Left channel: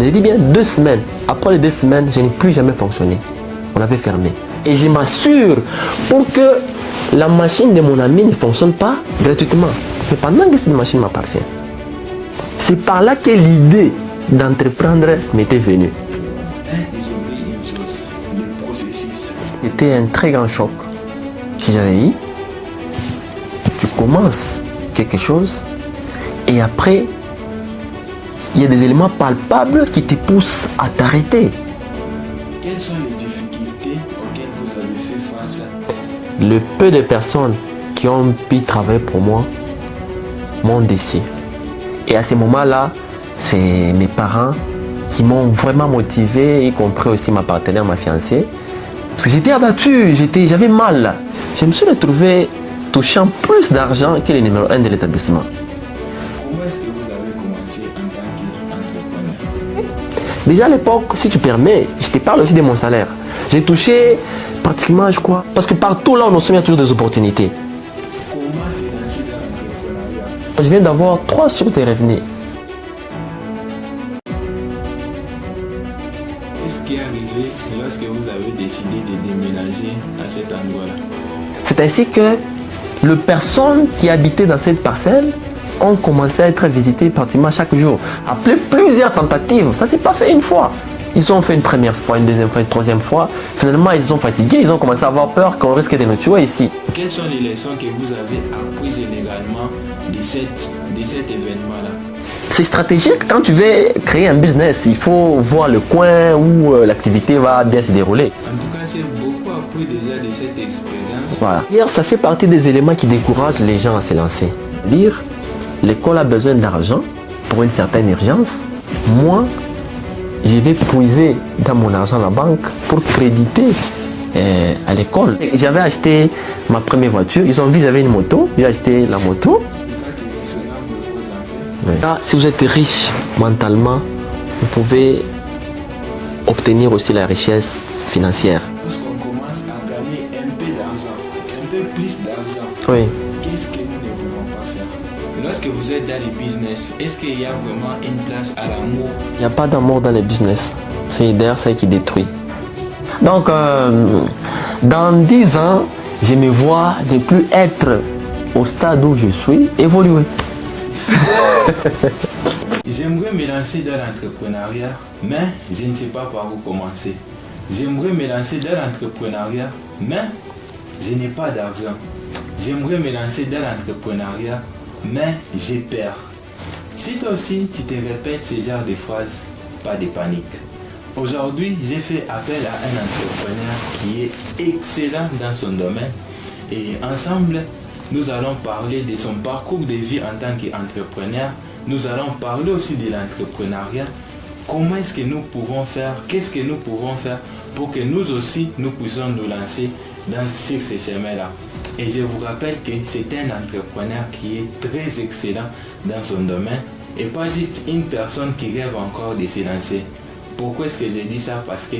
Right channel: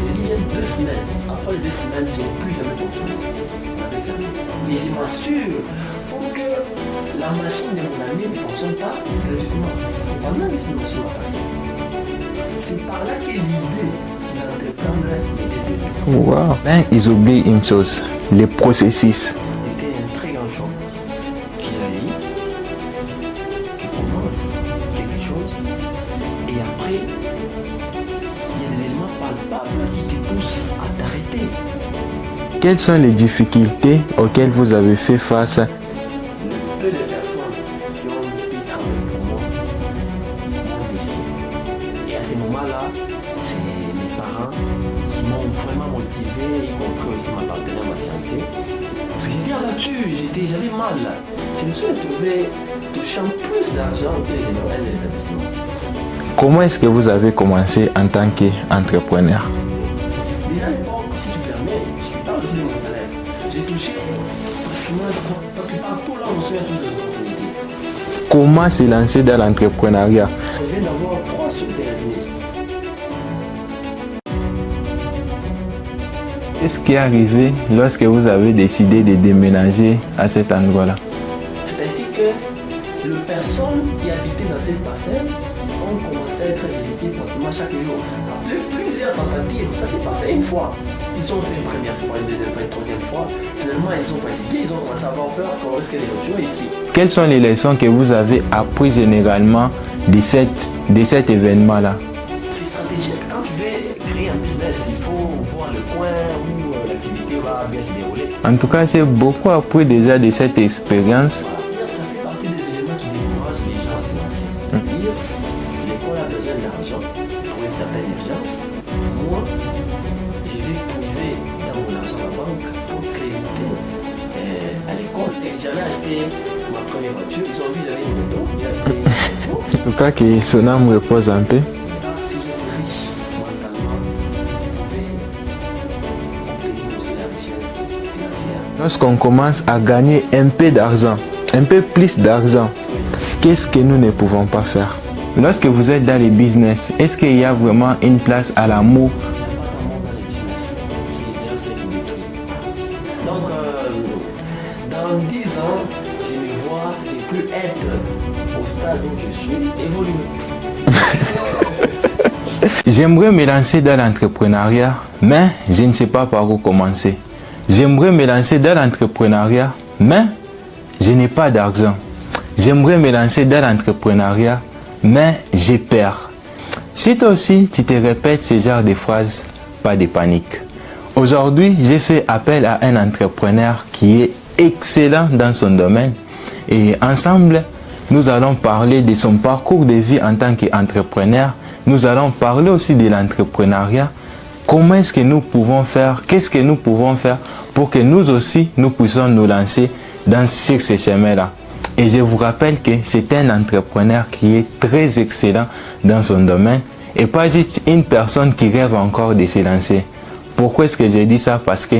J'ai dit bien 2 semaines. Après les 2 semaines, je n'ai plus jamais fonctionné. On avait fermé. Et je m'assure pour que la machine de mon ami ne fonctionne pas gratuitement. Mais pendant que cette machine m'appartient. C'est par là que l'idée d'entreprendre m'était venue. Wow. Mais ils oublient une chose, les processus. C'était un très grand choc que j'avais eu. Tu commences quelque chose et après, il y a des éléments palpables qui te poussent à t'arrêter. Quelles sont les difficultés auxquelles vous avez fait face? Le peu de personnes qui ont pu travailler pour moi m'ont déçu. Et à ce moment-là, c'est mes parents qui m'ont vraiment motivé, y compris aussi ma partenaire, ma fiancée. Parce que j'étais abattu, j'avais mal. Je me suis retrouvé touchant plus d'argent que le numéro 1 de l'établissement. Comment est-ce que vous avez commencé en tant qu'entrepreneur? Déjà à l'époque, si tu permets, je te parle aussi de mon salaire. J'ai touché pratiquement, je crois, parce que partout là où nous sommes, il y a toujours des opportunités. Comment se lancer dans l'entrepreneuriat? Je viens d'avoir 3 sources de revenus. Qu'est-ce qui est arrivé lorsque vous avez décidé de déménager à cet endroit-là? C'est ainsi que les personnes qui habitaient dans cette parcelle ont commencé à être visitées pratiquement chaque jour. Après plusieurs tentatives, ça ne s'est pas fait une fois. Ils ont fait une première fois, une deuxième fois, une troisième fois. Finalement, ils sont fatigués, ils ont commencé à avoir peur qu'on risque de nous tuer ici. Quelles sont les leçons que vous avez apprises généralement de cet événement-là? C'est stratégique. Quand tu veux créer un business, il faut voir le coin où l'activité va bien se dérouler. En tout cas, c'est beaucoup appris déjà de cette expérience. Voilà. D'ailleurs, ça fait partie des éléments qui découragent les gens à se lancer. Dire, l'école a besoin d'argent pour une certaine urgence. Moi, je vais puiser dans mon argent à la banque pour créditer à l'école. J'avais acheté ma première voiture. Ils ont vu que j'avais une moto. J'ai acheté la moto. En tout cas, que son âme repose un peu. Là, si vous êtes riche mentalement, vous pouvez obtenir aussi la richesse financière. Lorsqu'on commence à gagner un peu d'argent, un peu plus d'argent, Oui. qu'est-ce que nous ne pouvons pas faire? Lorsque vous êtes dans les business, est-ce qu'il y a vraiment une place à l'amour? Il n'y a pas d'amour dans les business. C'est d'ailleurs ça qui détruit. Donc, dans 10 ans, je me vois ne plus être au stade où je suis, évoluer. J'aimerais me lancer dans l'entrepreneuriat, mais je ne sais pas par où commencer. J'aimerais me lancer dans l'entrepreneuriat, mais je n'ai pas d'argent. J'aimerais me lancer dans l'entrepreneuriat, mais j'ai peur. Si toi aussi tu te répètes ce genre de phrases, pas de panique. Aujourd'hui, j'ai fait appel à un entrepreneur qui est excellent dans son domaine et ensemble, nous allons parler de son parcours de vie en tant qu'entrepreneur. Nous allons parler aussi de l'entrepreneuriat. Comment est-ce que nous pouvons faire? Qu'est-ce que nous pouvons faire pour que nous aussi, nous puissions nous lancer sur ce chemin-là? Et je vous rappelle que c'est un entrepreneur qui est très excellent dans son domaine et pas juste une personne qui rêve encore de se lancer. Pourquoi est-ce que j'ai dit ça? Parce que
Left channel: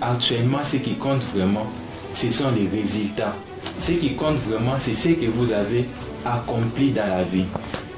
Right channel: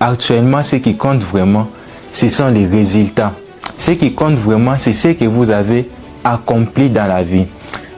actuellement, ce qui compte vraiment, ce sont les résultats. Ce qui compte vraiment, c'est ce que vous avez accompli dans la vie.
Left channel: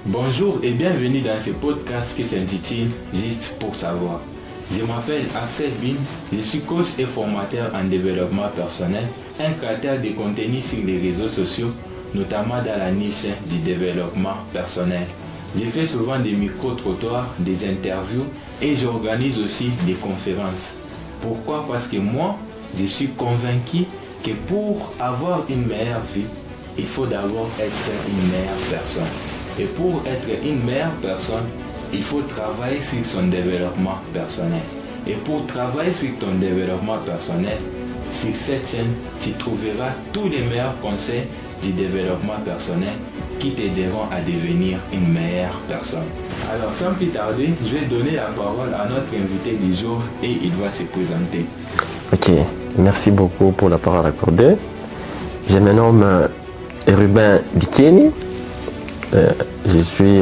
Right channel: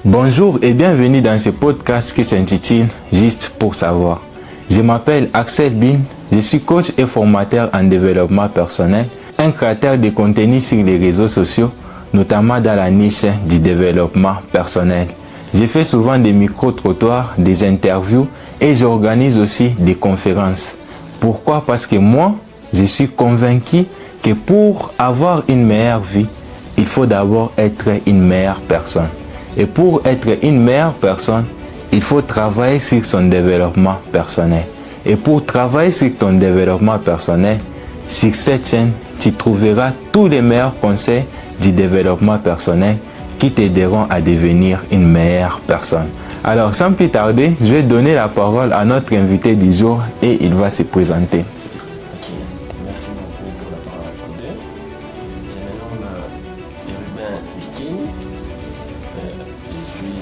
Bonjour et bienvenue dans ce podcast qui s'intitule Juste pour savoir. Je m'appelle Axel Bin, je suis coach et formateur en développement personnel, un créateur de contenu sur les réseaux sociaux, notamment dans la niche du développement personnel. Je fais souvent des micro-trottoirs, des interviews et j'organise aussi des conférences. Pourquoi? Parce que moi, je suis convaincu que pour avoir une meilleure vie, il faut d'abord être une meilleure personne. Et pour être une meilleure personne, il faut travailler sur son développement personnel. Et pour travailler sur ton développement personnel, sur cette chaîne, tu trouveras tous les meilleurs conseils du développement personnel qui t'aideront à devenir une meilleure personne. Alors, sans plus tarder, je vais donner la parole à notre invité du jour et il va se présenter. Ok, merci beaucoup pour la parole accordée. Je me nomme Ruben Dikeni. Je suis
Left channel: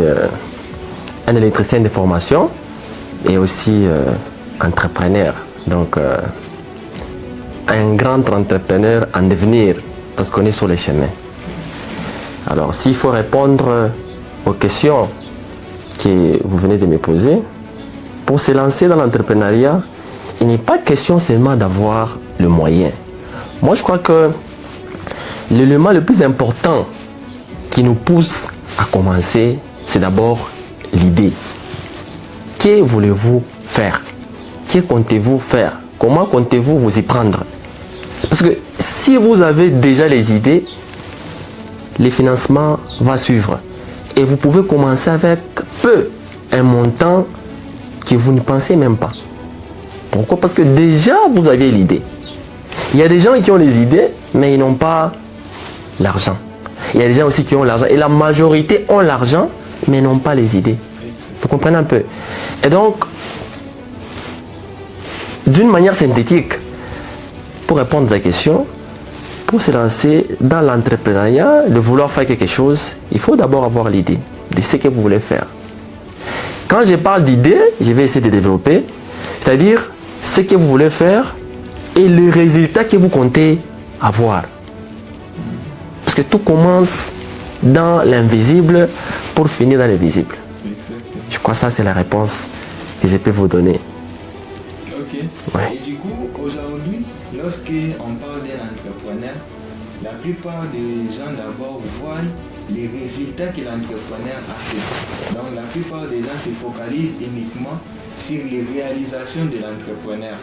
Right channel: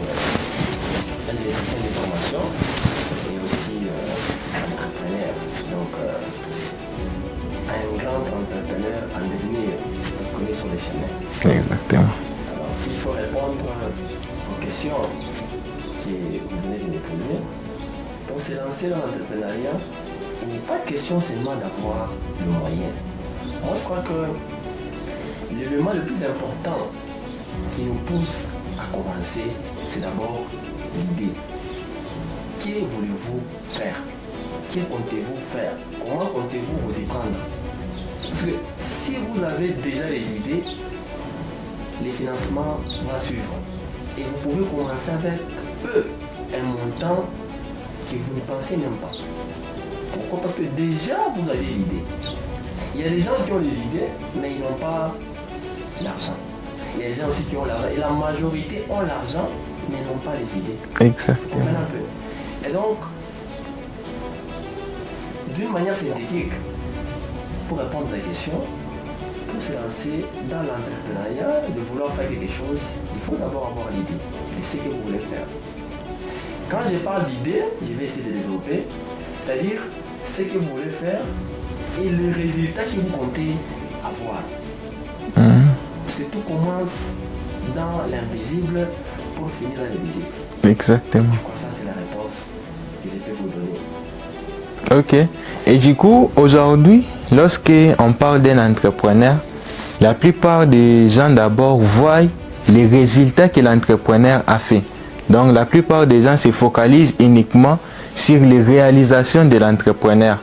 un électricien de formation et aussi entrepreneur. Donc, un grand entrepreneur en devenir parce qu'on est sur le chemin. Exactement. Alors, s'il faut répondre aux questions que vous venez de me poser, pour se lancer dans l'entrepreneuriat, il n'est pas question seulement d'avoir le moyen. Moi, je crois que l'élément le plus important qui nous pousse à commencer, c'est d'abord l'idée. Que voulez-vous faire? Que comptez-vous faire? Comment comptez-vous vous y prendre? Parce que si vous avez déjà les idées, le financement va suivre. Et vous pouvez commencer avec peu, un montant que vous ne pensez même pas. Pourquoi? Parce que déjà vous avez l'idée. Il y a des gens qui ont les idées, mais ils n'ont pas l'argent. Il y a des gens aussi qui ont l'argent. Et la majorité ont l'argent, mais n'ont pas les idées. Exact. Vous comprenez un peu? Et donc, d'une manière synthétique, pour répondre à la question, pour se lancer dans l'entrepreneuriat, de vouloir faire quelque chose, il faut d'abord avoir l'idée de ce que vous voulez faire. Quand je parle d'idée, je vais essayer de développer, c'est-à-dire ce que vous voulez faire et le résultat que vous comptez avoir. Parce que tout commence dans l'invisible pour finir dans l'invisible. Exactement. Je crois que ça, c'est la réponse que je peux vous donner. Ok. Et du coup, aujourd'hui, lorsqu'on parle d'un entrepreneur, la plupart des gens d'abord voient les résultats que l'entrepreneur a fait. Donc la plupart des gens se focalisent uniquement sur les réalisations de l'entrepreneur.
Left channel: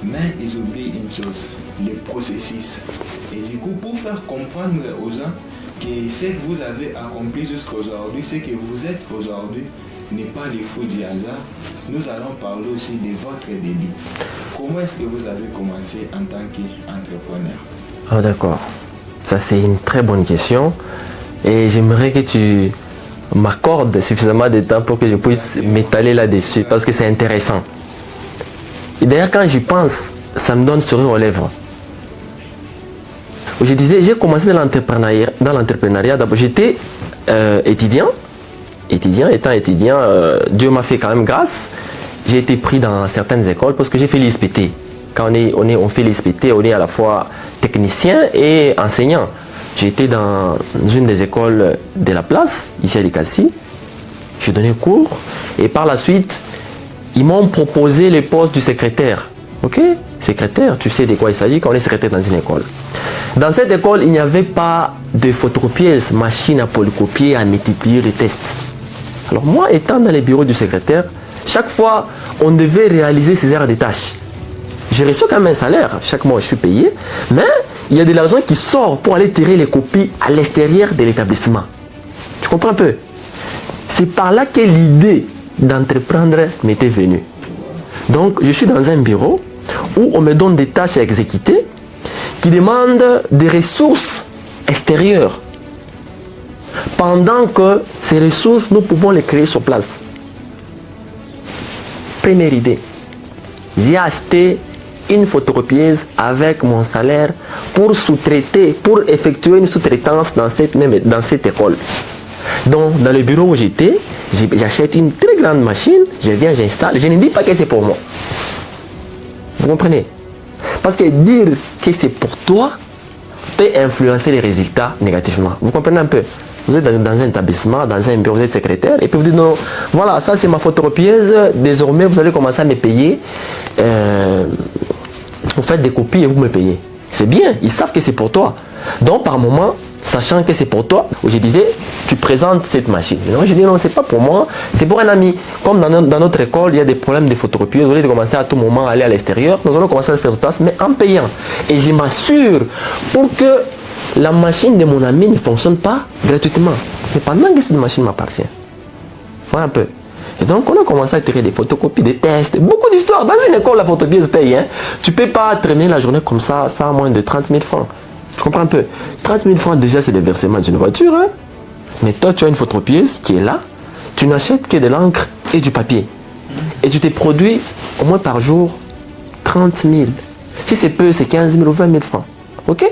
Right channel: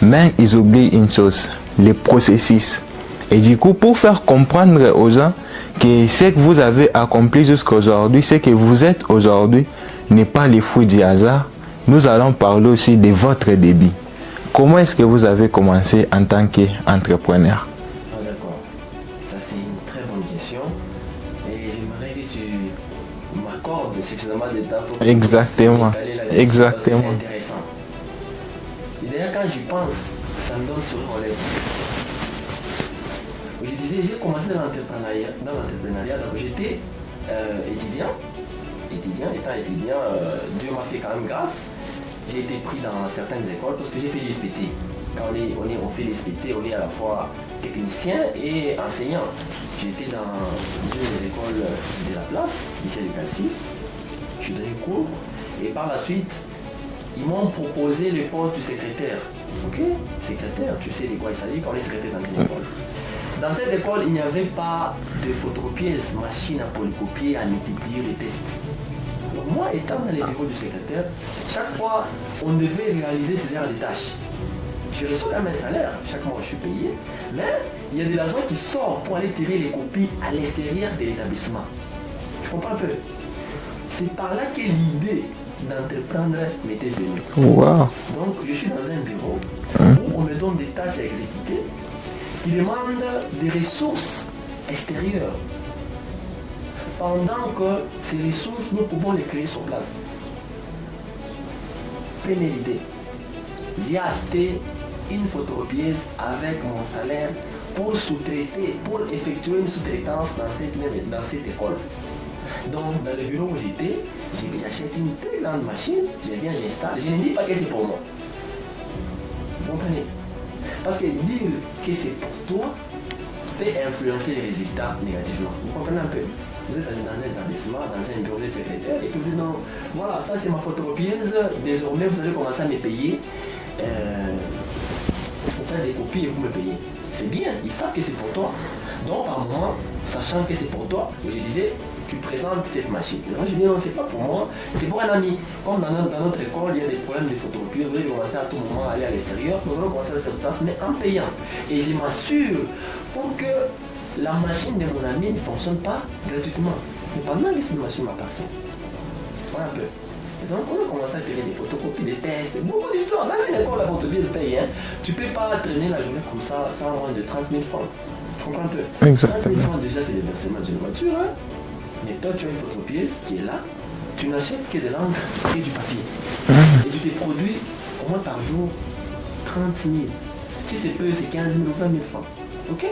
Mais ils oublient une chose, les processus. Et du coup, pour faire comprendre aux gens que ce que vous avez accompli jusqu'à aujourd'hui, ce que vous êtes aujourd'hui, n'est pas les fruits du hasard, nous allons parler aussi de votre début. Comment est-ce que vous avez commencé en tant qu'entrepreneur? Ah, d'accord. Ça, c'est une très bonne question. Et j'aimerais que tu m'accordes suffisamment de temps pour que je puisse m'étaler là-dessus. Parce que c'est intéressant. Et d'ailleurs, quand j'y pense, ça me donne sourire aux lèvres. Je disais, j'ai commencé dans l'entrepreneuriat. D'abord, j'étais étudiant. Étant étudiant, Dieu m'a fait quand même grâce. J'ai été pris dans certaines écoles parce que j'ai fait l'ISPT. Quand on fait l'ISPT, on est à la fois technicien et enseignant. J'étais dans une des écoles de la place, ici à Likasi. J'ai donné cours et par la suite, ils m'ont proposé le poste du secrétaire. Ok? Secrétaire, tu sais de quoi il s'agit quand on est secrétaire dans une école. Dans cette école, il n'y avait pas de photocopieuse, machine à polycopier, à multiplier les tests. Alors moi, étant dans les bureaux du secrétaire, chaque fois, on devait réaliser ces heures de tâches. J'ai reçu quand même un salaire, chaque mois je suis payé, mais il y a de l'argent qui sort pour aller tirer les copies à l'extérieur de l'établissement. Tu comprends un peu? C'est par là que l'idée d'entreprendre m'était venue. Wow. Donc, je suis dans un bureau où on me donne des tâches à exécuter qui demandent des ressources extérieures. Pendant que ces ressources, nous pouvons les créer sur place. Première idée. J'ai acheté une photocopieuse avec mon salaire pour sous-traiter, pour effectuer une sous-traitance dans cette école. Donc, dans le bureau où j'étais, j'achète une très grande machine, je viens, j'installe. Je ne dis pas que c'est pour moi. Vous comprenez? Parce que dire que c'est pour toi peut influencer les résultats négativement. Vous comprenez un peu? Vous êtes dans un établissement, dans un bureau, vous êtes secrétaire, et puis vous dites non, voilà, ça c'est ma photocopieuse, désormais vous allez commencer à me payer. Vous faites des copies et vous me payez. C'est bien, ils savent que c'est pour toi. Donc par moment, sachant que c'est pour toi, je disais, tu présentes cette machine. Non, je dis non, c'est pas pour moi, c'est pour un ami. Comme dans notre école, il y a des problèmes de photocopieuses, vous allez commencer à tout moment à aller à l'extérieur, nous allons commencer à le faire sur place, mais en payant. Et je m'assure pour que la machine de mon ami ne fonctionne pas gratuitement. Mais pendant que cette machine m'appartient. Voilà un peu. Et donc on a commencé à tirer des photocopies, des tests, beaucoup d'histoires. Dans une école, la photocopieuse paye. Hein. Tu ne peux pas traîner la journée comme ça, sans moins de 30 000 francs. Tu comprends un peu? Exactement. 30 000 francs déjà, c'est le versement d'une voiture. Hein. Mais toi, tu as une photocopieuse qui est là. Tu n'achètes que de l'encre et du papier. Et tu te produis au moins par jour 30 000. Si c'est peu, c'est 15 000 ou 20 000 francs. Ok?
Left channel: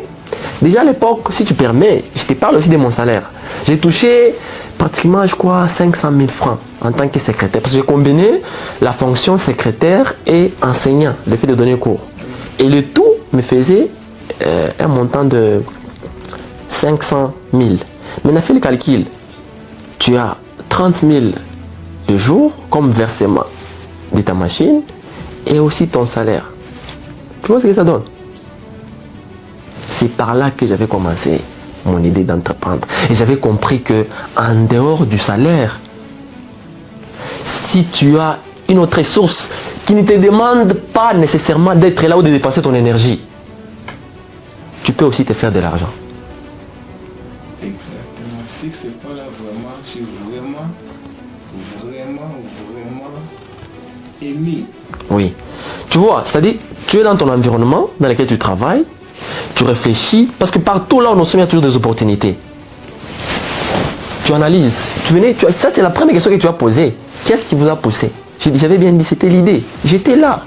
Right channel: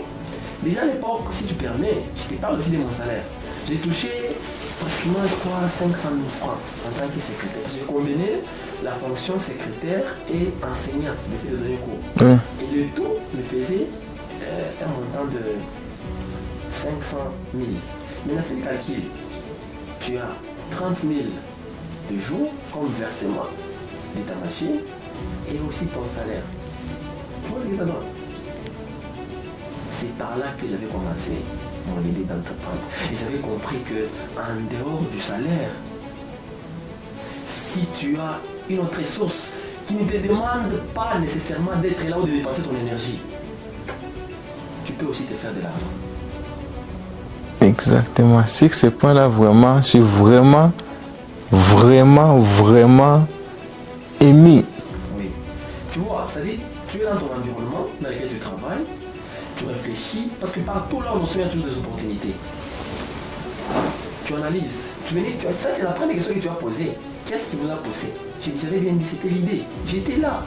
Déjà à l'époque, si tu permets, je te parle aussi de mon salaire. J'ai touché pratiquement, je crois, 500 000 francs en tant que secrétaire. Parce que j'ai combiné la fonction secrétaire et enseignant, le fait de donner cours. Et le tout me faisait un montant de 500 000. Maintenant, fais le calcul. Tu as 30 000 de jour comme versement. de ta machine et aussi ton salaire. Tu vois ce que ça donne? C'est par là que j'avais commencé mon idée d'entreprendre. Et j'avais compris que en dehors du salaire, si tu as une autre source qui ne te demande pas nécessairement d'être là ou de dépenser ton énergie, tu peux aussi te faire de l'argent. Exactement. Sur ce point-là, vraiment, je suis vraiment émis. Oui. Tu vois, c'est-à-dire, tu es dans ton environnement dans lequel tu travailles, tu réfléchis, parce que partout là où nous sommes, il y a toujours des opportunités. Tu analyses. Ça, c'est la première question que tu as posée. Qu'est-ce qui vous a poussé? J'avais bien dit, c'était l'idée. J'étais là.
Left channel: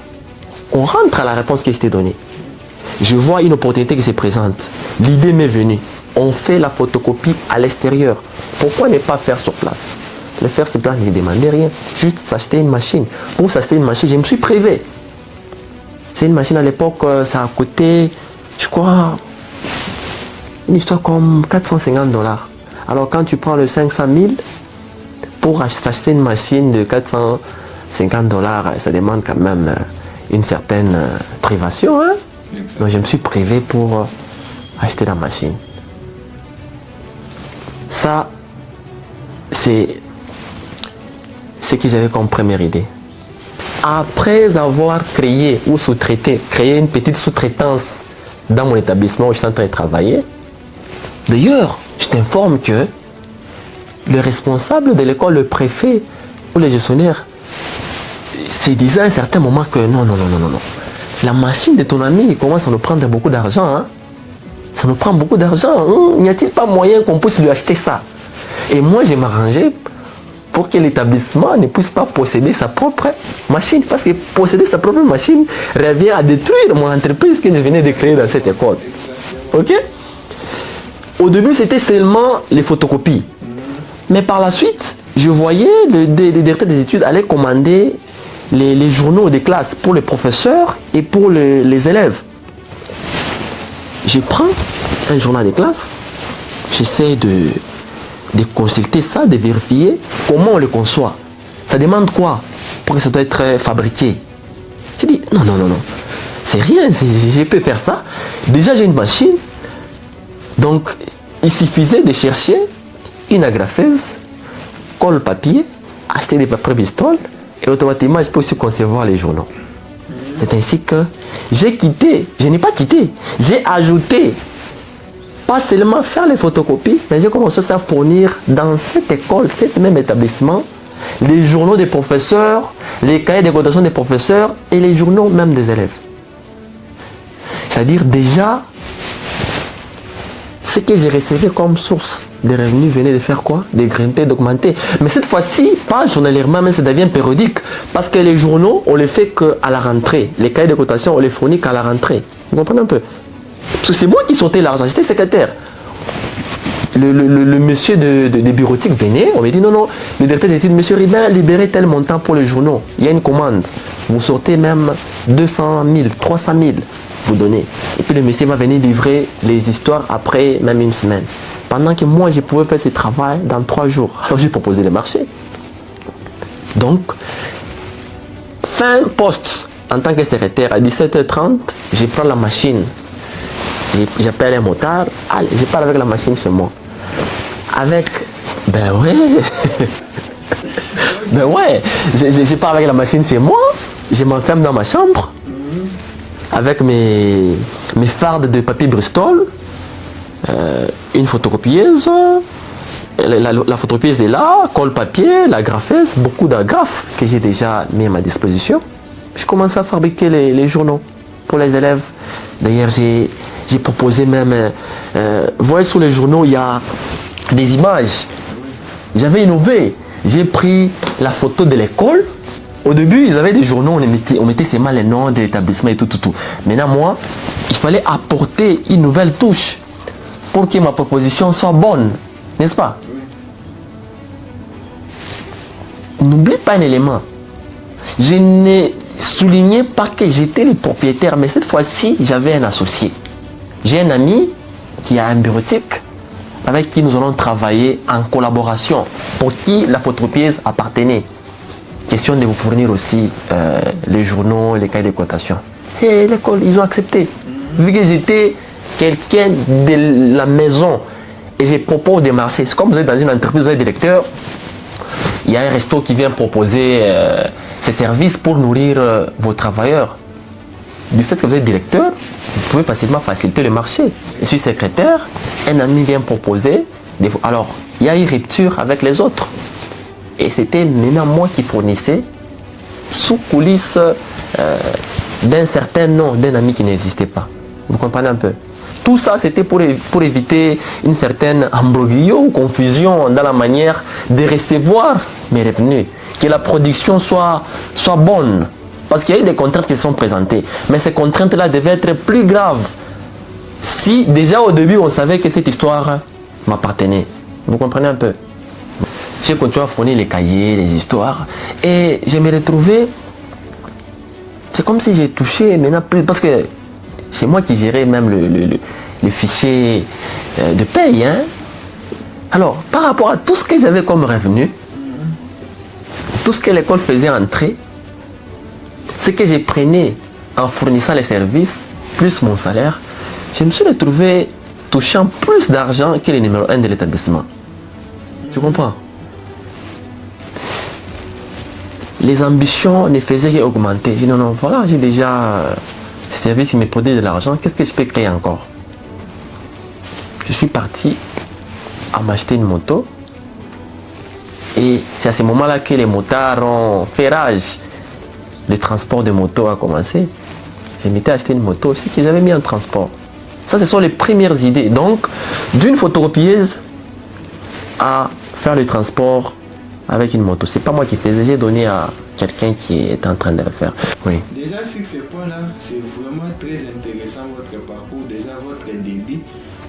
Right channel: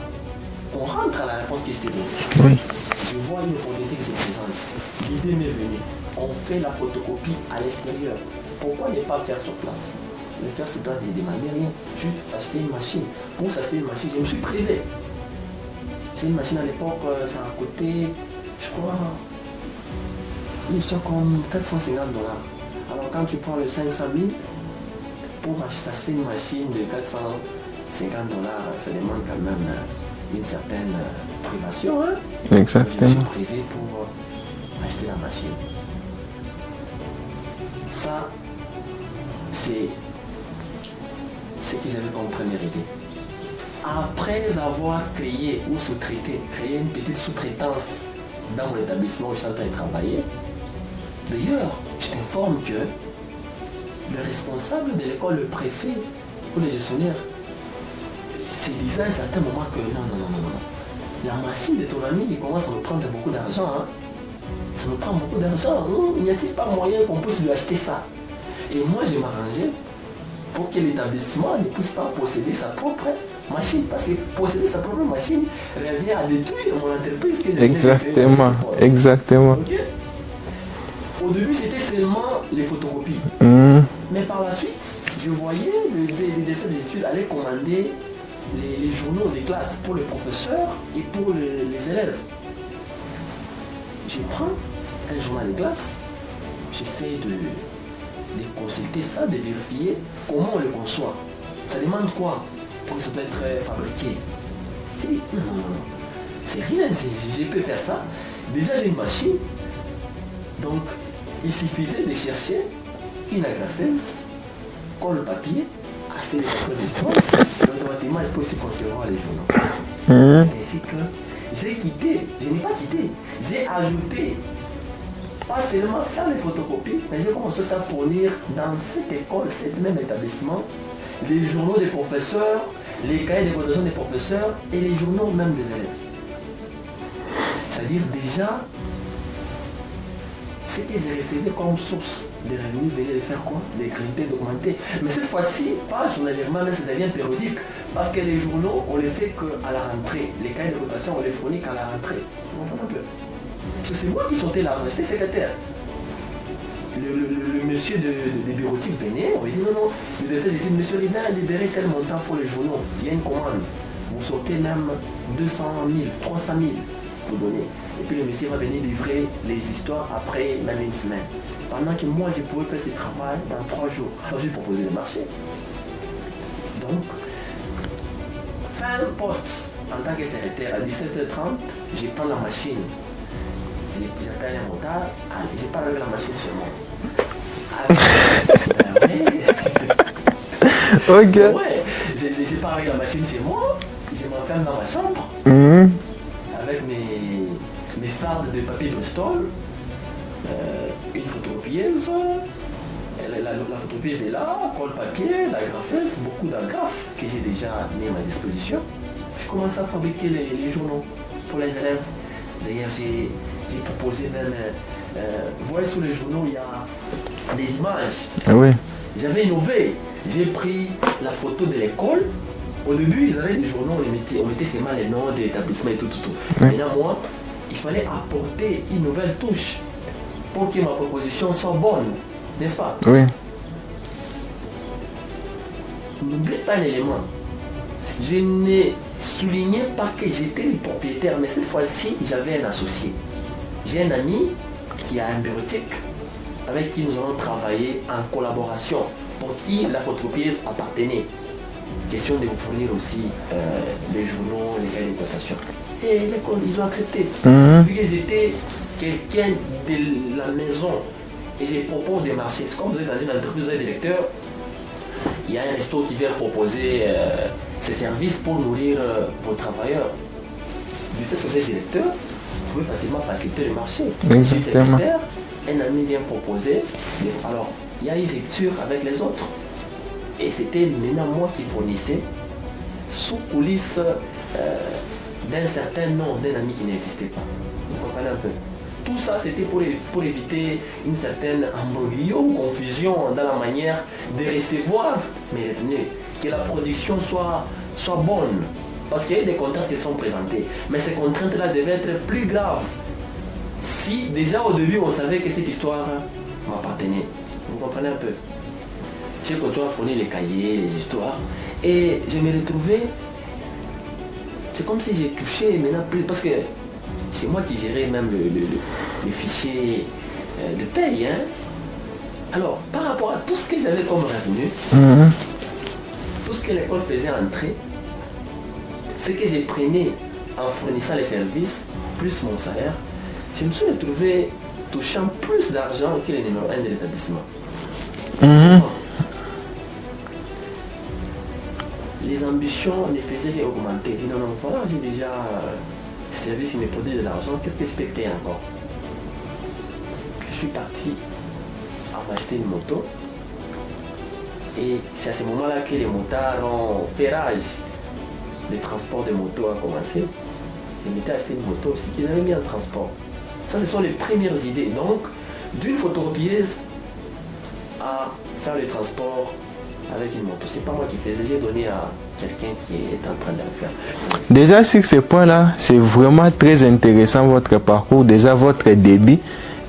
On rentre à la réponse que je t'ai donnée. Oui. Je vois une opportunité qui se présente. L'idée m'est venue. On fait la photocopie à l'extérieur. Pourquoi ne pas faire sur place? Le faire sur place ne demandait rien. Juste s'acheter une machine. Pour s'acheter une machine, je me suis privé. C'est une machine à l'époque, ça a coûté, je crois, une histoire comme 450 $. Alors quand tu prends le 500 000 pour acheter une machine de 450 $, ça demande quand même une certaine privation. Hein? Donc je me suis privé pour acheter la machine. Ça, c'est ce que j'avais comme première idée. Après avoir créé ou créé une petite sous-traitance dans mon établissement où je suis en train de travailler, d'ailleurs, je t'informe que le responsable de l'école, le préfet ou le gestionnaire, se disait à un certain moment que non. La machine de ton ami il commence à nous prendre beaucoup d'argent. Hein? Ça nous prend beaucoup d'argent. N'y a-t-il pas moyen qu'on puisse lui acheter ça? Et moi, je m'arrangeais pour que l'établissement ne puisse pas posséder sa propre machine. Parce que posséder sa propre machine revient à détruire mon entreprise que je venais de créer dans cette école. Exactement. Ok? Au début, c'était seulement les photocopies. Mais par la suite, je voyais le directeur des études aller commander les journaux des classes pour les professeurs et pour les élèves. Je prends un journal de classe, j'essaie de consulter ça, de vérifier comment on le conçoit. Ça demande quoi pour que ça doit être fabriqué? Je dis non, c'est rien, je peux faire ça. Déjà j'ai une machine, donc il suffisait de chercher une agrafeuse, colle papier, acheter des papiers Bristol et automatiquement je peux aussi concevoir les journaux. C'est ainsi que je n'ai pas quitté, j'ai ajouté, pas seulement faire les photocopies, mais j'ai commencé à fournir dans cette école, cet même établissement, les journaux des professeurs, les cahiers de cotation des professeurs et les journaux même des élèves. C'est-à-dire déjà, ce que j'ai recevé comme source de revenus venait de faire quoi? De grimper, d'augmenter. Mais cette fois-ci, pas journalièrement, mais ça devient périodique. Parce que les journaux, on les fait qu'à la rentrée. Les cahiers de cotation, on les fournit qu'à la rentrée. Vous comprenez un peu? Parce que c'est moi qui sortais l'argent, j'étais secrétaire. Le monsieur des bureautiques venait, on me dit non, le directeur d'études, monsieur Ribin, libérez tel montant pour les journaux. Il y a une commande. Vous sortez même 200 000, 300 000, vous donnez. Et puis le monsieur va venir livrer les histoires après même une semaine. Pendant que moi, je pouvais faire ce travail dans 3 jours. Alors j'ai proposé le marché. Donc, fin poste, en tant que secrétaire, à 17h30, je prends la machine. J'appelle un motard, allez, je pars avec la machine chez moi. Avec... ben ouais. Okay. Ben ouais, je pars avec la machine chez moi, je m'enferme dans ma chambre, avec mes fardes de papier Bristol, une photocopieuse, la photocopieuse est là, colle papier, l'agrafeuse, beaucoup d'agrafes que j'ai déjà mis à ma disposition. Je commence à fabriquer les journaux pour les élèves. D'ailleurs, j'ai proposé même, vous voyez sur les journaux, il y a des images. Oui. J'avais innové. J'ai pris la photo de l'école. Au début, ils avaient des journaux, on mettait seulement les noms de l'établissement et tout. Maintenant, moi, il fallait apporter une nouvelle touche pour que ma proposition soit bonne. N'est-ce pas? Oui. N'oublie pas un élément. Je n'ai souligné pas que j'étais le propriétaire, mais cette fois-ci, j'avais un associé. J'ai un ami qui a un bureautique avec qui nous allons travailler en collaboration, pour qui la photocopieuse appartenait. question de vous fournir aussi les journaux, les cahiers de cotation. Et l'école, ils ont accepté. Vu que j'étais quelqu'un de la maison et je propose des marchés. C'est comme vous êtes dans une entreprise, vous êtes directeur, il y a un resto qui vient proposer ses services pour nourrir vos travailleurs. Du fait que vous êtes directeur, vous pouvez facilement faciliter le marché. Je suis secrétaire, un ami vient proposer. Alors, il y a une rupture avec les autres. Et c'était maintenant moi qui fournissais sous coulisses d'un certain nom d'un ami qui n'existait pas. Vous comprenez un peu? Tout ça, c'était pour éviter une certaine imbroglio ou confusion dans la manière de recevoir mes revenus. Que la production soit bonne. Parce qu'il y a eu des contraintes qui sont présentées. Mais ces contraintes-là devaient être plus graves. Si déjà au début, on savait que cette histoire m'appartenait. Vous comprenez un peu? J'ai continué à fournir les cahiers, les histoires. Et je me retrouvais... C'est comme si j'ai touché maintenant plus... Parce que c'est moi qui gérais même le fichier de paye. Hein? Alors, par rapport à tout ce que j'avais comme revenu, tout ce que l'école faisait entrer, ce que je prenais en fournissant les services, plus mon salaire, je me suis retrouvé touchant plus d'argent que le numéro 1 de l'établissement. Tu comprends? Les ambitions ne faisaient qu'augmenter. Je dis non, voilà, j'ai déjà ce service qui me produit de l'argent, qu'est-ce que je peux créer encore? Je suis parti à m'acheter une moto et c'est à ce moment-là que les motards ont fait rage. Le transport de moto a commencé. Je m'étais acheté une moto aussi que j'avais mis en transport. Ça, ce sont les premières idées. Donc, d'une photocopieuse à faire le transport avec une moto. C'est pas moi qui faisais, j'ai donné à quelqu'un qui est en train de le faire. Oui. Déjà, sur ce point-là, c'est vraiment très intéressant votre parcours, déjà votre débit.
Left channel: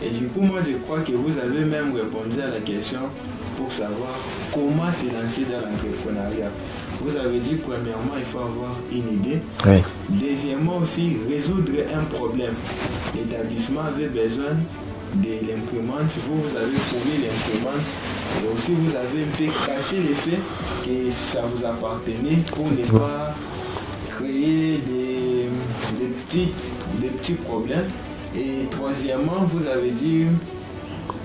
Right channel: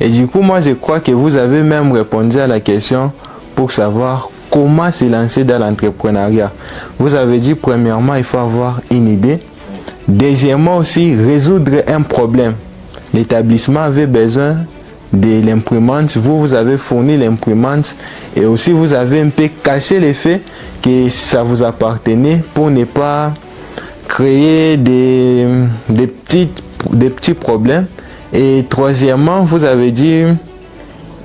Et du coup, moi, je crois que vous avez même répondu à la question pour savoir comment se lancer dans l'entrepreneuriat. Vous avez dit, premièrement, il faut avoir une idée. Oui. Deuxièmement aussi, résoudre un problème. L'établissement avait besoin de l'imprimante. Vous avez fourni l'imprimante. Et aussi, vous avez un peu caché le fait que ça vous appartenait pour ne pas créer des petits problèmes. Et troisièmement, vous avez dit,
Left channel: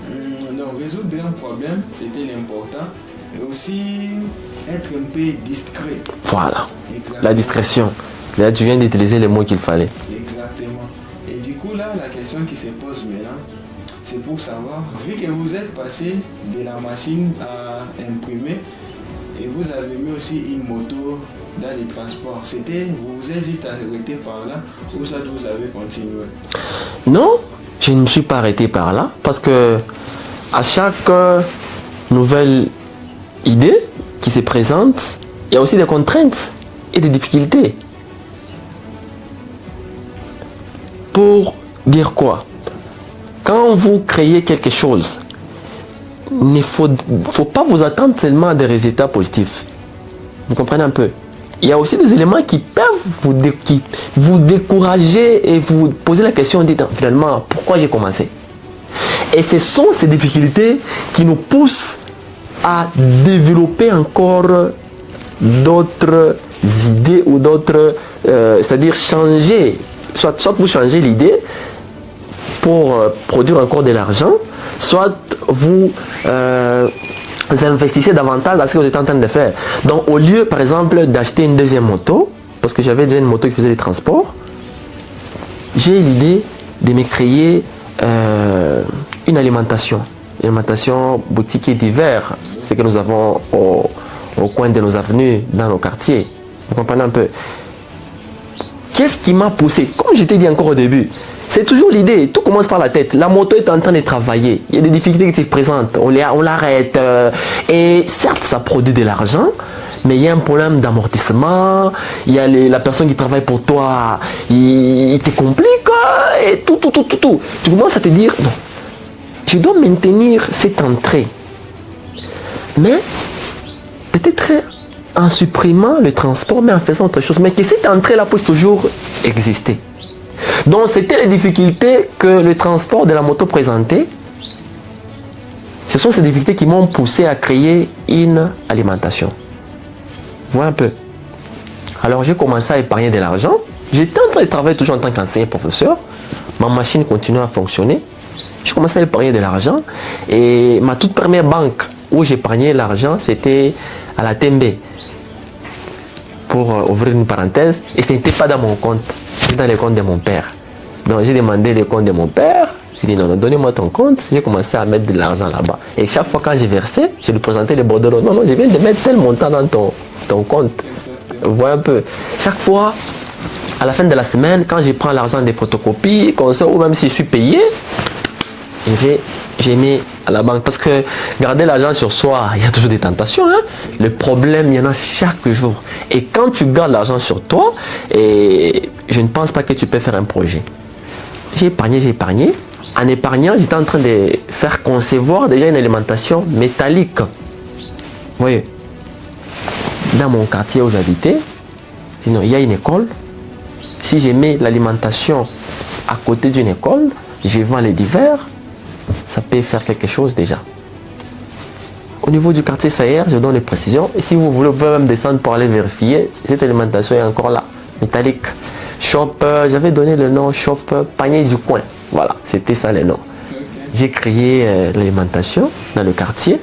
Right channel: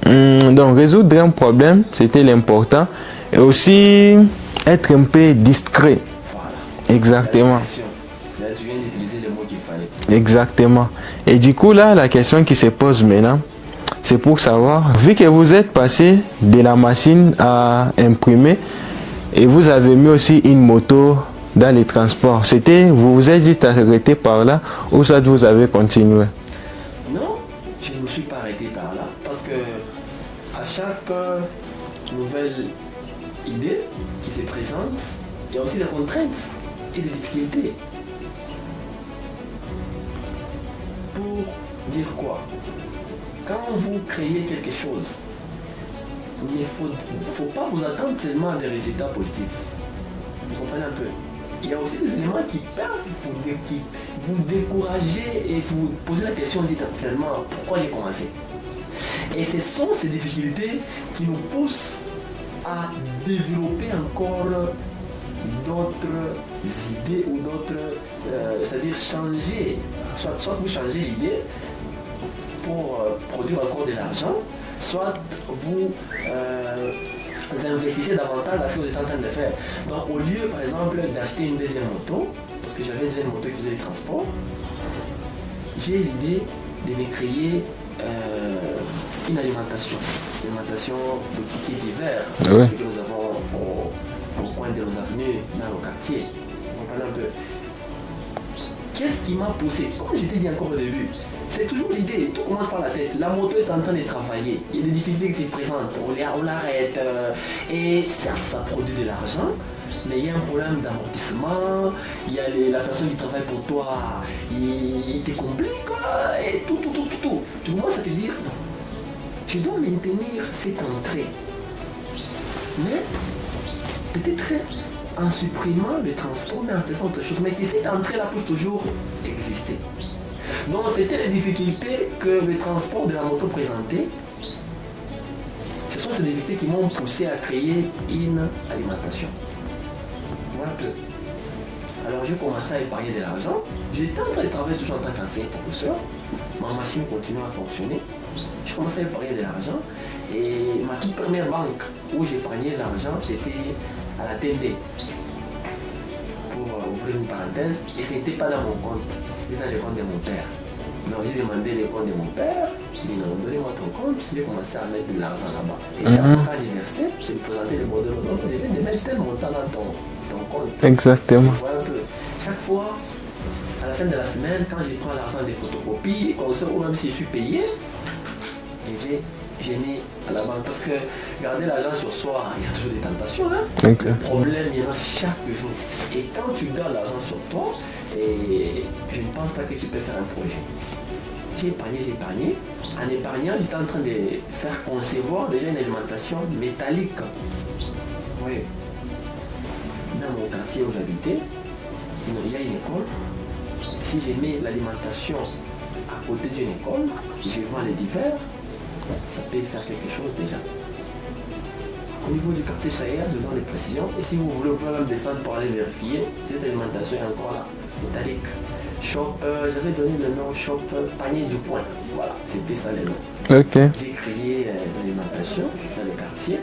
donc résoudre un problème, c'était l'important. Et aussi être un peu discret. Voilà. Exactement. La discrétion. Là, tu viens d'utiliser les mots qu'il fallait. Exactement. Et du coup, là, la question qui se pose maintenant, c'est pour savoir, vu que vous êtes passé de la machine à imprimer, et vous avez mis aussi une moto dans les transports, vous vous êtes juste arrêté par là, ou soit vous avez continué? Non, je ne me suis pas arrêté par là, parce que à chaque nouvelle idée qui se présente, il y a aussi des contraintes et des difficultés. Pour dire quoi? Quand vous créez quelque chose, il ne faut pas vous attendre seulement à des résultats positifs. Vous comprenez un peu? Il y a aussi des éléments qui peuvent vous décourager et vous poser la question, dites finalement, pourquoi j'ai commencé? Et ce sont ces difficultés qui nous poussent à développer encore d'autres idées ou d'autres, c'est-à-dire changer, soit vous changez l'idée pour produire encore de l'argent, soit vous investissez davantage dans ce que vous êtes en train de faire. Donc au lieu par exemple d'acheter une deuxième moto, parce que j'avais déjà une moto qui faisait les transports, j'ai l'idée de me créer une alimentation boutique d'hiver, oui. Ce que nous avons au coin de nos avenues, dans nos quartiers. Vous comprenez un peu? Qu'est-ce qui m'a poussé? Comme je t'ai dit encore au début, c'est toujours l'idée, tout commence par la tête. La moto est en train de travailler, il y a des difficultés qui se présentent, on l'arrête. Et certes, ça produit de l'argent, mais il y a un problème d'amortissement, il y a la personne qui travaille pour toi, il te complique, et tout. Tu commences à te dire, non, je dois maintenir cette entrée. Mais peut-être en supprimant le transport, mais en faisant autre chose, mais que cette entrée-là puisse toujours exister. Donc c'était les difficultés que le transport de la moto présentait. Ce sont ces difficultés qui m'ont poussé à créer une alimentation. Vois un peu. Alors j'ai commencé à épargner de l'argent. J'étais en train de travailler toujours en tant qu'enseignant professeur. Ma machine continuait à fonctionner. J'ai commencé à épargner de l'argent. Et ma toute première banque où j'épargnais l'argent, c'était à la Tembe. Pour ouvrir une parenthèse. Et ce n'était pas dans mon compte. C'était dans le compte de mon père. Donc j'ai demandé le compte de mon père. J'ai dit non, non, donnez-moi ton compte. J'ai commencé à mettre de l'argent là-bas. Et chaque fois quand j'ai versé, je lui présentais les bordereaux. Non, non, je viens de mettre tel montant dans ton compte. Exactement. Vous voyez un peu. Chaque fois, à la fin de la semaine, quand je prends l'argent des photocopies, comme ça, ou même si je suis payé, j'ai mis à la banque. Parce que garder l'argent sur soi, il y a toujours des tentations. Hein? Okay. Le problème, il y en a chaque jour. Et quand tu gardes l'argent sur toi, et je ne pense pas que tu peux faire un projet. J'ai épargné. En épargnant, j'étais en train de faire concevoir déjà une alimentation métallique. Vous voyez, dans mon quartier où j'habitais, il y a une école. Si je mets l'alimentation à côté d'une école, je vends les divers, ça peut faire quelque chose déjà. Au niveau du quartier Sayer, je donne les précisions. Et si vous voulez, vous pouvez même descendre pour aller vérifier. Cette alimentation est encore là, métallique. Shop, j'avais donné le nom Shop Panier du Coin. Voilà, c'était ça le nom. Okay. J'ai créé l'alimentation dans le quartier.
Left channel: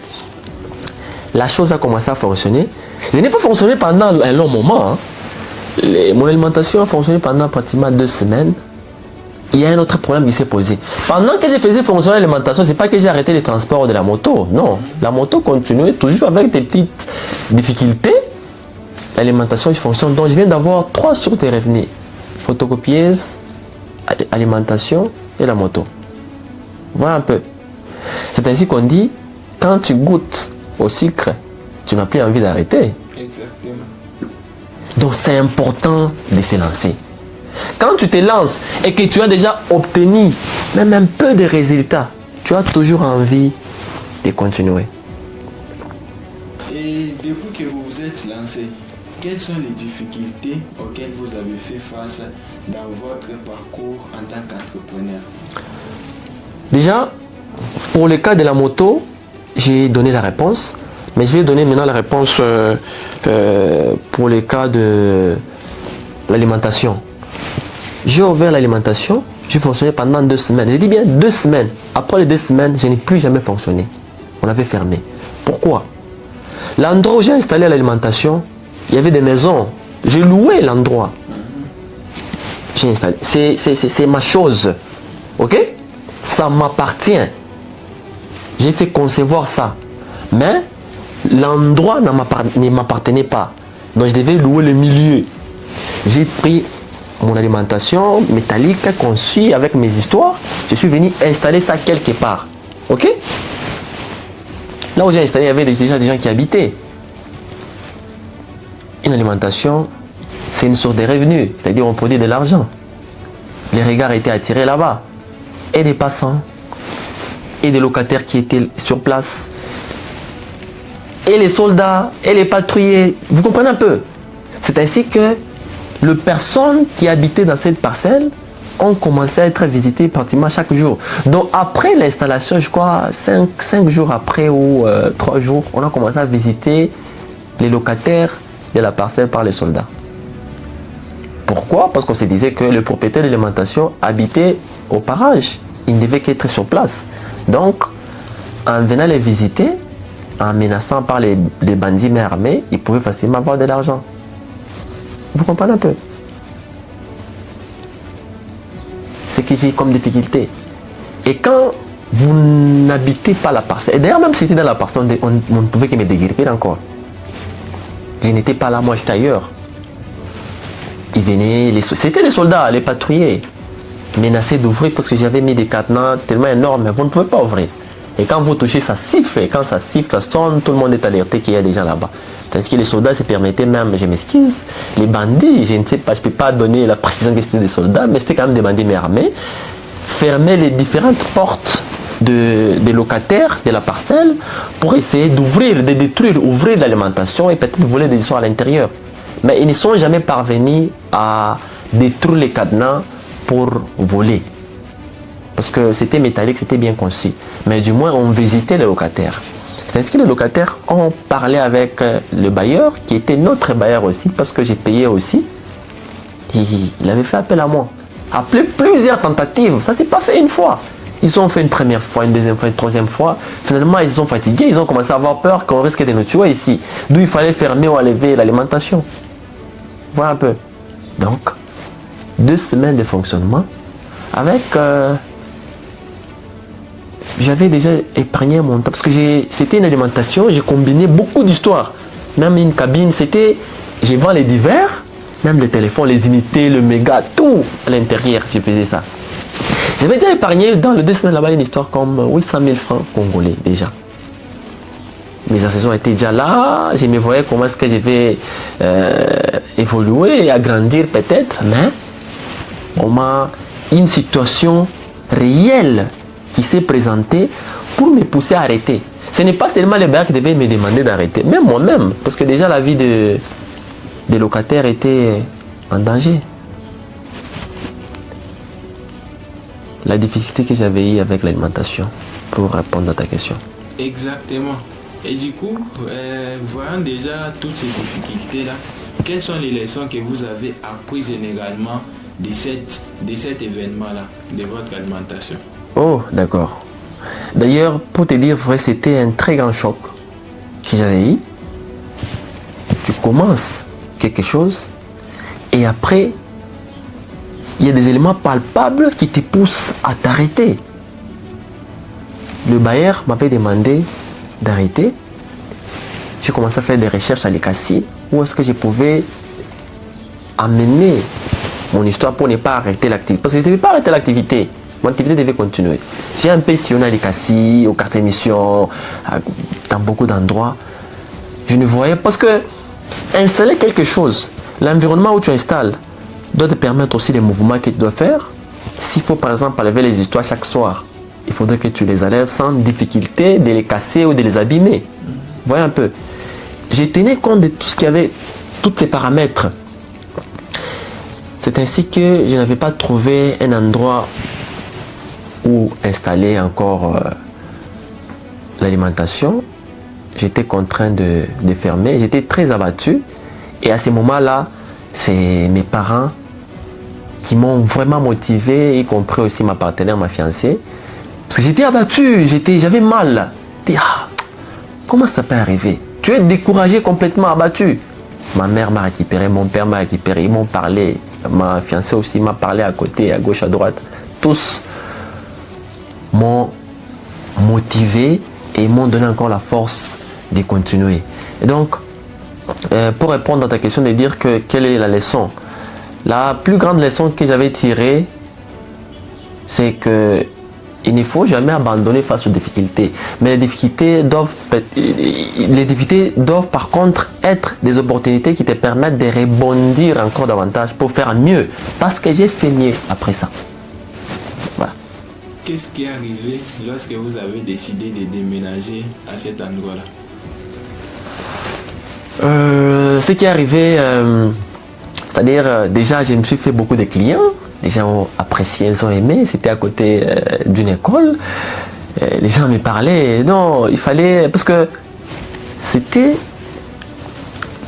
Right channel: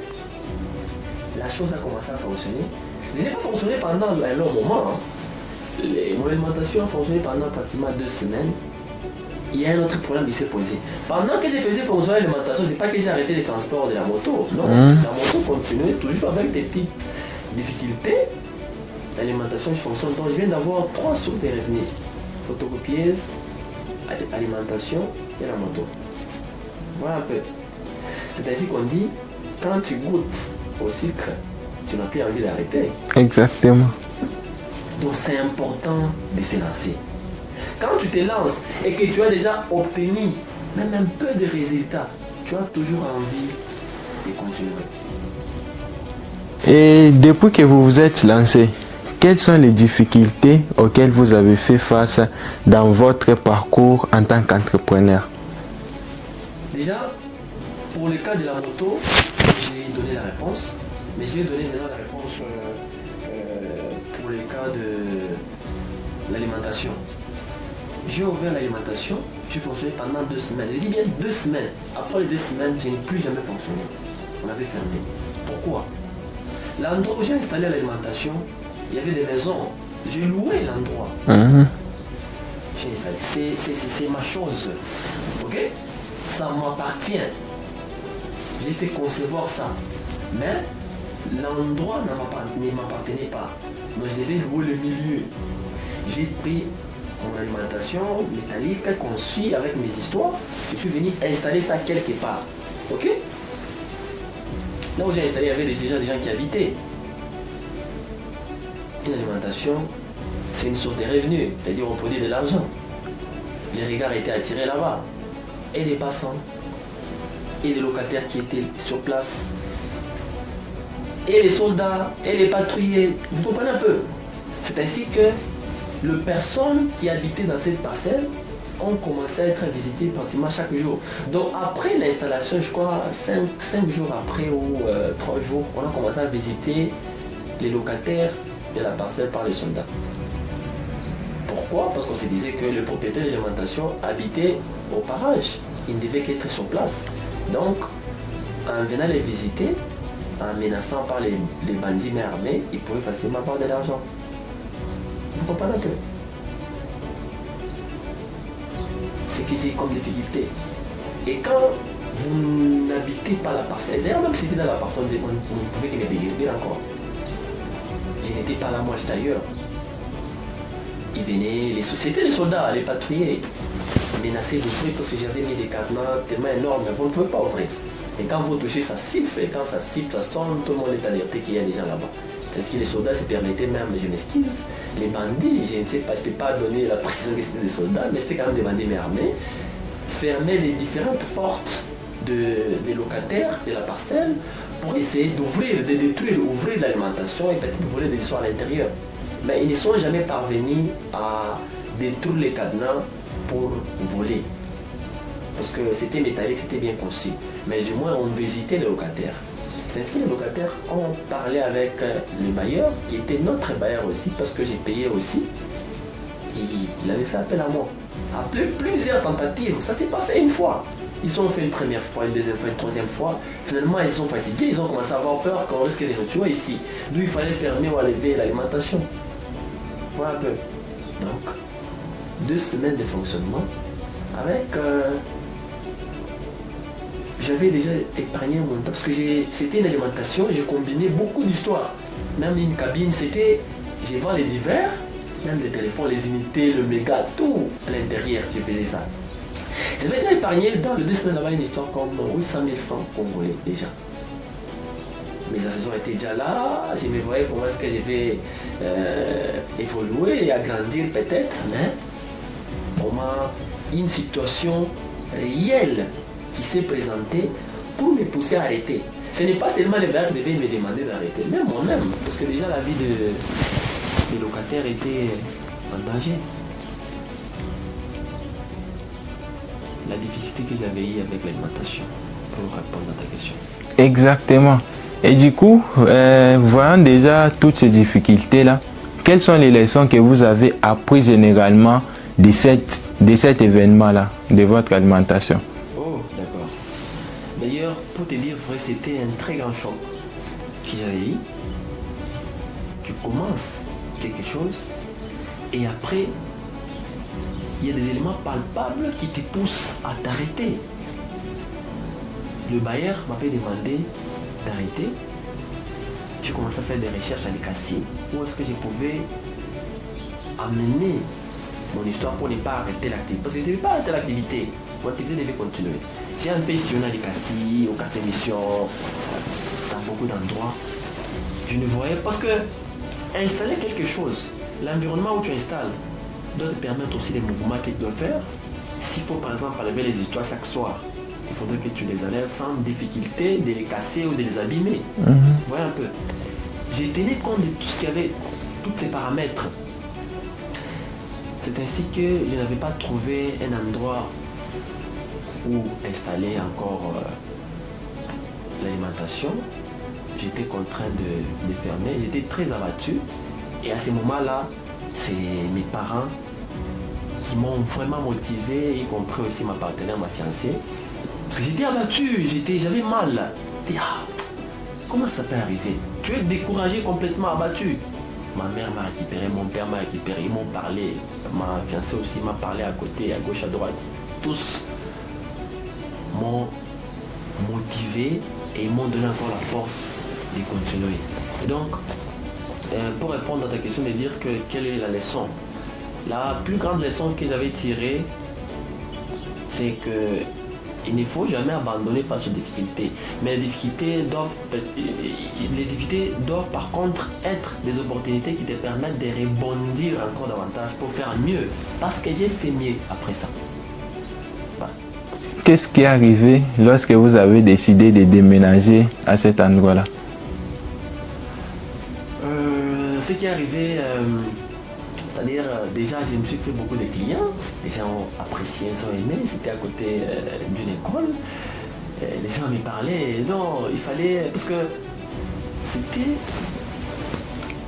La chose a commencé à fonctionner. Je n'ai pas fonctionné pendant un long moment. Hein. Mon alimentation a fonctionné pendant pratiquement 2 semaines. Il y a un autre problème qui s'est posé. Pendant que je faisais fonctionner l'alimentation, c'est pas que j'ai arrêté les transports de la moto. Non, la moto continuait toujours avec des petites difficultés. L'alimentation fonctionne. Donc je viens d'avoir 3 sources de revenus. Photocopieuse, alimentation et la moto. Voilà un peu. C'est ainsi qu'on dit, quand tu goûtes au sucre, tu n'as plus envie d'arrêter. Exactement. Donc c'est important de se lancer. Quand tu te lances et que tu as déjà obtenu même un peu de résultats, tu as toujours envie de continuer. Et depuis que vous vous êtes lancé, quelles sont les difficultés auxquelles vous avez fait face dans votre parcours en tant qu'entrepreneur? Déjà, pour le cas de la moto, j'ai donné la réponse, mais je vais donner maintenant la réponse pour le cas de l'alimentation. J'ai ouvert l'alimentation, j'ai fonctionné pendant 2 semaines. Je dis bien 2 semaines. Après les 2 semaines, je n'ai plus jamais fonctionné. On avait fermé. Pourquoi? L'endroit où j'ai installé l'alimentation, il y avait des maisons. J'ai loué l'endroit. J'ai installé. C'est ma chose. Ok? Ça m'appartient. J'ai fait concevoir ça. Mais l'endroit ne m'appartenait pas. Donc je devais louer le milieu. J'ai pris mon alimentation métallique conçue avec mes histoires. Je suis venu installer ça quelque part. Ok? Là où j'ai installé, il y avait déjà des gens qui habitaient. Une alimentation, c'est une source de revenus, c'est-à-dire on produit de l'argent. Les regards étaient attirés là-bas. Et des passants, et des locataires qui étaient sur place, et les soldats, et les patrouillers. Vous comprenez un peu? C'est ainsi que les personnes qui habitaient dans cette parcelle ont commencé à être visitées pratiquement chaque jour. Donc après l'installation, je crois 5 jours après ou 3 jours, on a commencé à visiter les locataires de la parcelle par les soldats. Pourquoi? Parce qu'on se disait que le propriétaire de l'alimentation habitait au parage. Il ne devait qu'être sur place. Donc, en venant les visiter, en menaçant par les bandits mais armés, ils pouvaient facilement avoir de l'argent. Vous comprenez un peu? C'est que j'ai comme difficulté. Et quand vous n'habitez pas la parcelle, et d'ailleurs même si c'était dans la parcelle, on ne pouvait que me déguerpir encore. Je n'étais pas là, moi j'étais ailleurs. Ils venaient, c'était les soldats, les patrouillers, menacés d'ouvrir parce que j'avais mis des cadenas tellement énormes, vous ne pouvez pas ouvrir. Et quand vous touchez, ça siffle, et quand ça siffle, ça sonne, tout le monde est alerté qu'il y a des gens là-bas. Tandis que les soldats se permettaient même, je m'excuse, les bandits, je ne sais pas, je ne peux pas donner la précision que c'était des soldats, mais c'était quand même des bandits mais armés, fermaient les différentes portes des locataires de la parcelle pour essayer d'ouvrir, de détruire, ouvrir l'alimentation et peut-être voler des histoires à l'intérieur. Mais ils ne sont jamais parvenus à détruire les cadenas pour voler. Parce que c'était métallique, c'était bien conçu. Mais du moins, on visitait les locataires. C'est ainsi que les locataires ont parlé avec le bailleur, qui était notre bailleur aussi, parce que j'ai payé aussi. Et il avait fait appel à moi. Après plusieurs tentatives, ça s'est pas fait une fois. Ils ont fait une première fois, une deuxième fois, une troisième fois. Finalement, ils sont fatigués, ils ont commencé à avoir peur qu'on risque de nous tuer ici. D'où il fallait fermer ou enlever l'alimentation. Voilà un peu. Donc, 2 semaines de fonctionnement avec... j'avais déjà épargné mon temps parce que c'était une alimentation, j'ai combiné beaucoup d'histoires. Même une cabine, j'ai vendu les divers, même le téléphone, les unités, le méga, tout à l'intérieur, j'ai faisais ça. J'avais déjà épargné dans le 2 semaines là-bas une histoire comme 800 000 francs congolais déjà. Mes associations étaient déjà là, je me voyais comment est-ce que je vais évoluer et agrandir peut-être, mais on m'a une situation réelle qui s'est présentée pour me pousser à arrêter. Ce n'est pas seulement les bailleurs qui devaient me demander d'arrêter, même moi-même, parce que déjà la vie des locataires était en danger. La difficulté que j'avais eue avec l'alimentation, pour répondre à ta question. Exactement. Et du coup, voyant déjà toutes ces difficultés-là, quelles sont les leçons que vous avez apprises généralement de cet événement-là, de votre alimentation? Oh, d'accord. D'ailleurs, pour te dire vrai, c'était un très grand choc que j'avais eu. Tu commences quelque chose et après, il y a des éléments palpables qui te poussent à t'arrêter. Le bailleur m'avait demandé d'arrêter. J'ai commencé à faire des recherches à l'ECACI où est-ce que je pouvais amener mon histoire pour ne pas arrêter l'activité. Parce que je ne devais pas arrêter l'activité. Mon activité devait continuer. J'ai un peu sillonné à l'ECACI, au quartier mission, dans beaucoup d'endroits. Je ne voyais... Parce que installer quelque chose, l'environnement où tu installes, doit te permettre aussi les mouvements que tu dois faire. S'il faut par exemple enlever les histoires chaque soir, il faudrait que tu les enlèves sans difficulté de les casser ou de les abîmer. Voyez un peu. J'ai tenu compte de tout ce qu'il y avait, tous ces paramètres. C'est ainsi que je n'avais pas trouvé un endroit où installer encore l'alimentation. J'étais contraint de fermer. J'étais très abattu. Et à ce moment-là, c'est mes parents qui m'ont vraiment motivé, y compris aussi ma partenaire, ma fiancée. Parce que j'étais abattu, j'avais mal. Comment ça peut arriver? Tu es découragé, complètement abattu. Ma mère m'a récupéré, mon père m'a récupéré, ils m'ont parlé. Ma fiancée aussi m'a parlé à côté, à gauche, à droite. Tous m'ont motivé et m'ont donné encore la force de continuer. Et donc, pour répondre à ta question, de dire que quelle est la leçon? La plus grande leçon que j'avais tirée, c'est que il ne faut jamais abandonner face aux difficultés. Mais les difficultés doivent par contre être des opportunités qui te permettent de rebondir encore davantage pour faire mieux. Parce que j'ai fait mieux après ça. Voilà. Qu'est-ce qui est arrivé lorsque vous avez décidé de déménager à cet endroit-là? Ce qui est arrivé, c'est-à-dire déjà je me suis fait beaucoup de clients, les gens ont apprécié, ils ont aimé, c'était à côté d'une école, les gens me parlaient, non, il fallait, parce que c'était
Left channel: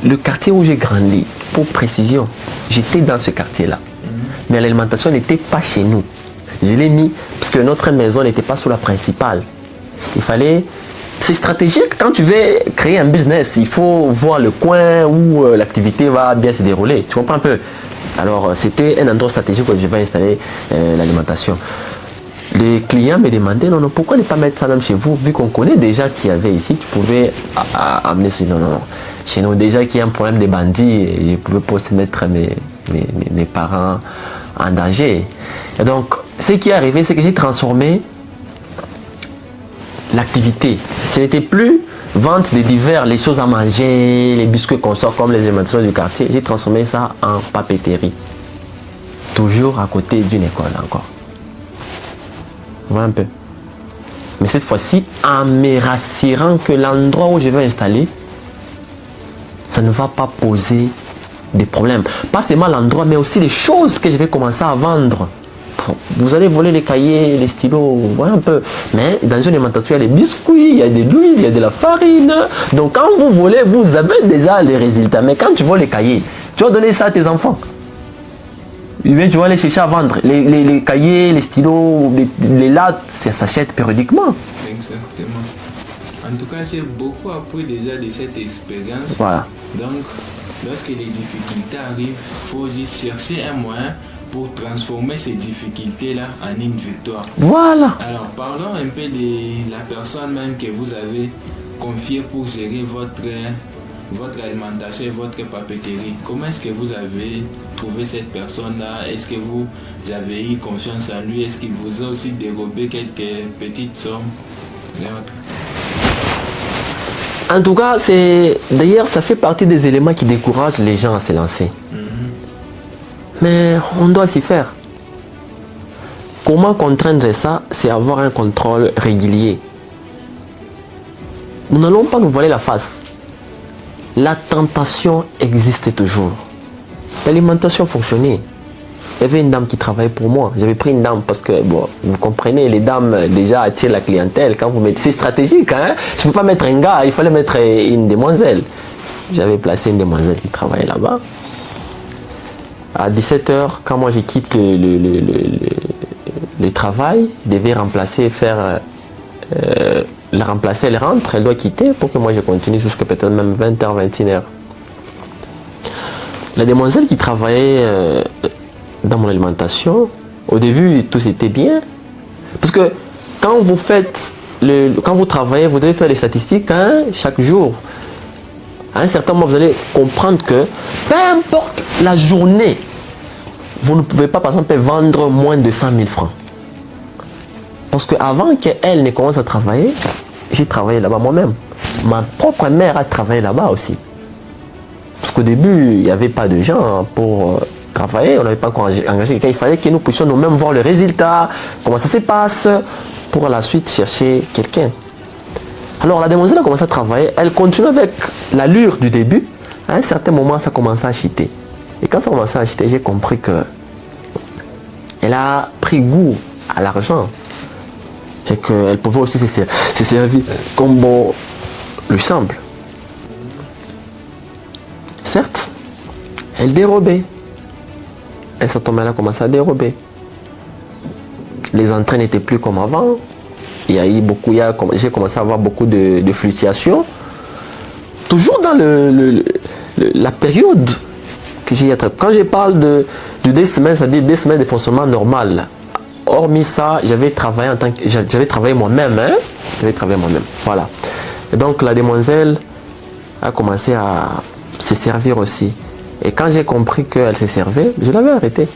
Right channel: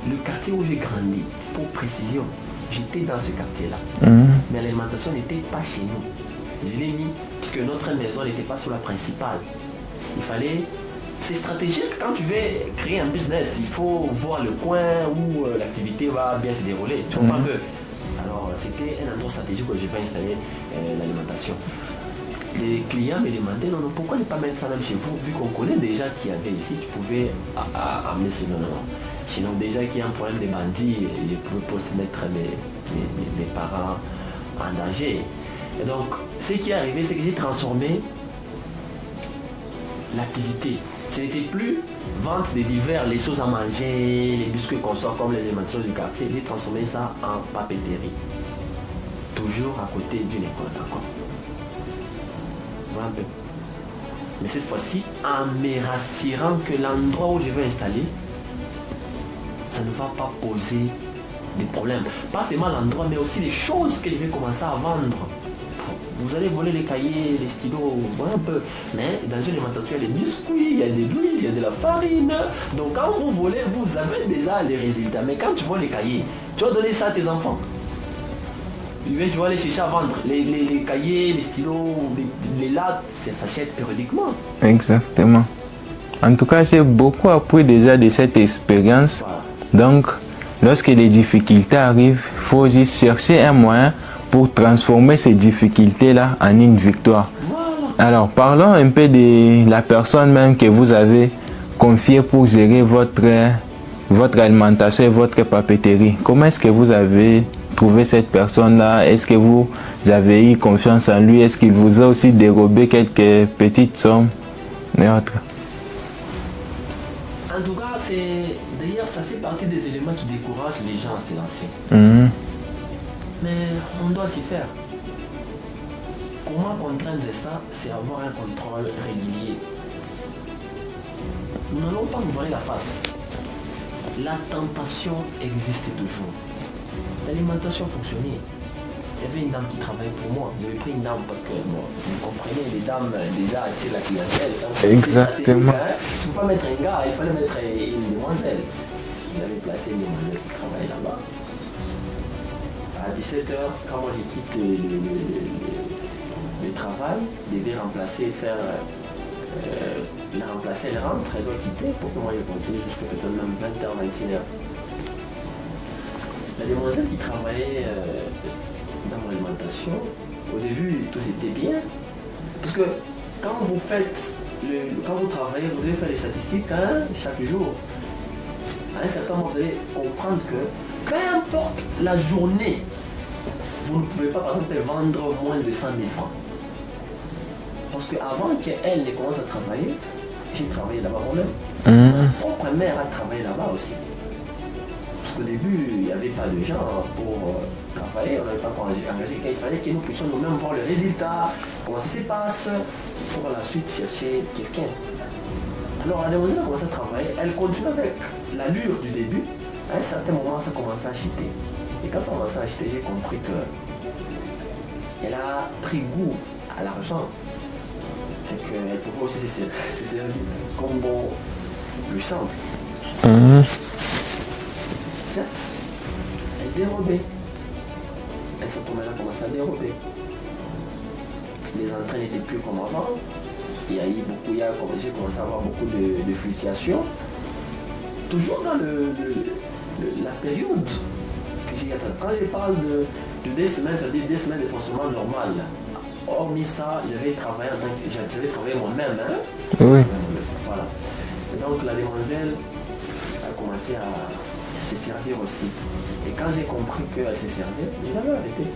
le quartier où j'ai grandi, pour précision, j'étais dans ce quartier-là, mais l'alimentation n'était pas chez nous, je l'ai mis, parce que notre maison n'était pas sous la principale, il fallait... C'est stratégique quand tu veux créer un business. Il faut voir le coin où l'activité va bien se dérouler. Tu comprends un peu? Alors, c'était un endroit stratégique où je vais installer l'alimentation. Les clients me demandaient, non, pourquoi ne pas mettre ça même chez vous? Vu qu'on connaît déjà qu'il y avait ici, tu pouvais amener ce... Non. Chez nous, déjà qu'il y a un problème de bandits, je ne pouvais pas aussi mettre mes parents en danger. Et donc, ce qui est arrivé, c'est que j'ai transformé l'activité. Ce n'était plus vente de divers, les choses à manger, les biscuits qu'on sort comme les alimentations du quartier. J'ai transformé ça en papeterie. Toujours à côté d'une école encore. Voilà un peu. Mais cette fois-ci, en me rassurant que l'endroit où je vais installer, ça ne va pas poser des problèmes. Pas seulement l'endroit, mais aussi les choses que je vais commencer à vendre vous allez voler les cahiers, les stylos, voilà un peu. Mais dans une alimentation, il y a des biscuits, il y a de l'huile, il y a de la farine. Donc quand vous volez, vous avez déjà les résultats. Mais quand tu voles les cahiers, tu vas donner ça à tes enfants. Et bien, tu vas aller chercher à vendre. Les cahiers, les stylos, les lattes, ça s'achète périodiquement. Exactement. En tout cas, j'ai beaucoup appris déjà de cette expérience. Voilà. Donc, lorsque les difficultés arrivent, il faut juste chercher un moyen pour transformer ces difficultés-là en une victoire. Voilà. Alors, parlons un peu de la personne même que vous avez confiée pour gérer votre alimentation et votre papeterie. Comment est-ce que vous avez trouvé cette personne-là? Est-ce que vous avez eu confiance en lui? Est-ce qu'il vous a aussi dérobé quelques petites sommes et autres? En tout cas, d'ailleurs, ça fait partie des éléments qui découragent les gens à se lancer. Mais on doit s'y faire. Comment contraindre ça? C'est avoir un contrôle régulier. Nous n'allons pas nous voiler la face. La tentation existe toujours. L'alimentation fonctionnait. Il y avait une dame qui travaillait pour moi. J'avais pris une dame parce que, bon, vous comprenez, les dames déjà attirent la clientèle. Quand vous me dites c'est stratégique, hein? Je ne peux pas mettre un gars, il fallait mettre une demoiselle. J'avais placé une demoiselle qui travaillait là-bas. À 17h, quand moi je quitte le travail, je devais remplacer, la remplacer, elle rentre, elle doit quitter pour que moi je continue jusqu'à peut-être même 20h, 21h. La demoiselle qui travaillait dans mon alimentation, au début tout c'était bien. Parce que quand vous travaillez, vous devez faire les statistiques hein, chaque jour. À un certain moment, vous allez comprendre que peu importe la journée, vous ne pouvez pas par exemple vendre moins de 100 000 francs. Parce qu'avant qu'elle ne commence à travailler, j'ai travaillé là-bas moi-même. Ma propre mère a travaillé là-bas aussi. Parce qu'au début, il n'y avait pas de gens pour travailler, on n'avait pas encore engagé quelqu'un. Il fallait que nous puissions nous-mêmes voir le résultat, comment ça se passe, pour la suite chercher quelqu'un. Alors la demoiselle a commencé à travailler, elle continue avec l'allure du début. À un certain moment, ça a commencé à chuter. Et quand ça a commencé à chuter, j'ai compris que elle a pris goût à l'argent. Et qu'elle pouvait aussi se servir comme bon lui semble. Certes, elle dérobait. Et ça tombait là, commençait à dérober. Les entrées n'étaient plus comme avant. J'ai commencé à avoir beaucoup de fluctuations. Toujours dans la période que j'ai attrapé. Quand je parle de 2 semaines, c'est-à-dire 2 semaines de fonctionnement normal. Hormis ça, j'avais travaillé moi-même. Hein? J'avais travaillé moi-même. Voilà. Et donc la demoiselle a commencé à se servir aussi. Et quand j'ai compris qu'elle se servait, je l'avais arrêtée.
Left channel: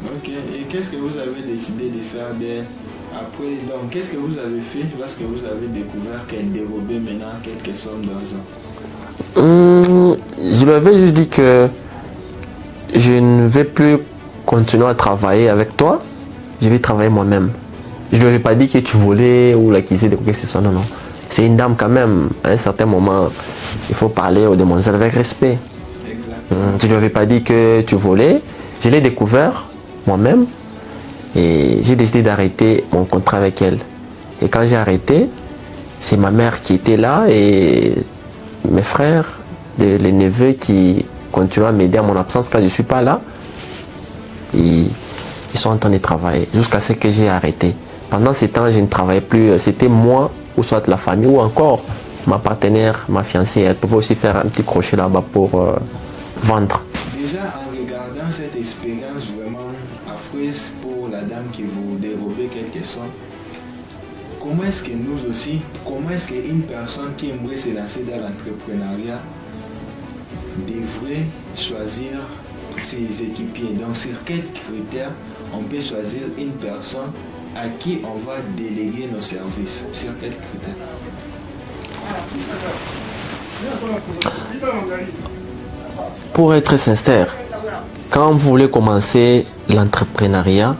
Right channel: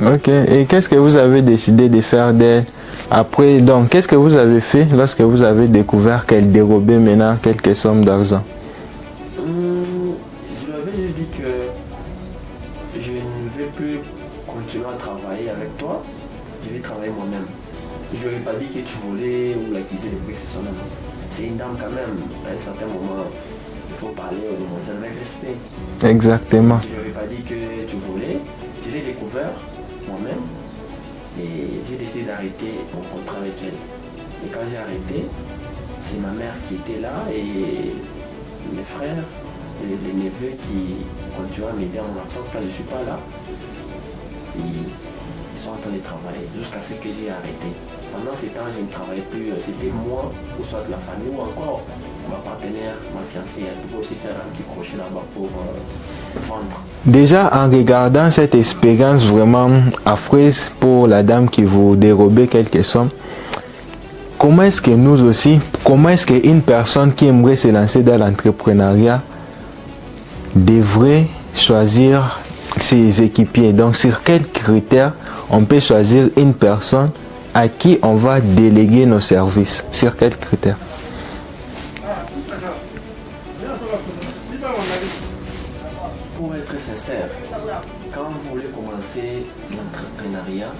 Ok. Et qu'est-ce que vous avez décidé de faire d'elle après? Donc, qu'est-ce que vous avez fait lorsque vous avez découvert qu'elle dérobait maintenant quelques sommes d'argent? Je lui avais juste dit que je ne vais plus continuer à travailler avec toi. Je vais travailler moi-même. Je ne lui avais pas dit que tu volais ou l'acquisais de quoi que ce soit. Non, non. C'est une dame quand même. À un certain moment, il faut parler aux demoiselles avec respect. Exactement. Je ne lui avais pas dit que tu volais. Je l'ai découvert moi-même. Et j'ai décidé d'arrêter mon contrat avec elle. Et quand j'ai arrêté, c'est ma mère qui était là et mes frères, les neveux qui continuent à m'aider à mon absence quand je ne suis pas là. Ils sont en train de travailler jusqu'à ce que j'ai arrêté. Pendant ce temps, je ne travaillais plus. C'était moi ou soit la famille ou encore ma partenaire, ma fiancée. Elle pouvait aussi faire un petit crochet là-bas pour vendre. Déjà, en regardant cette expérience vraiment affreuse pour la dame qui vous dérobait quelques sommes, comment est-ce que nous aussi, comment est-ce qu'une personne qui aimerait se lancer dans l'entrepreneuriat devrait choisir ses équipiers? Donc, sur quels critères on peut choisir une personne à qui on va déléguer nos services? Sur quels critères? Pour être sincère, quand vous voulez commencer l'entrepreneuriat,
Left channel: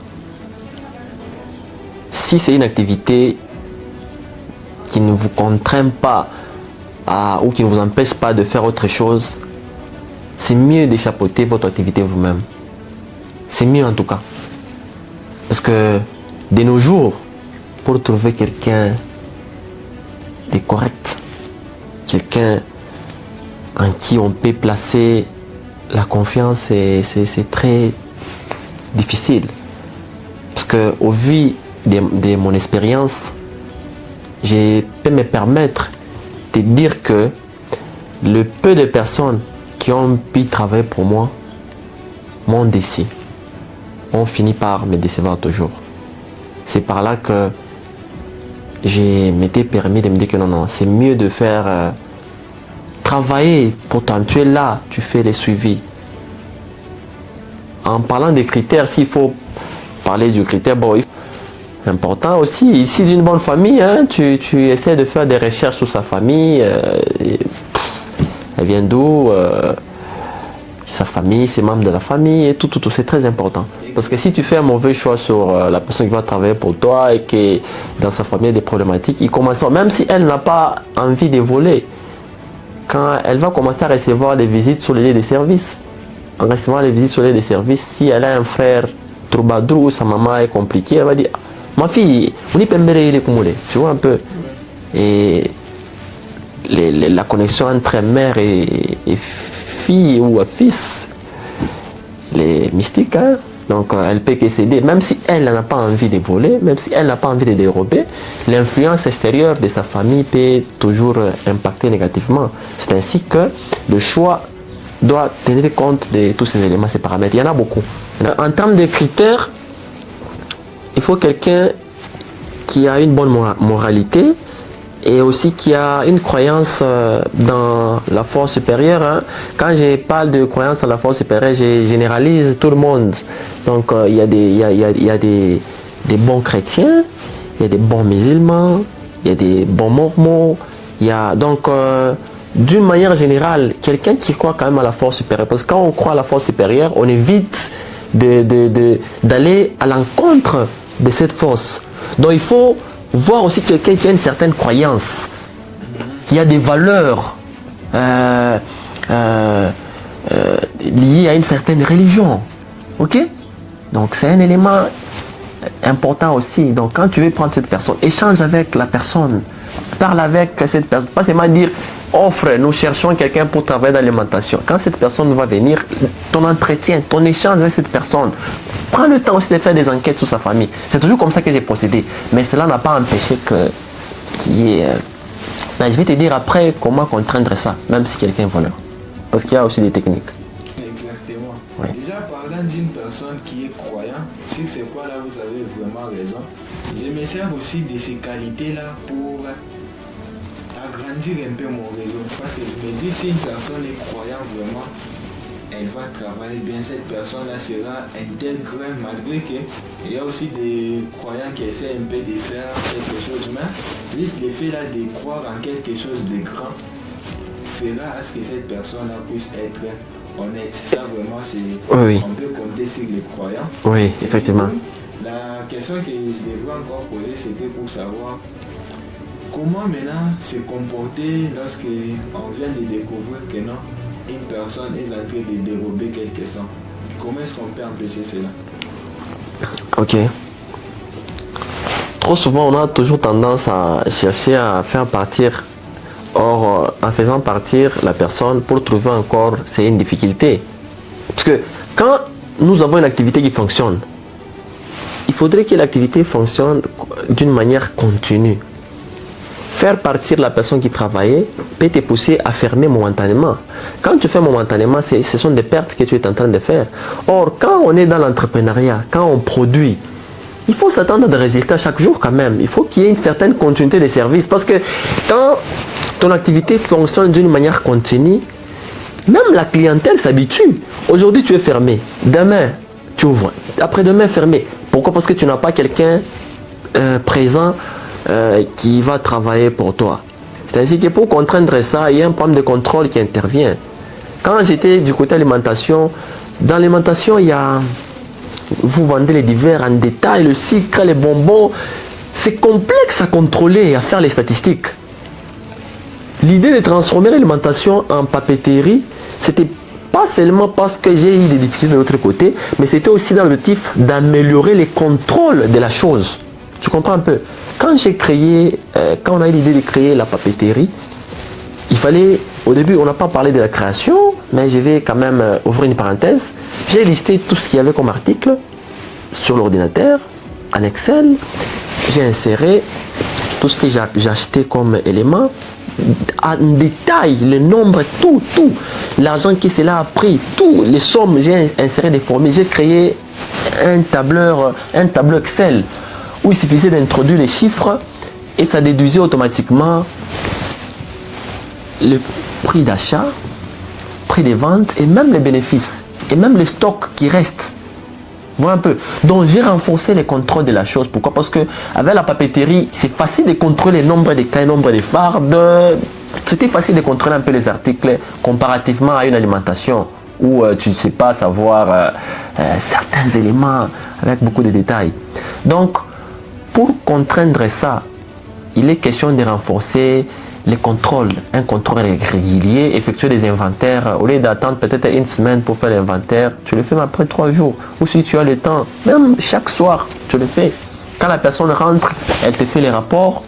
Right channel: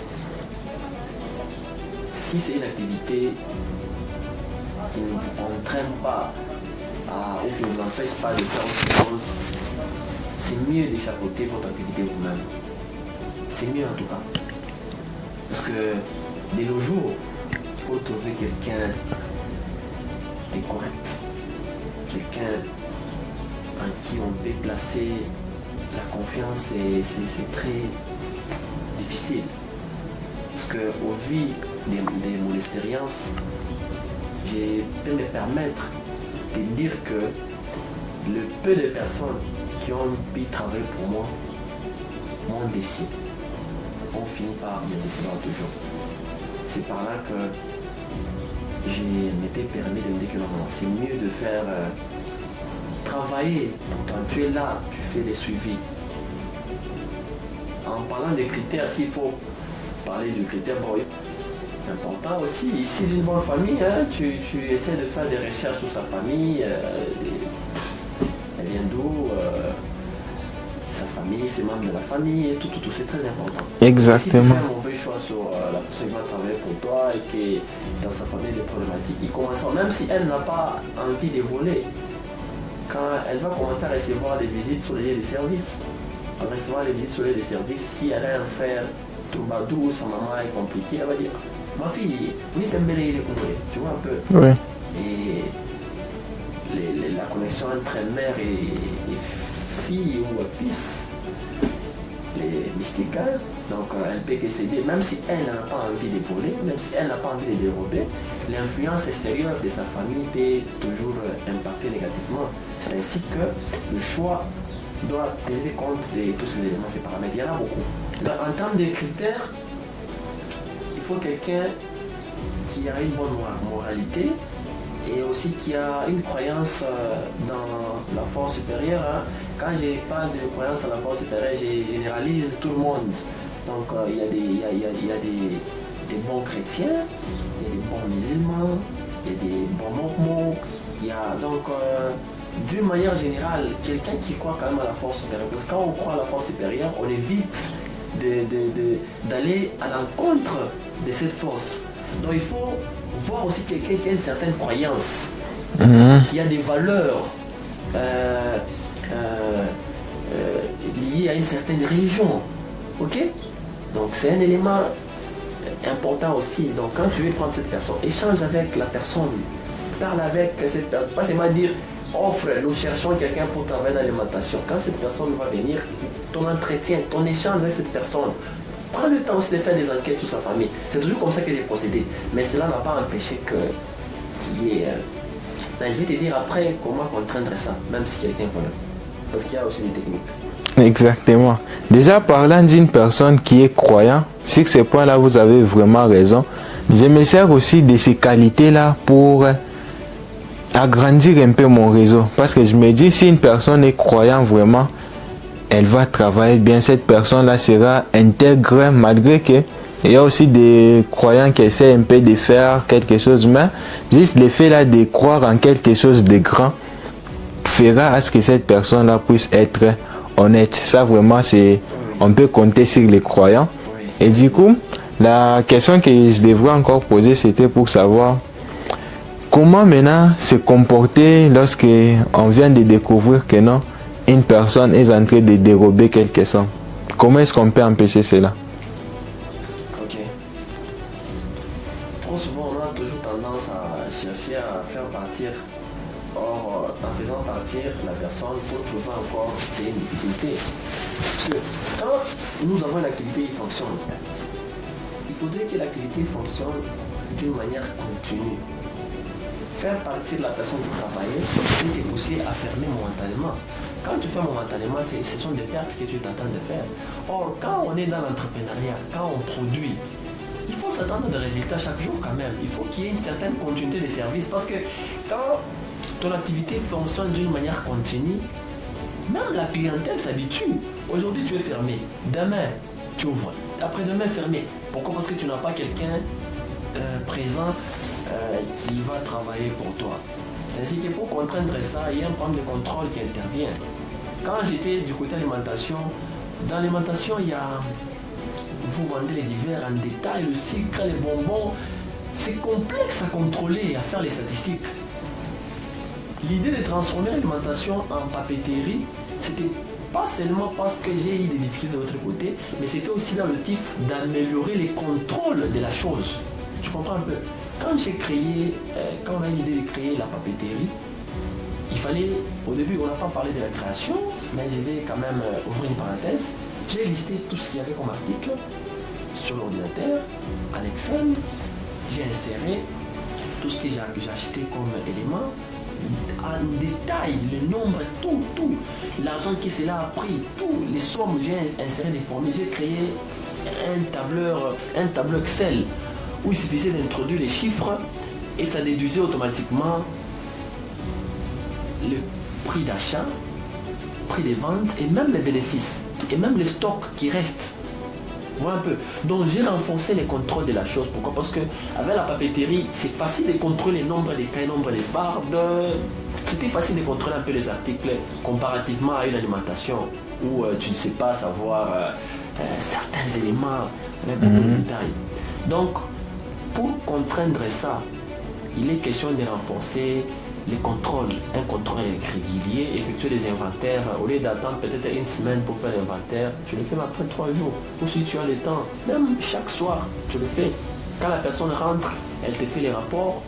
si c'est une activité qui ne vous contraint pas ou qui ne vous empêche pas de faire autre chose, c'est mieux d'échapper votre activité vous-même. C'est mieux en tout cas. Parce que de nos jours, pour trouver quelqu'un de correct, quelqu'un en qui on peut placer la confiance, c'est très difficile. Parce qu'au vu de mon expérience, je peux me permettre de dire que le peu de personnes qui ont pu travailler pour moi m'ont déçu. On finit par me décevoir toujours. C'est par là que je m'étais permis de me dire que non, c'est mieux de faire travailler. Pourtant, tu es là, tu fais les suivis. En parlant des critères, s'il faut parler du critère, bon, important aussi, ici d'une bonne famille, hein, tu essaies de faire des recherches sur sa famille, elle vient d'où, sa famille, ses membres de la famille, et tout, c'est très important. Exactement. Parce que si tu fais un mauvais choix sur la personne qui va travailler pour toi et que dans sa famille il y a des problématiques, il commence, même si elle n'a pas envie de voler, quand elle va commencer à recevoir des visites sur les lieux de service, en recevant les visites sur les lieux de service, si elle a un frère troubadour ou sa maman est compliquée, elle va dire, ma fille, on y peut me cumuler, tu vois un peu. Oui. Et la connexion entre mère et fille ou fils, les mystiques, hein? Donc elle peut que céder, même si elle n'a pas envie de voler, même si elle n'a pas envie de dérober, l'influence extérieure de sa famille peut toujours impacter négativement. C'est ainsi que le choix doit tenir compte de tous ces éléments, ces paramètres. Il y en a beaucoup. En termes de critères, il faut quelqu'un qui a une bonne moralité et aussi qui a une croyance dans la force supérieure. Hein. Quand je parle de croyance dans la force supérieure, je généralise tout le monde. Donc il y a des bons chrétiens, il y a des bons musulmans, il y a des bons mormons. Il y a donc d'une manière générale, quelqu'un qui croit quand même à la force supérieure. Parce que quand on croit à la force supérieure, on évite d'aller à l'encontre de cette force. Donc il faut voir aussi quelqu'un qui a une certaine croyance, qui a des valeurs liées à une certaine religion. Ok? Donc c'est un élément important aussi. Donc quand tu veux prendre cette personne, échange avec la personne, parle avec cette personne, pas seulement dire offre, nous cherchons quelqu'un pour travailler dans l'alimentation. Quand cette personne va venir, ton entretien, ton échange avec cette personne, prends le temps aussi de faire des enquêtes sur sa famille. C'est toujours comme ça que j'ai procédé. Mais cela n'a pas empêché qu'il y ait... je vais te dire après comment contraindre ça, même si quelqu'un est voleur. Parce qu'il y a aussi des techniques. Exactement. Ouais. Déjà, parlant d'une personne qui est croyant, sur ces points-là, vous avez vraiment raison. Je me sers aussi de ces qualités-là pour agrandir un peu mon réseau. Parce que je me dis, si une personne est croyante vraiment, elle va travailler bien. Cette personne-là sera intègre, malgré que il y a aussi des croyants qui essaient un peu de faire quelque chose, mais juste le fait là de croire en quelque chose de grand fera à ce que cette personne-là puisse être honnête. Ça vraiment, c'est Oui. On peut compter sur les croyants. Oui, Et du effectivement. coup, la question que je devrais encore poser, c'était pour savoir comment maintenant se comporter lorsque on vient de découvrir que non, une personne est en train de dérober quelque chose. Comment est-ce qu'on peut empêcher cela? Ok. Trop souvent, on a toujours tendance à chercher à faire partir. Or, en faisant partir la personne pour trouver encore, c'est une difficulté. Parce que quand nous avons une activité qui fonctionne, il faudrait que l'activité fonctionne d'une manière continue. Faire partir la personne qui travaillait peut te pousser à fermer momentanément. Quand tu fais momentanément, ce sont des pertes que tu es en train de faire. Or, quand on est dans l'entrepreneuriat, quand on produit, il faut s'attendre à des résultats chaque jour quand même. Il faut qu'il y ait une certaine continuité des services. Parce que quand ton activité fonctionne d'une manière continue, même la clientèle s'habitue. Aujourd'hui, tu es fermé. Demain, tu ouvres. Après-demain, fermé. Pourquoi? Parce que tu n'as pas quelqu'un présent qui va travailler pour toi. C'est ainsi que pour contraindre ça, il y a un problème de contrôle qui intervient. Quand j'étais du côté alimentation, dans l'alimentation, il y a... Vous vendez les divers en détail, le sucre, les bonbons. C'est complexe à contrôler et à faire les statistiques. L'idée de transformer l'alimentation en papeterie, c'était pas seulement parce que j'ai eu des difficultés de l'autre côté, mais c'était aussi dans l'objectif d'améliorer les contrôles de la chose. Tu comprends un peu? Quand j'ai créé, quand on a eu l'idée de créer la papeterie, il fallait, au début, on n'a pas parlé de la création, mais je vais quand même ouvrir une parenthèse. J'ai listé tout ce qu'il y avait comme article sur l'ordinateur, en Excel. J'ai inséré tout ce que j'ai acheté comme élément, en détail, le nombre, tout, l'argent qui cela a pris, tout, les sommes, j'ai inséré des formules, j'ai créé un tableau Excel où il suffisait d'introduire les chiffres et ça déduisait automatiquement le prix d'achat, prix des ventes et même les bénéfices et même les stocks qui restent. Voilà un peu. Donc j'ai renforcé les contrôles de la chose. Pourquoi? Parce que avec la papeterie, c'est facile de contrôler le nombre de cailles, le nombre de fardes. C'était facile de contrôler un peu les articles comparativement à une alimentation où tu ne sais pas savoir certains éléments avec beaucoup de détails. Donc pour contraindre ça, il est question de renforcer les contrôles, un contrôle régulier, effectuer des inventaires. Au lieu d'attendre peut-être une semaine pour faire l'inventaire, tu le fais après 3 jours. Ou si tu as le temps, même chaque soir, tu le fais. Quand la personne rentre, elle te fait les rapports.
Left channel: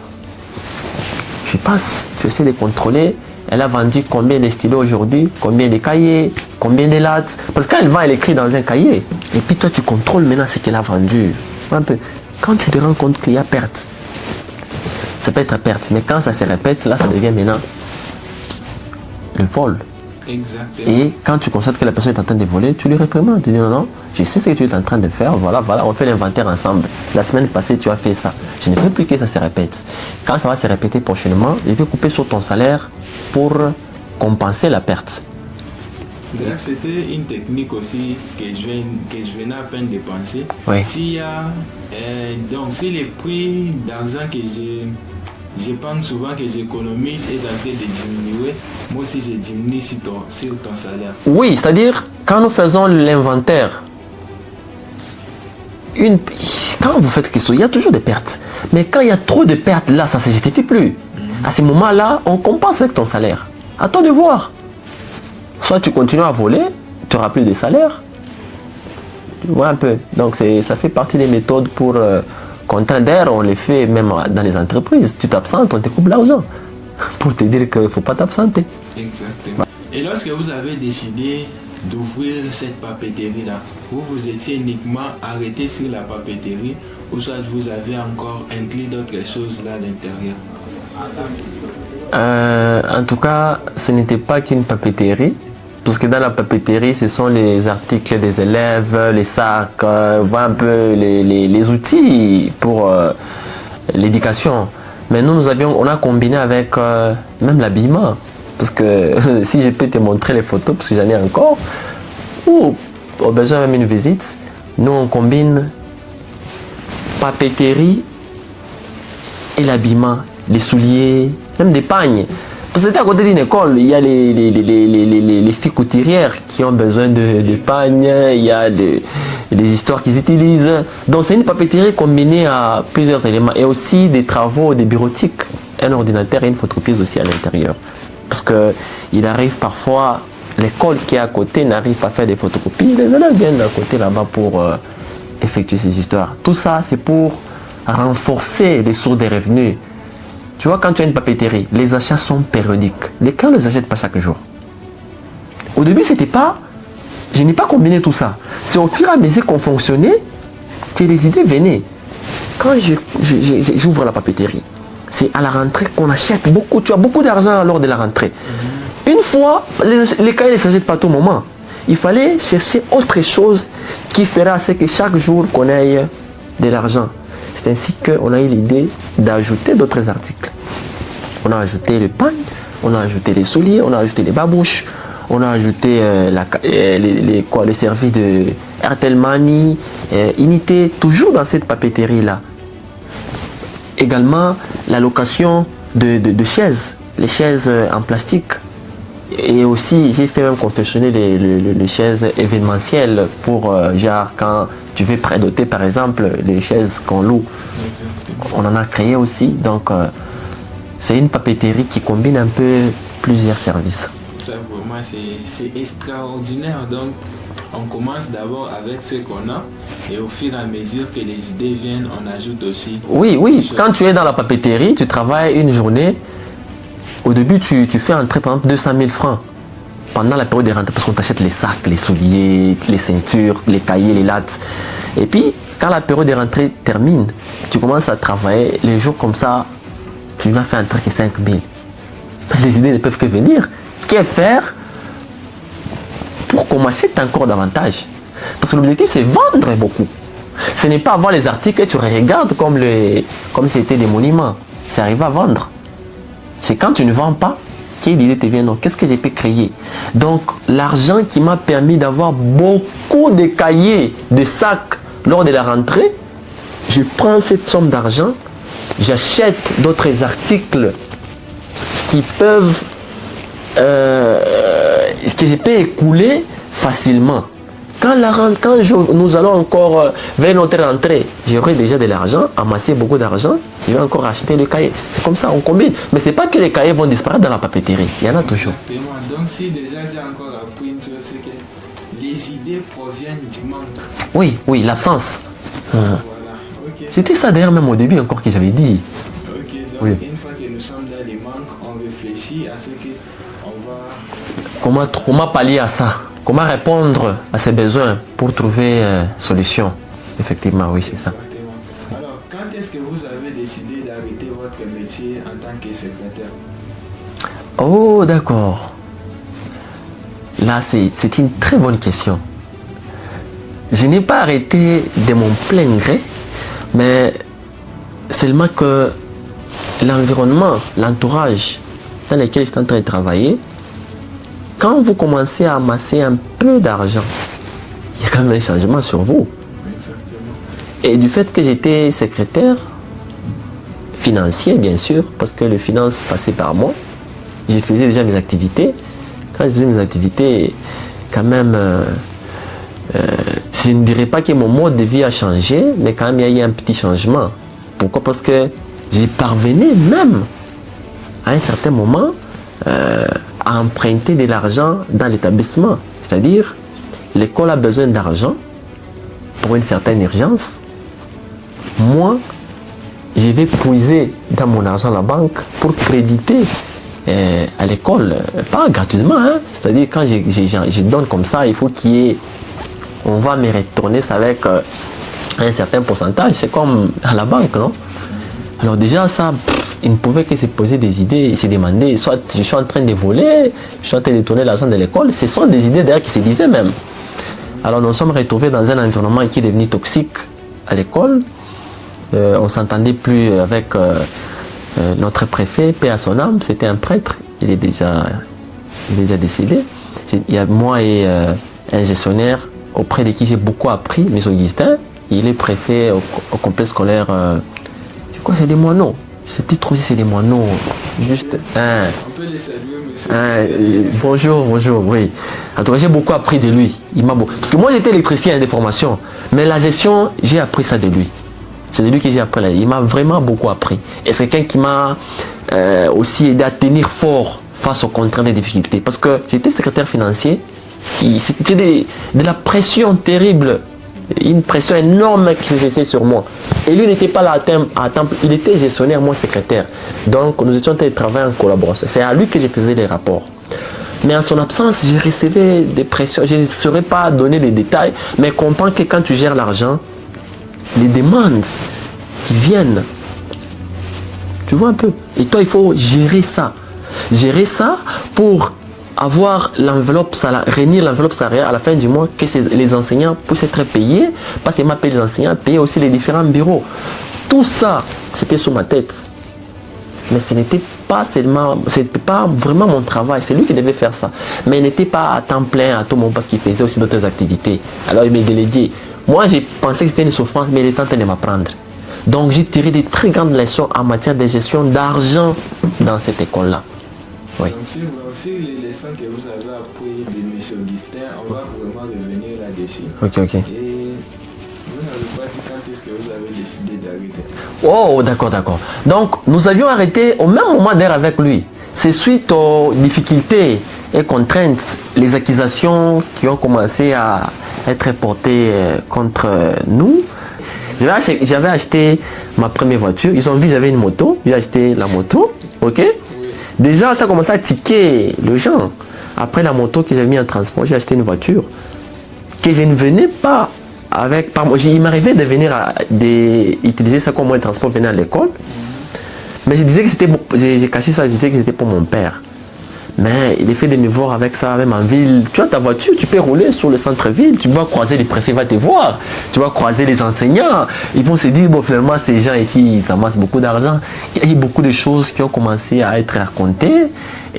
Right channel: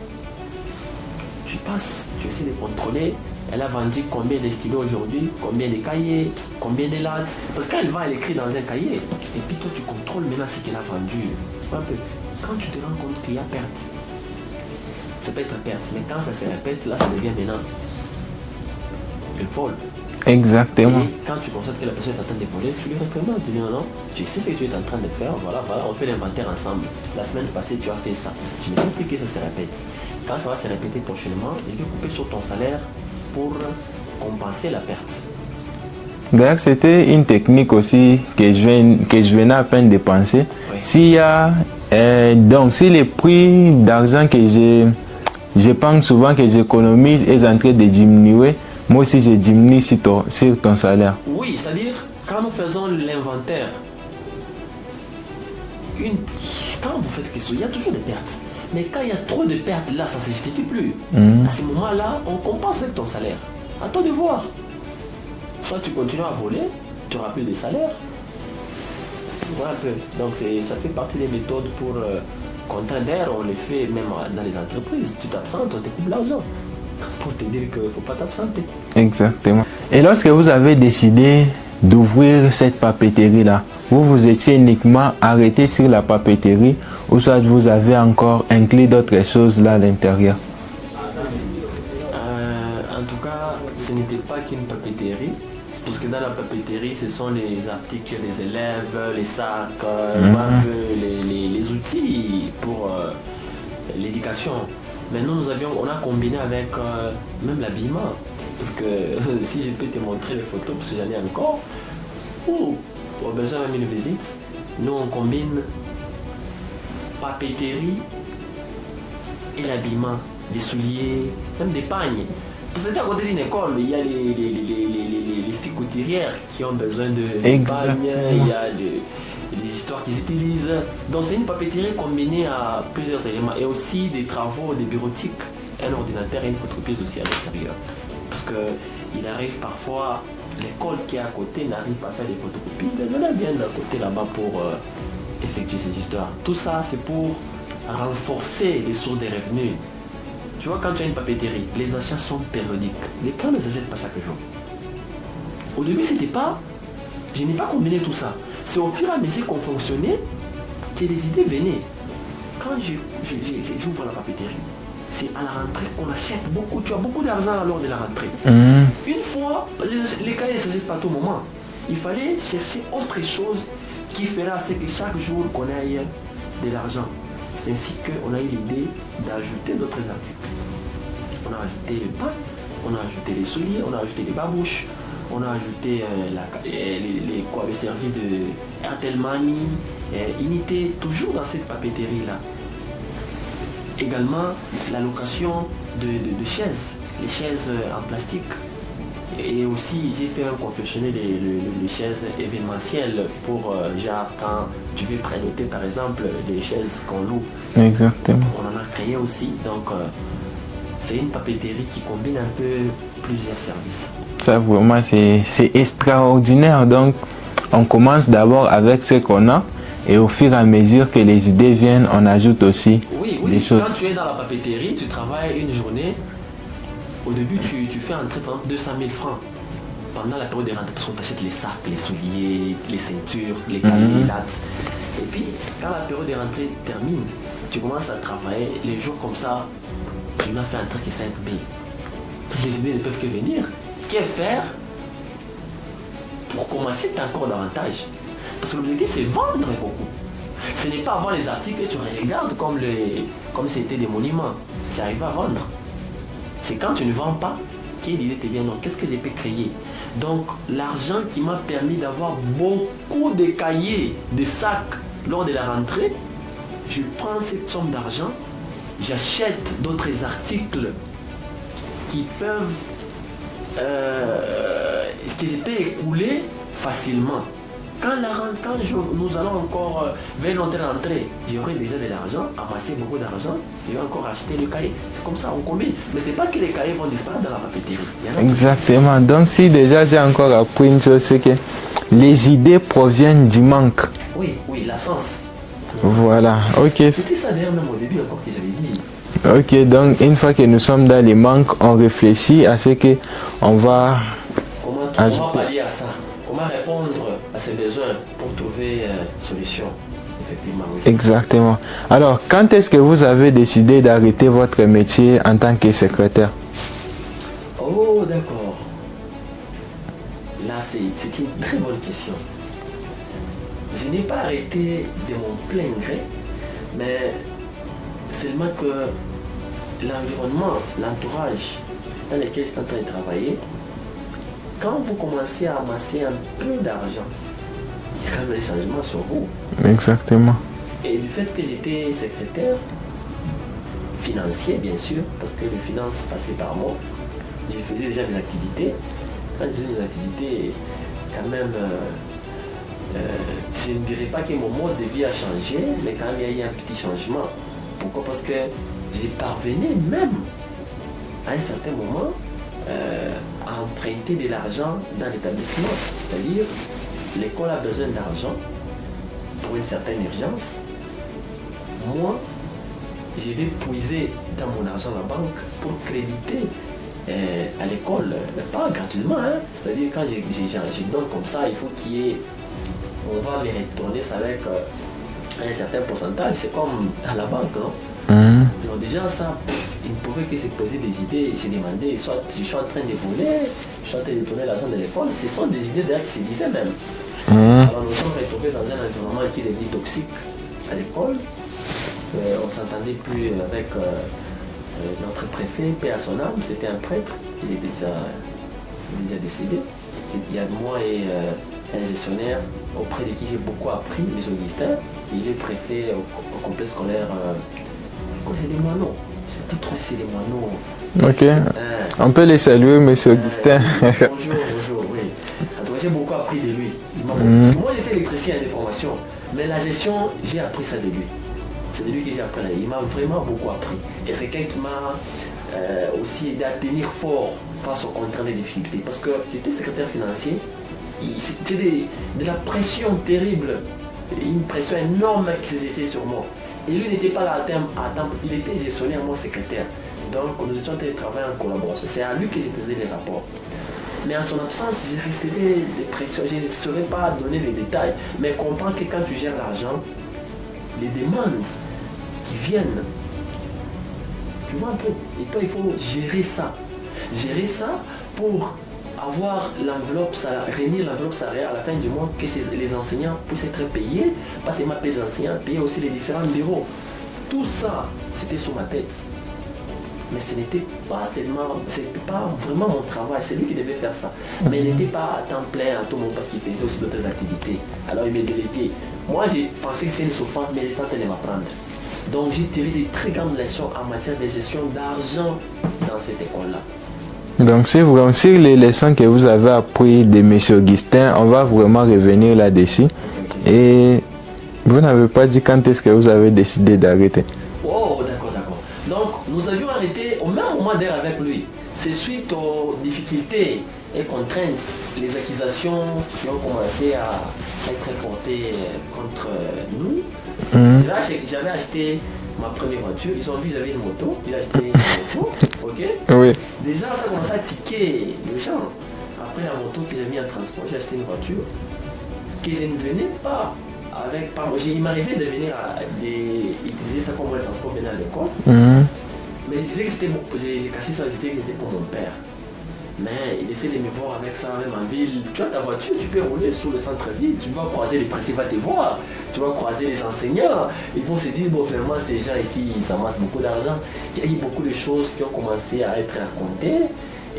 Tu passes, tu essaies de contrôler. Elle a vendu combien de stylos aujourd'hui, combien de cahiers, combien de lattes. Parce que quand elle vend, elle écrit dans un cahier. Et puis toi, tu contrôles maintenant ce qu'elle a vendu. Un peu. Quand tu te rends compte qu'il y a perte, ça peut être perte, mais quand ça se répète, là, ça devient maintenant le vol. Exactement. Et quand tu constates que la personne est en train de voler, tu lui réprimandes. Tu dis non, je sais ce que tu es en train de faire, voilà, on fait l'inventaire ensemble. La semaine passée, tu as fait ça. Je ne veux plus que ça se répète. Quand ça va se répéter prochainement, je vais couper sur ton salaire pour compenser la perte. D'ailleurs, c'était une technique aussi que je venais à peine de penser. Oui. S'il y a, donc, si les prix d'argent que je pense souvent que j'économise est en train de diminuer, moi aussi je diminue sur ton salaire. Oui, c'est-à-dire quand nous faisons l'inventaire, quand vous faites quelque chose, il y a toujours des pertes. Mais quand il y a trop de pertes, là, ça ne se justifie plus. À ce moment-là, on compense avec ton salaire. À toi de voir. Soit tu continues à voler, tu n'auras plus de salaire. Voilà un peu. Donc ça fait partie des méthodes pour contraindre. D'ailleurs, on les fait même dans les entreprises. Tu t'absentes, on te coupe l'argent. Pour te dire qu'il ne faut pas t'absenter. Exactement. Et lorsque vous avez décidé d'ouvrir cette papeterie-là, vous étiez uniquement arrêté sur la papeterie ou soit vous avez encore inclus d'autres choses là à l'intérieur? En tout cas, ce n'était pas qu'une papeterie. Parce que dans la papeterie, ce sont les articles des élèves, les sacs, voilà un peu les outils pour l'éducation. Mais nous, on a combiné avec même l'habillement. Parce que si je peux te montrer les photos, parce que j'en ai encore, ou au besoin même une visite, nous on combine papeterie et l'habillement, les souliers, même des pagnes. Parce que à côté d'une école, il y a les filles couturières qui ont besoin de pagnes, il y a des histoires qu'ils utilisent. Donc c'est une papeterie combinée à plusieurs éléments et aussi des travaux, des bureautiques, un ordinateur et une photocopieuse aussi à l'intérieur. Parce qu'il arrive parfois, l'école qui est à côté n'arrive pas à faire des photocopies, les élèves viennent à côté là-bas pour effectuer ces histoires. Tout ça, c'est pour renforcer les sources de revenus. Tu vois, quand tu as une papeterie, les achats sont périodiques. Les clients ne les achètent pas chaque jour. Au début, je n'ai pas combiné tout ça. C'est au fur et à mesure qu'on fonctionnait que les idées venaient. Quand j'ouvre la papeterie, c'est à la rentrée qu'on achète beaucoup. Tu as beaucoup d'argent lors de la rentrée. Une fois, les cahiers ne s'achètent pas à tout moment. Il fallait chercher autre chose qui fera ce que chaque jour qu'on ait de l'argent. C'est ainsi qu'on a eu l'idée d'ajouter d'autres articles. On a ajouté le pain, on a ajouté les souliers, on a ajouté les babouches, on a ajouté les services de Airtel Money, Unité, toujours dans cette papeterie-là. Également, la location de chaises, les chaises en plastique. Et aussi, j'ai fait même confectionner les chaises événementielles pour, genre, quand tu veux prédoter, par exemple, les chaises qu'on loue. Exactement. On en a créé aussi. Donc, c'est une papeterie qui combine un peu plusieurs services. Ça, vraiment, c'est extraordinaire. Donc, on commence d'abord avec ce qu'on a et au fur et à mesure que les idées viennent, on ajoute aussi. Oui, quand tu es dans la papeterie, tu travailles une journée. Au début, tu fais entrer par exemple 200 000 francs pendant la période de rentrée parce qu'on t'achète les sacs, les souliers, les ceintures, les cahiers, les lattes. Et puis, quand la période de rentrée termine, tu commences à travailler les jours comme ça, tu vas faire entrer que 5 000. Les idées ne peuvent que venir. Qu'est faire pour qu'on m'achète encore davantage? Parce que l'objectif, c'est vendre beaucoup. Ce n'est pas avoir les articles que tu regardes comme si c'était des monuments. C'est arriver à vendre. C'est quand tu ne vends pas que l'idée te vient. Donc, qu'est-ce que j'ai pu créer? Donc, l'argent qui m'a permis d'avoir beaucoup de cahiers, de sacs lors de la rentrée, je prends cette somme d'argent, j'achète d'autres articles qui peuvent, que je peux écouler facilement. Quand nous allons encore vers notre rentrée, j'aurai déjà de l'argent, amassé beaucoup d'argent, je vais encore acheter les cahiers. C'est comme ça, on combine. Mais ce n'est pas que les cahiers vont disparaître dans la papeterie. Il y en a toujours. Exactement. Donc si déjà j'ai encore appris une chose, c'est que les idées proviennent du manque. Oui, l'absence. Voilà, ok. C'était ça d'ailleurs même au début encore que j'avais dit. Ok, donc une fois que nous sommes dans les manques, on réfléchit à ce que on va... Comment pallier à ça? Comment répondre à ces besoins pour trouver solution? Effectivement, oui. Exactement. Alors, quand est-ce que vous avez décidé d'arrêter votre métier en tant que secrétaire? Oh, d'accord. Là, c'est une très bonne question. Je n'ai pas arrêté de mon plein gré, mais seulement que l'environnement, l'entourage dans lequel je suis en train de travailler, quand vous commencez à amasser un peu d'argent, il y a quand même un changement sur vous. Exactement. Et du fait que j'étais secrétaire financier, bien sûr, parce que les finances passaient par moi, je faisais déjà mes activités. Quand je faisais mes activités, quand même, je ne dirais pas que mon mode de vie a changé, mais quand même, il y a eu un petit changement. Pourquoi? Parce que j'ai parvenu même, à un certain moment, à emprunter de l'argent dans l'établissement. C'est-à-dire, l'école a besoin d'argent pour une certaine urgence. Moi, je vais puiser dans mon argent à la banque pour créditer à l'école, pas gratuitement, hein? C'est-à-dire quand je donne comme ça, il faut qu'il y ait, on va me retourner ça avec un certain pourcentage, c'est comme à la banque, non? Alors déjà ça, il ne pouvait que se poser des idées et se demander, soit je suis en train de voler, je suis en train de tourner l'argent de l'école, ce sont des idées d'ailleurs qui se disaient même. Alors nous sommes retrouvés dans un environnement qui est devenu toxique à l'école. On ne s'entendait plus avec notre préfet, paix à son âme, c'était un prêtre, il est déjà décédé. Il y a moi et un gestionnaire auprès de qui j'ai beaucoup appris, M. Augustin. Il est préfet au complexe scolaire, je crois que c'est des Moineaux. Je ne sais plus trop si c'est des Moineaux. Okay. On peut les saluer, M. Augustin. Bonjour, oui. En tout cas, j'ai beaucoup appris de lui. Il m'a beaucoup... Parce que moi, j'étais électricien des formations, mais la gestion, j'ai appris ça de lui. C'est de lui que j'ai appris. Il m'a vraiment beaucoup appris. Et c'est quelqu'un qui m'a aussi aidé à tenir fort face aux contraintes et difficultés. Parce que j'étais secrétaire financier, c'était de la pression terrible, une pression énorme qui s'exerçait sur moi. Et lui n'était pas là à temps, il était gestionnaire, moi secrétaire. Donc nous étions en train de travailler en collaboration. C'est à lui que je faisais les rapports. Mais en son absence, j'ai recevais des pressions. Je ne saurais pas donner les détails, mais comprends que quand tu gères l'argent, les demandes qui viennent, tu vois un peu. Et toi, il faut gérer ça. Gérer ça pour avoir l'enveloppe salariale, réunir l'enveloppe salariale à la fin du mois, que les enseignants puissent être payés, pas seulement payer les enseignants, payer aussi les différents bureaux. Tout ça, c'était sur ma tête. Mais ce n'était pas seulement, c'était pas vraiment mon travail, c'est lui qui devait faire ça. Mais il n'était pas à temps plein à tout moment parce qu'il faisait aussi d'autres activités. Alors il m'a délégué. Moi, j'ai pensé que c'était une souffrance, mais il était en train de m'apprendre. Donc j'ai tiré des très grandes leçons en matière de gestion d'argent dans cette école-là. Oui. Donc c'est vraiment sur les leçons que vous avez apprises de M. Augustin, on va vraiment revenir là-dessus. Ok. Et vous n'avez pas dit quand est-ce que vous avez décidé d'arrêter? Oh, d'accord. Donc nous avions arrêté au même moment d'ailleurs avec lui. c'est suite aux difficultés et contraintes, les accusations qui ont commencé à être portées contre nous. J'avais acheté ma première voiture. Ils ont vu que j'avais une moto. J'ai acheté la moto. Ok. Oui. Déjà, ça a commencé à tiquer les gens. Après la moto que j'avais mis en transport, j'ai acheté une voiture que je ne venais pas avec. Il m'arrivait de venir utiliser ça comme moyen de transport, venir à l'école. Mais je disais que c'était. J'ai caché ça, je disais que c'était pour mon père. Mais il est fait de me voir avec ça, même en ville. Tu as ta voiture, tu peux rouler sur le centre-ville, tu vas croiser les préfets, va te voir, tu vas croiser les enseignants. Ils vont se dire, bon, finalement, ces gens ici, ça masse beaucoup d'argent. Il y a eu beaucoup de choses qui ont commencé à être racontées.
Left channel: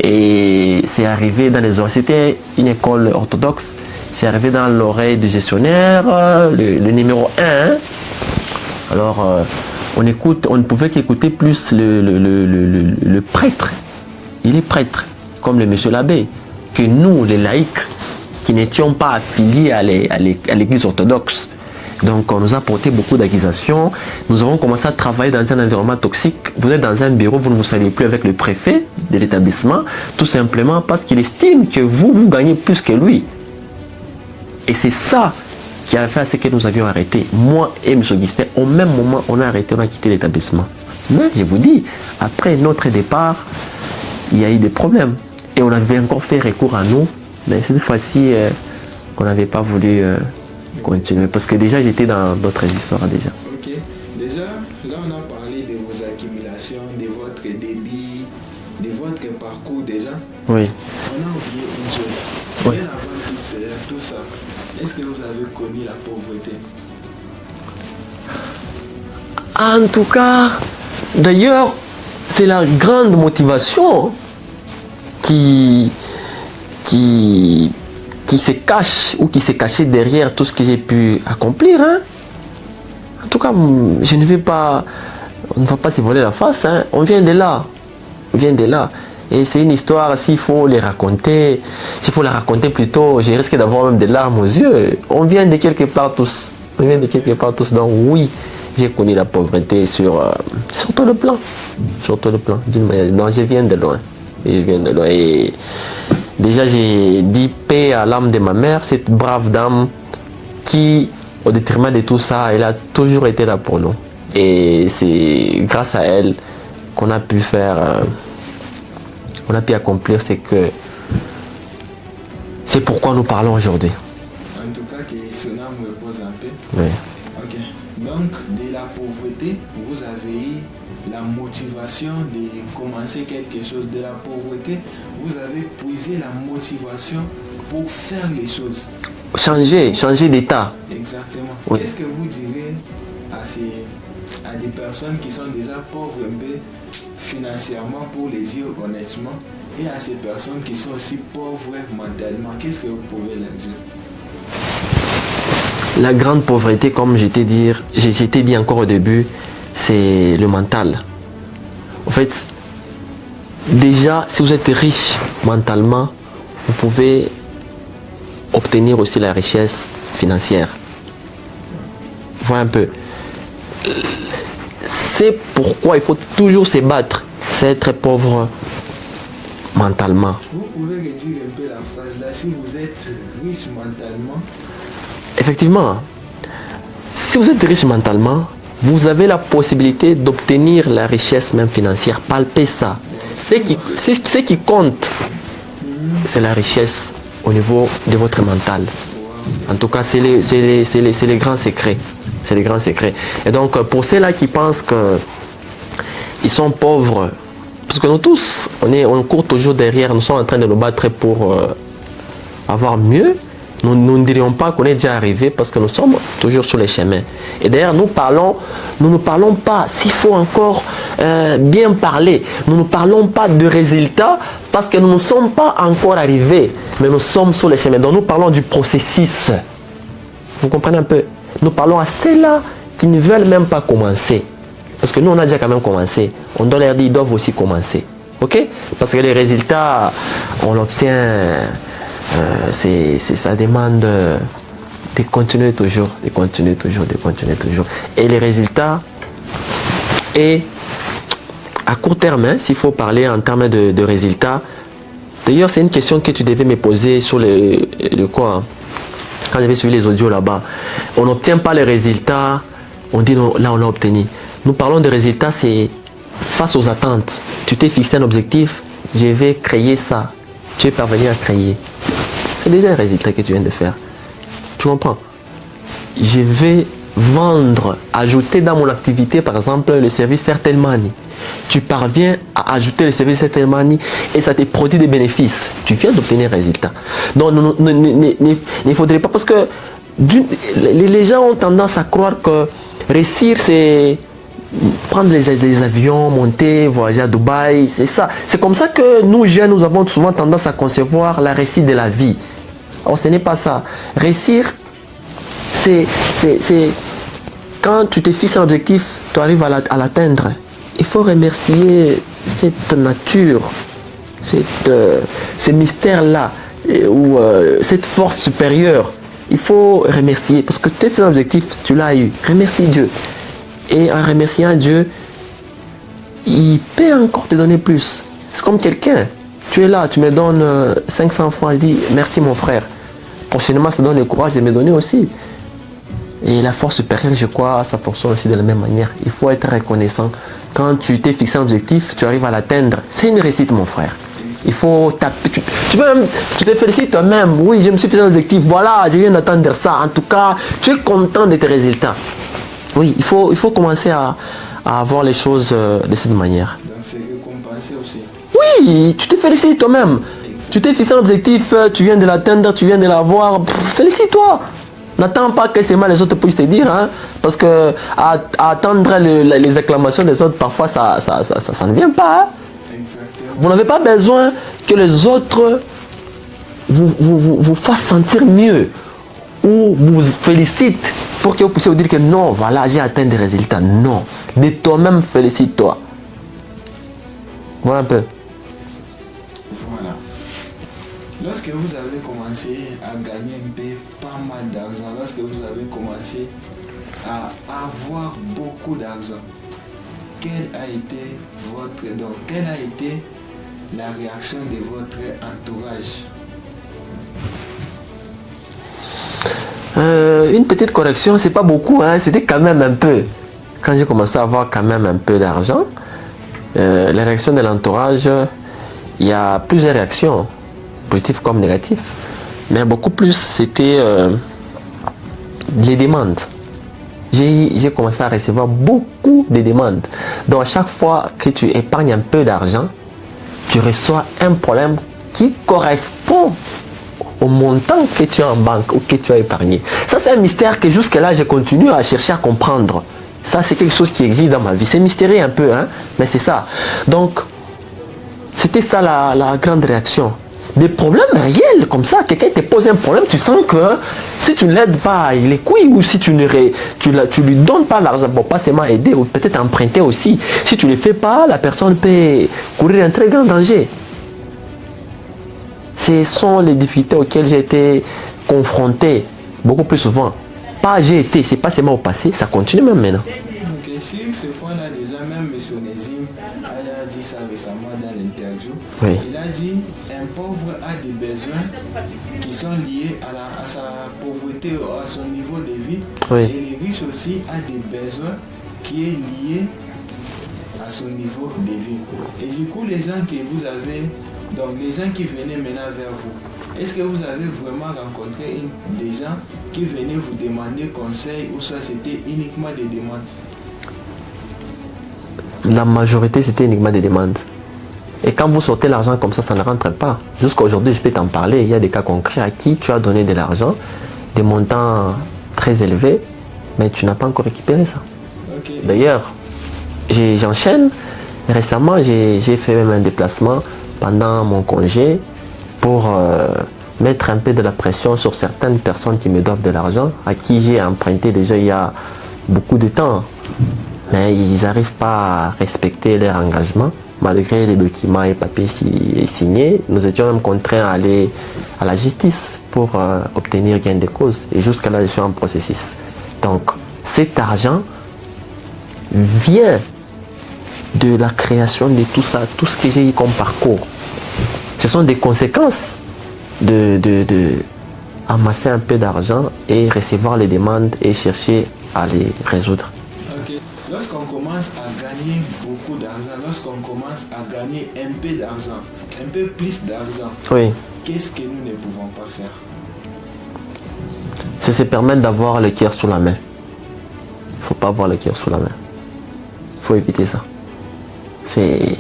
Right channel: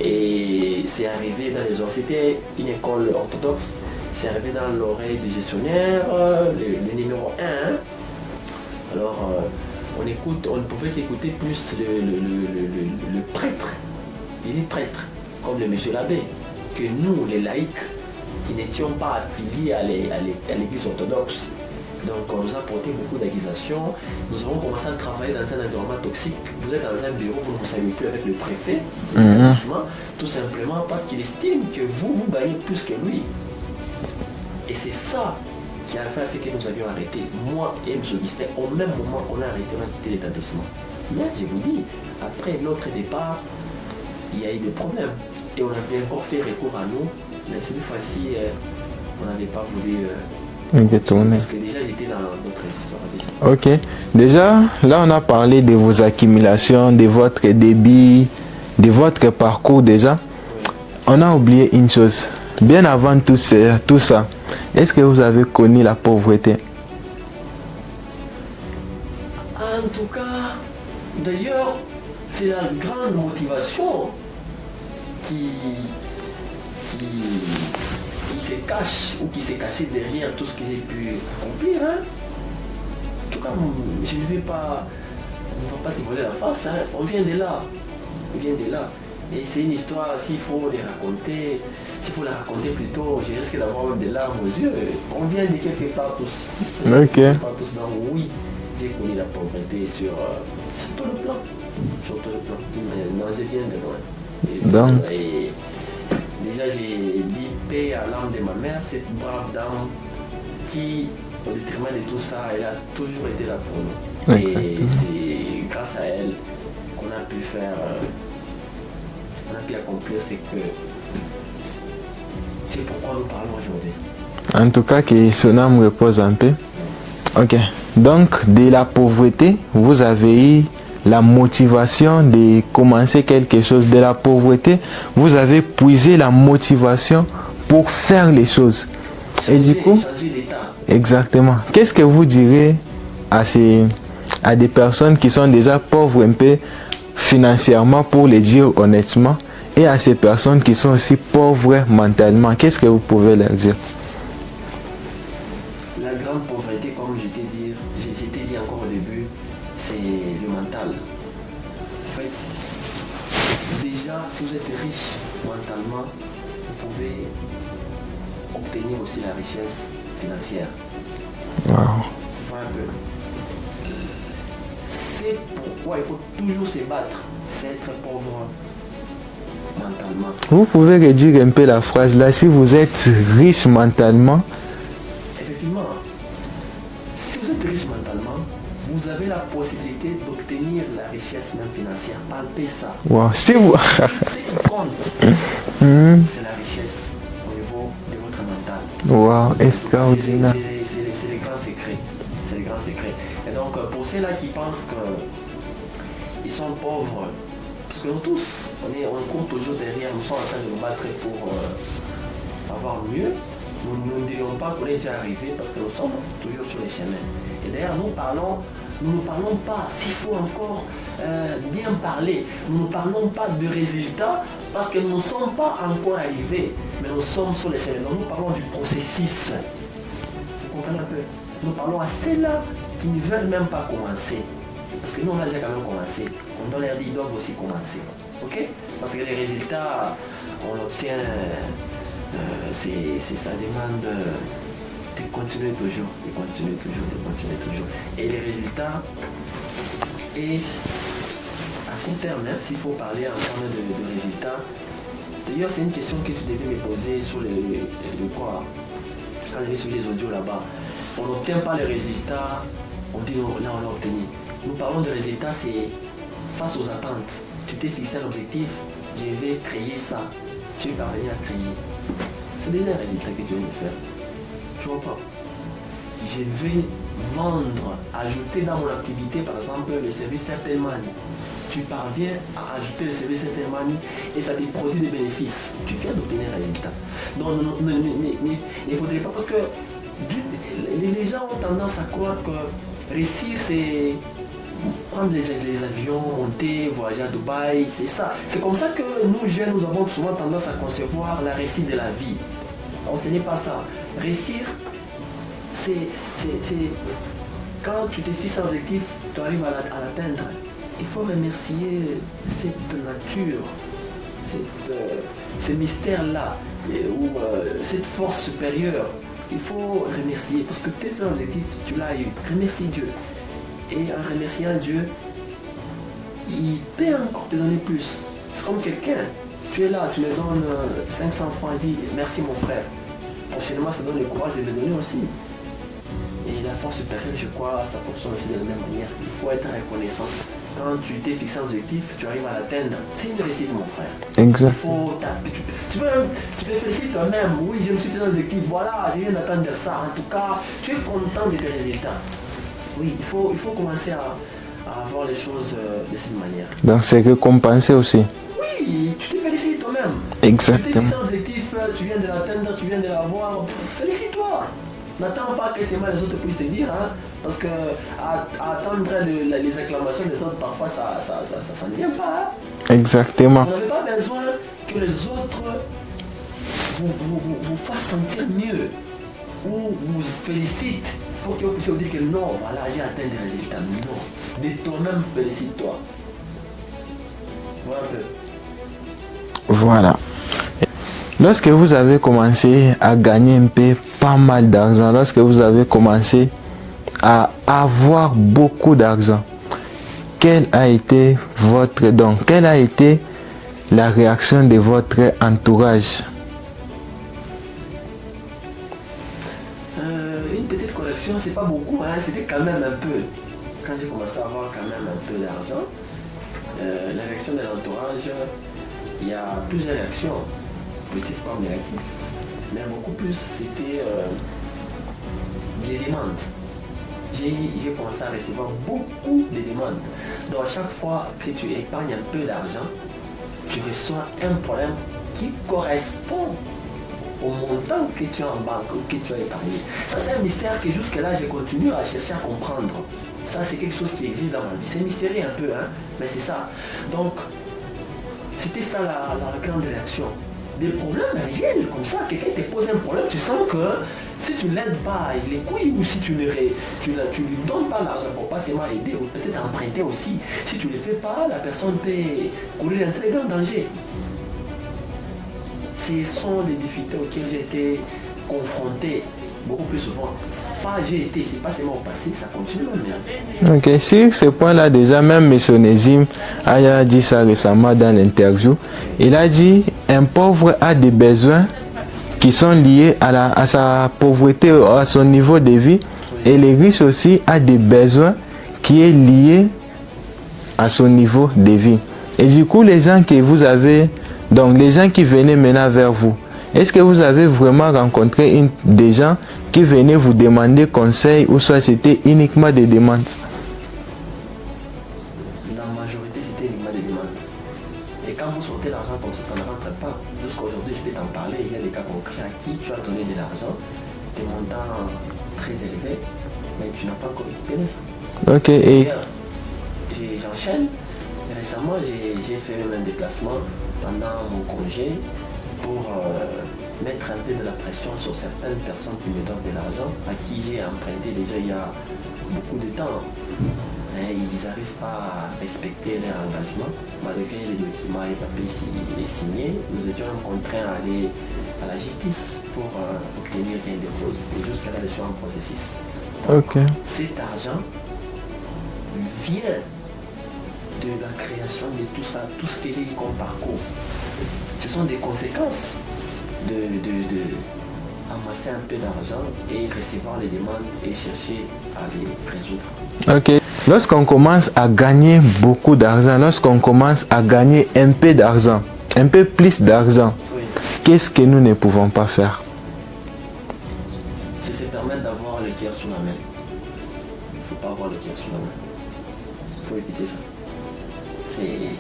Et c'est arrivé dans les oreilles. C'était une école orthodoxe. C'est arrivé dans l'oreille du gestionnaire, le numéro 1. Alors, on ne pouvait qu'écouter plus le prêtre. Il est prêtre, comme le monsieur l'abbé, que nous, les laïcs, qui n'étions pas affiliés à l'église orthodoxe. Donc on nous a porté beaucoup d'accusations. Nous avons commencé à travailler dans un environnement toxique. Vous êtes dans un bureau, vous ne vous savez plus avec le préfet de l'établissement, tout simplement parce qu'il estime que vous gagnez plus que lui. Et c'est ça qui a fait à ce que nous avions arrêté. Moi et M. Augustin, au même moment, on a arrêté, on a quitté l'établissement. Mais je vous dis, après notre départ, il y a eu des problèmes. Et on avait encore fait recours à nous. Mais cette fois-ci, on n'avait pas voulu continuer. Parce que déjà, j'étais dans d'autres histoires déjà. Ok. Déjà, là, on a parlé de vos accumulations, de votre débit, de votre parcours déjà. Oui. On a oublié une chose. Bien avant tout ça, est-ce que vous avez connu la pauvreté? En tout cas, d'ailleurs, c'est la grande motivation qui se cache ou qui s'est cachée derrière tout ce que j'ai pu accomplir. Hein. En tout cas, je ne vais pas, on ne va pas se voler la face. Hein. On vient de là. On vient de là. Et c'est une histoire, s'il faut la raconter plutôt, je risque d'avoir même des larmes aux yeux. On vient de quelque part tous. On vient de quelque part tous. Donc oui, j'ai connu la pauvreté sur tout le plan. Sur tout le plan. Non, je viens de loin. Et déjà, j'ai dit paix à l'âme de ma mère, cette brave dame qui, au détriment de tout ça, elle a toujours été là pour nous. Et c'est grâce à elle qu'on a pu faire, on a pu accomplir ce que c'est pourquoi nous parlons aujourd'hui. En tout cas, que son âme repose un peu. Oui. Ok. Donc, de la pauvreté, vous avez eu la motivation de commencer quelque chose. De la pauvreté, vous avez puisé la motivation pour faire les choses. Changer d'état. Exactement. Oui. Qu'est-ce que vous direz à des personnes qui sont déjà pauvres un peu financièrement, pour le dire honnêtement, et à ces personnes qui sont aussi pauvres mentalement? Qu'est-ce que vous pouvez leur dire? La grande pauvreté, comme j'ai dit encore au début, c'est le mental. En fait, déjà, si vous êtes riche mentalement, vous pouvez obtenir aussi la richesse financière. Wow. Voilà un peu. C'est pourquoi il faut toujours se battre, c'est être pauvre mentalement. Vous pouvez redire un peu la phrase là, si vous êtes riche mentalement. Effectivement, si vous êtes riche mentalement, vous avez la possibilité d'obtenir la richesse même financière. Palpez ça. Wow. Ce qui compte, c'est la richesse au niveau de votre mental. Wow. En tout cas, c'est les grands secrets. C'est les grands secrets. Et donc, pour ceux-là qui pensent qu'ils sont pauvres, parce que nous tous, on court toujours derrière, nous sommes en train de nous battre pour avoir mieux. Nous ne dirions pas qu'on est déjà arrivé parce que nous sommes toujours sur les chemins. Et d'ailleurs, nous ne parlons pas, s'il faut encore bien parler, nous ne parlons pas de résultats parce que nous ne sommes pas encore arrivés, mais nous sommes sur les chemins. Donc nous parlons du processus. Vous comprenez un peu? Nous parlons à ceux-là qui ne veulent même pas commencer. Parce que nous, on a déjà quand même commencé. On doit leur dire qu'ils doivent aussi commencer. Ok? Parce que les résultats, on l'obtient... ça demande de continuer toujours. Et les résultats, et à court terme, hein, s'il faut parler en termes de résultats. D'ailleurs, c'est une question que tu devais me poser sur le quoi, quand j'avais suivi les audios là-bas. On n'obtient pas les résultats, on dit non, là on a obtenu. Nous parlons de résultats, c'est face aux attentes. Tu t'es fixé un objectif, je vais créer ça. Tu es parvenu à créer. C'est déjà un résultat que tu viens de faire. Tu comprends? Je vais vendre, ajouter dans mon activité, par exemple, le service Airtel Money. Tu parviens à ajouter le service Airtel Money et ça te produit des bénéfices. Tu viens d'obtenir un résultat. Donc, il ne faudrait pas, parce que les gens ont tendance à croire que réussir, c'est prendre les avions, monter, voyager à Dubaï, c'est ça. C'est comme ça que nous, jeunes, nous avons souvent tendance à concevoir la réussite de la vie. Alors, ce n'est pas ça. Réussir, c'est quand tu te fixes un objectif, tu arrives à l'atteindre. Il faut remercier cette nature, ce mystère-là, ou cette force supérieure. Il faut remercier, parce que tu as fait un objectif, tu l'as eu. Remercie Dieu. Et en remerciant Dieu, il peut encore te donner plus. C'est comme quelqu'un. Tu es là, tu me donnes 500 francs, je dis merci mon frère. Prochainement, ça donne le courage de me donner aussi. Et la force supérieure, je crois, ça fonctionne aussi de la même manière. Il faut être reconnaissant. Quand tu t'es fixé un objectif, tu arrives à l'atteindre. C'est une réussite, mon frère. Exact. Il faut taper. Tu te félicites toi-même. Oui, je me suis fixé un objectif. Voilà, je viens d'atteindre ça. En tout cas, tu es content de tes résultats. Oui, il faut commencer à voir les choses de cette manière. Donc, c'est récompensé aussi. Oui, tu te félicites toi-même. Exactement. Tu t'es fixé un objectif, tu viens de l'atteindre, tu viens de l'avoir. Félicite-toi. N'attends pas que seulement les autres puissent te dire, hein, parce que à attendre les acclamations des autres, parfois ça ne vient pas. Hein. Exactement. Vous n'avez pas besoin que les autres vous fassent sentir mieux ou vous félicitent pour que vous puissiez vous dire que non, voilà, j'ai atteint des résultats. Non, de toi-même, félicite-toi. Voilà un peu. Voilà. Lorsque vous avez commencé à gagner un peu pas mal d'argent, lorsque vous avez commencé à avoir beaucoup d'argent, quel a été votre don? Quelle a été la réaction de votre entourage? Une petite correction, c'est pas beaucoup, hein, c'était quand même un peu. Quand j'ai commencé à avoir quand même un peu d'argent, la réaction de l'entourage, il y a plusieurs réactions, positives comme négatives, mais beaucoup plus c'était les demandes. J'ai commencé à recevoir beaucoup de demandes. Donc à chaque fois que tu épargnes un peu d'argent, tu reçois un problème qui correspond au montant que tu as en banque ou que tu as épargné. Ça, c'est un mystère que jusque-là, je continue à chercher à comprendre. Ça, c'est quelque chose qui existe dans ma vie. C'est mystérieux un peu, hein, mais c'est ça. Donc, c'était ça la grande réaction. Des problèmes réels comme ça, quelqu'un te pose un problème, tu sens que si tu ne l'aides pas, il est couilles, ou si tu lui donnes pas l'argent pour pas seulement aider, ou peut-être emprunter aussi. Si tu ne le fais pas, la personne peut courir un très grand danger. Ce sont les difficultés auxquelles j'ai été confronté beaucoup plus souvent. Pas j'ai été, c'est pas seulement au passé, ça continue même maintenant. Ok, sur ce point-là, déjà, même M. Nezim a dit ça récemment dans l'interview. Oui. Il a dit un pauvre a des besoins qui sont liés à sa pauvreté, à son niveau de vie. Oui. Et le riche aussi a des besoins qui est lié à son niveau de vie. Et du coup, les gens que vous avez, donc les gens qui venaient maintenant vers vous, est-ce que vous avez vraiment rencontré des gens qui venaient vous demander conseil ou soit c'était uniquement des demandes? La majorité, c'était uniquement des demandes. Et quand vous sortez l'argent comme ça ne rentre pas. Jusqu'à aujourd'hui, je peux t'en parler. Il y a des cas concrets à qui tu as donné de l'argent, des montants très élevés, mais tu n'as pas encore récupéré ça. Okay. D'ailleurs, j'enchaîne. Récemment, j'ai fait même un déplacement pendant mon congé pour mettre un peu de la pression sur certaines personnes qui me doivent de l'argent, à qui j'ai emprunté déjà il y a beaucoup de temps. Mais ils n'arrivent pas à respecter leur engagement, malgré les documents et papiers signés. Nous étions même contraints à aller à la justice pour obtenir gain de cause. Et jusqu'à là, je suis en processus. Donc, cet argent vient de la création de tout ça, tout ce que j'ai eu comme parcours. Ce sont des conséquences de amasser un peu d'argent et recevoir les demandes et chercher à les résoudre. Ok. Lorsqu'on commence à gagner beaucoup d'argent, lorsqu'on commence à gagner un peu d'argent, un peu plus d'argent, oui. Qu'est-ce que nous ne pouvons pas faire? C'est se permettre d'avoir le cœur sous la main. Il ne faut pas avoir le cœur sous la main. Il faut éviter ça. C'est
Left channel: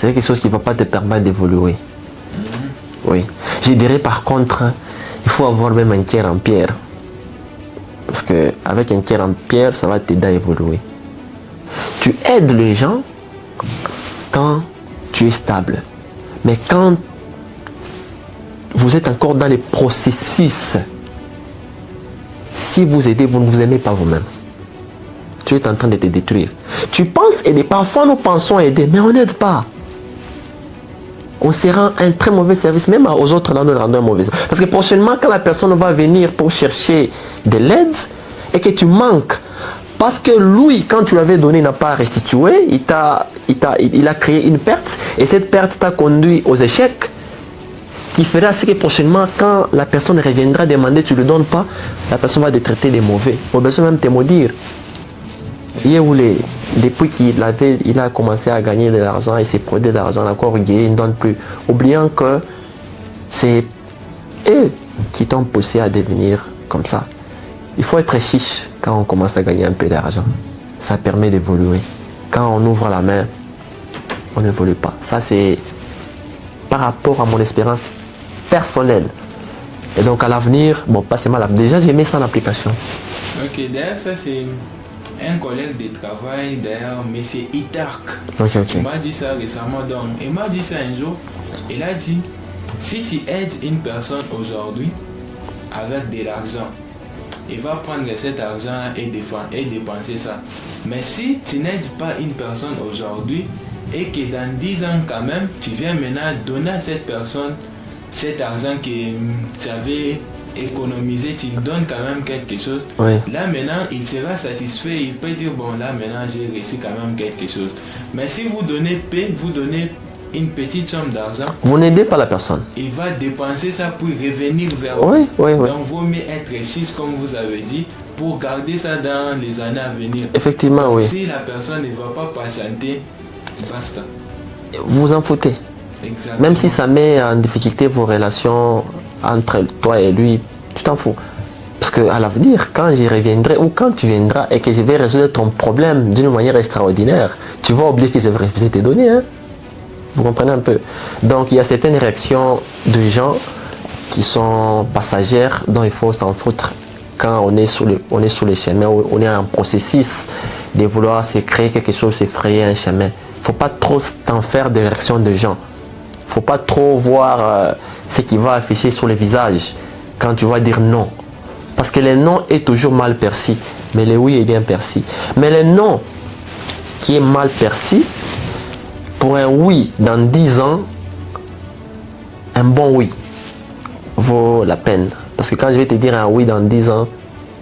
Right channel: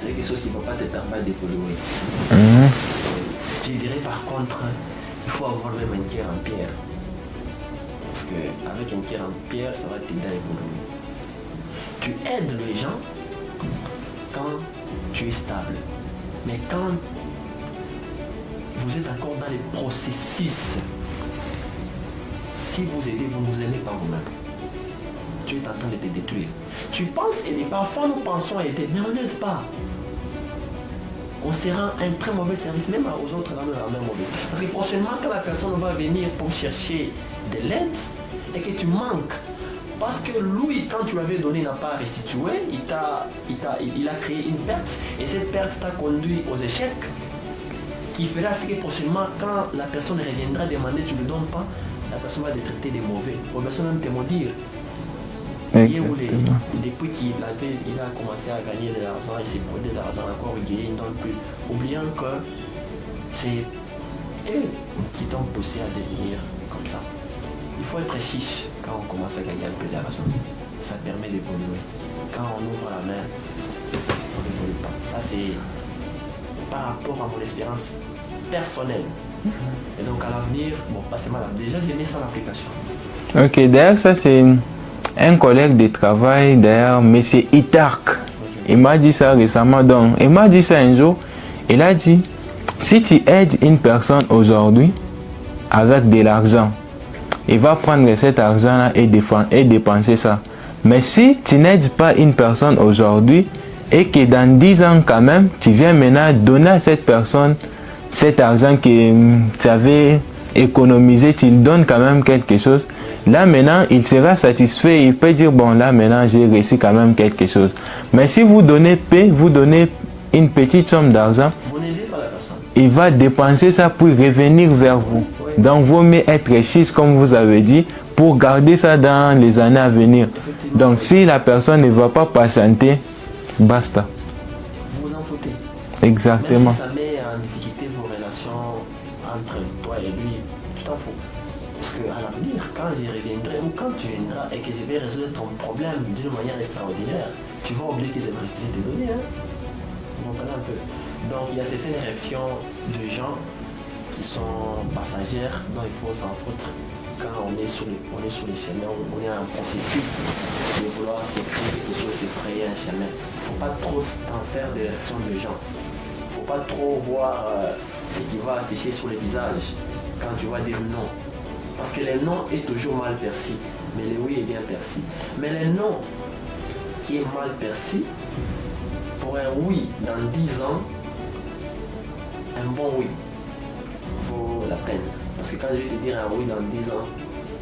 quelque chose qui ne va pas te permettre d'évoluer. Oui. Je dirais par contre, il faut avoir même un cœur en pierre. Parce qu'avec un cœur en pierre, ça va t'aider à évoluer. Tu aides les gens quand tu es stable. Mais quand vous êtes encore dans les processus, si vous aidez, vous ne vous aimez pas vous-même. Tu es en train de te détruire. Tu penses aider. Parfois, nous pensons aider, mais on n'aide pas. On se rend un très mauvais service, même aux autres, là, nous le rendons un mauvais service. Parce que prochainement, quand la personne va venir pour chercher de l'aide et que tu manques, parce que lui, quand tu l'avais donné, il n'a pas restitué, il a créé une perte, et cette perte t'a conduit aux échecs, qui fera ce que prochainement, quand la personne reviendra demander, tu ne le donnes pas, la personne va te traiter de mauvais. Ou bien même te maudire. Depuis qu'il a commencé à gagner de l'argent et s'est produit de l'argent, encore il ne donne plus. Oubliant que c'est eux qui t'ont poussé à devenir comme ça. Il faut être chiche quand on commence à gagner un peu d'argent. Ça permet d'évoluer. Quand on ouvre la main, on n'évolue pas. Ça, c'est par rapport à mon expérience personnelle. Et donc à l'avenir, bon, pas seulement l'avenir. Déjà, j'ai mis ça en application. Ok, d'ailleurs, ça c'est un collègue de travail, d'ailleurs, M. Itark. Okay. Il m'a dit ça récemment. Donc, il m'a dit ça un jour. Il a dit, si tu aides une personne aujourd'hui avec de l'argent, il va prendre cet argent-là et dépenser ça. Mais si tu n'aides pas une personne aujourd'hui et que dans 10 ans quand même, tu viens maintenant donner à cette personne cet argent que tu avais économisé, tu lui donnes quand même quelque chose. Oui. Là maintenant, il sera satisfait. Il peut dire, bon là maintenant, j'ai réussi quand même quelque chose. Mais si vous donnez paix, vous donnez une petite somme d'argent, vous n'aidez pas la personne. Il va dépenser ça pour revenir vers vous. Oui. Donc, vaut mieux être riche, comme vous avez dit, pour garder ça dans les années à venir. Effectivement. Donc, si la personne ne va pas patienter, basta. Vous en foutez. Exactement. Même si ça met en difficulté vos relations entre toi et lui, tu t'en fous. Parce qu'à l'avenir, quand j'y reviendrai ou quand tu viendras et que je vais résoudre ton problème d'une manière extraordinaire, tu vas oublier que je vais refuser tes données. Hein? Vous comprenez un peu? Donc il y a certaines réactions de gens qui sont passagères dont il faut s'en foutre quand on est sur le chemin, on est en processus de vouloir se créer quelque chose, se frayer un chemin. Il ne faut pas trop t'en faire des réactions de gens. Il ne faut pas trop voir ce qui va afficher sur le visage quand tu vas dire non. Parce que le non est toujours mal perçu, mais le oui est bien perçu. Mais le non qui est mal perçu, pour un oui dans 10 ans, un bon oui vaut la peine. Parce que quand je vais te dire un oui dans 10 ans,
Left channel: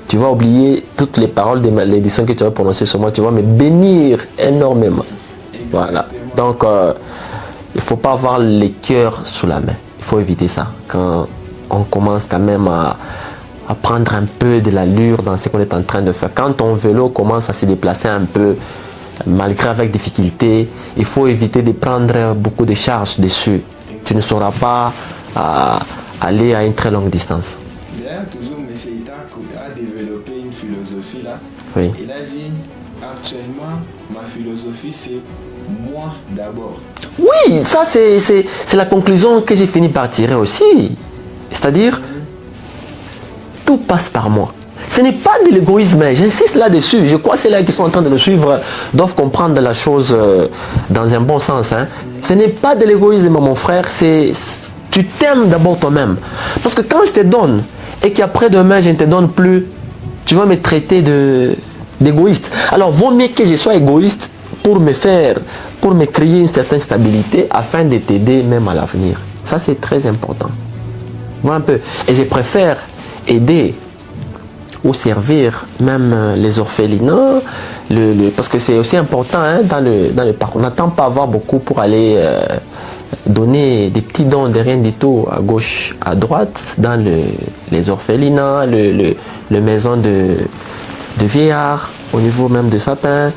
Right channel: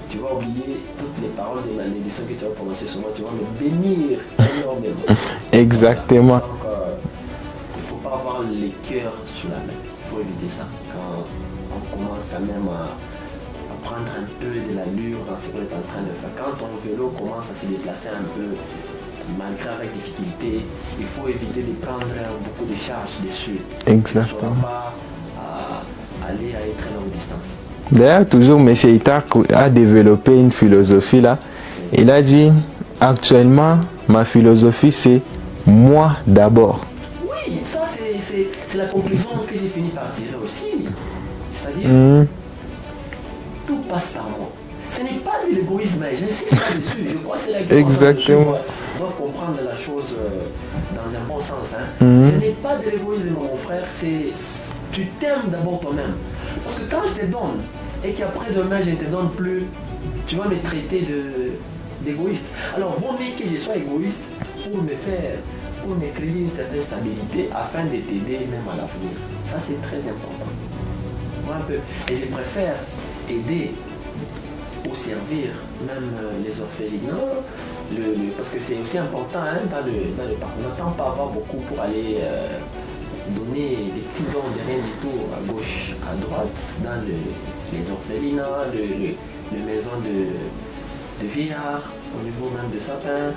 tu vas oublier toutes les paroles de l'édition que tu vas prononcer sur moi. Tu vas me bénir énormément. Exactement. Voilà. Donc, il ne faut pas avoir les cœurs sous la main. Il faut éviter ça. Quand on commence quand même à prendre un peu de l'allure dans ce qu'on est en train de faire. Quand ton vélo commence à se déplacer un peu, malgré avec difficulté, il faut éviter de prendre beaucoup de charges dessus. Tu ne sauras pas aller à une très longue distance. D'ailleurs, toujours, M. Itak a développé une philosophie là. Oui. Il a dit, actuellement, ma philosophie, c'est moi d'abord. Oui, ça c'est la conclusion que j'ai fini par tirer aussi. C'est-à-dire, tout passe par moi. Ce n'est pas de l'égoïsme, j'insiste là-dessus. Je crois que c'est là qui sont en train de me suivre doivent comprendre la chose dans un bon sens. Hein. Ce n'est pas de l'égoïsme, mon frère, tu t'aimes d'abord toi-même. Parce que quand je te donne et qu'après-demain je ne te donne plus, tu vas me traiter d'égoïste. Alors vaut mieux que je sois égoïste pour me créer une certaine stabilité afin de t'aider même à l'avenir. Ça c'est très important. Vois un peu. Et je préfère aider ou servir même les orphelinats, parce que c'est aussi important hein, dans le parcours. On n'attend pas avoir beaucoup pour aller donner des petits dons de rien du tout à gauche, à droite, dans les orphelinats, les maisons de vieillards, au niveau même de sapins.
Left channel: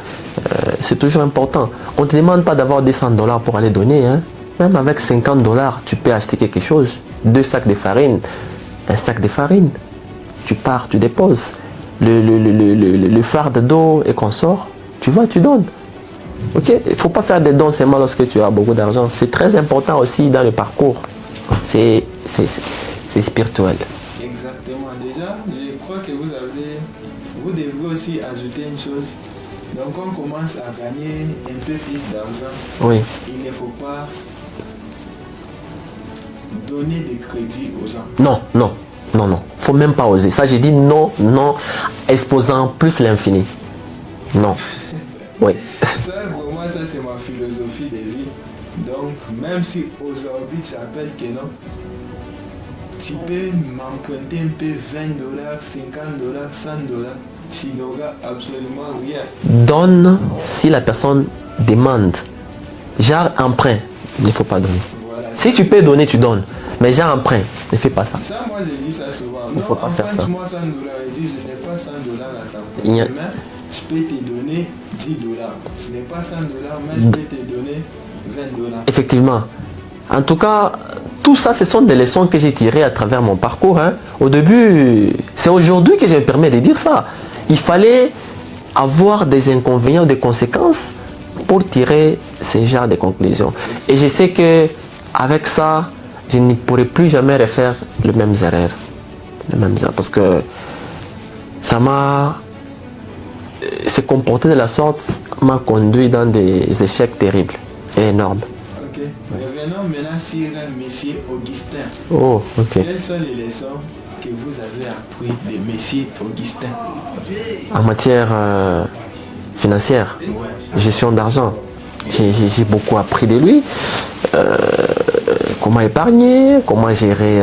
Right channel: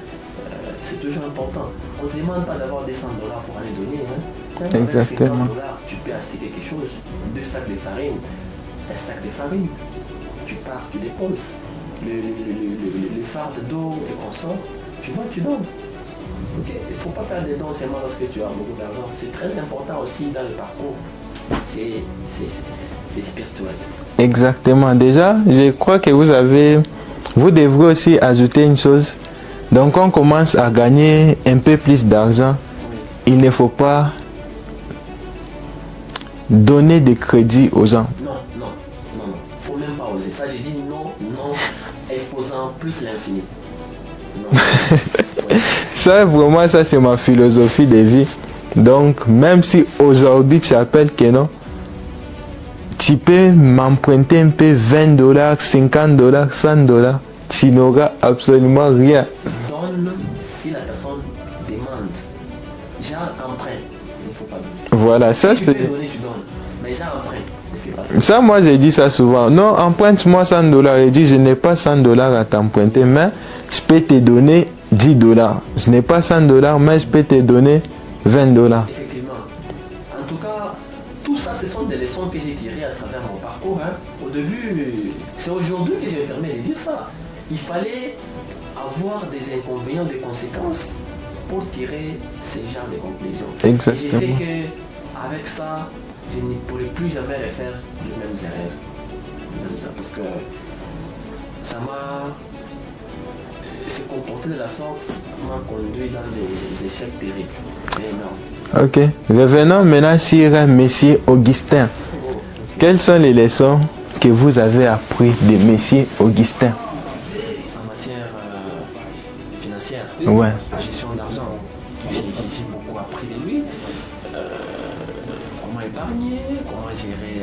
C'est toujours important. On ne te demande pas d'avoir des $100 pour aller donner. Hein. Même avec $50, tu peux acheter quelque chose. 2 sacs de farine, un sac de farine. Tu pars, tu déposes. Le farde d'eau et qu'on sort, tu vois, tu donnes. Ok, il ne faut pas faire des dons seulement lorsque tu as beaucoup d'argent. C'est très important aussi dans le parcours. C'est spirituel. Exactement. Déjà, je crois que vous devrez aussi ajouter une chose. Donc, on commence à gagner un peu plus d'argent. Oui. Il ne faut pas donner des crédits aux gens. Non. Faut même pas oser. Ça, j'ai dit non, exposant plus l'infini. Non. Oui. Ça, vraiment, ça, c'est ma philosophie de vie. Donc, même si aujourd'hui, tu appelles que non, tu peux m'emprunter un peu $20, $50, $100. Tu n'auras absolument rien. Donne si la personne demande. Genre emprunt, il ne faut pas donner. Voilà. Si tu peux donner, tu donnes. Mais genre emprunt, ne fais pas ça. Ça, moi, j'ai dit ça souvent. Non, emprunte-moi $100. Il dit, je n'ai pas $100 à t'emprunter, Yeah. mais je peux te donner $10. Je n'ai pas $100, mais je peux te donner $20. Effectivement. En tout cas, tout ça, ce sont des leçons que j'ai tirées à travers mon parcours. Hein. Au début, c'est aujourd'hui que je me permets de dire ça. Il fallait avoir des inconvénients, des conséquences pour tirer ce genre de conclusions. Exactement. Et je sais qu'avec ça, je ne pourrai plus jamais refaire les mêmes erreurs. Parce que ça m'a... Se comporter de la sorte m'a conduit dans des échecs terribles et énormes. Ok. Revenons maintenant sur Monsieur Augustin. Oh, ok. Quelles sont les leçons que vous avez apprises de Monsieur Augustin? En matière financière, Ouais. gestion d'argent, j'ai beaucoup appris de lui. Comment épargner, comment gérer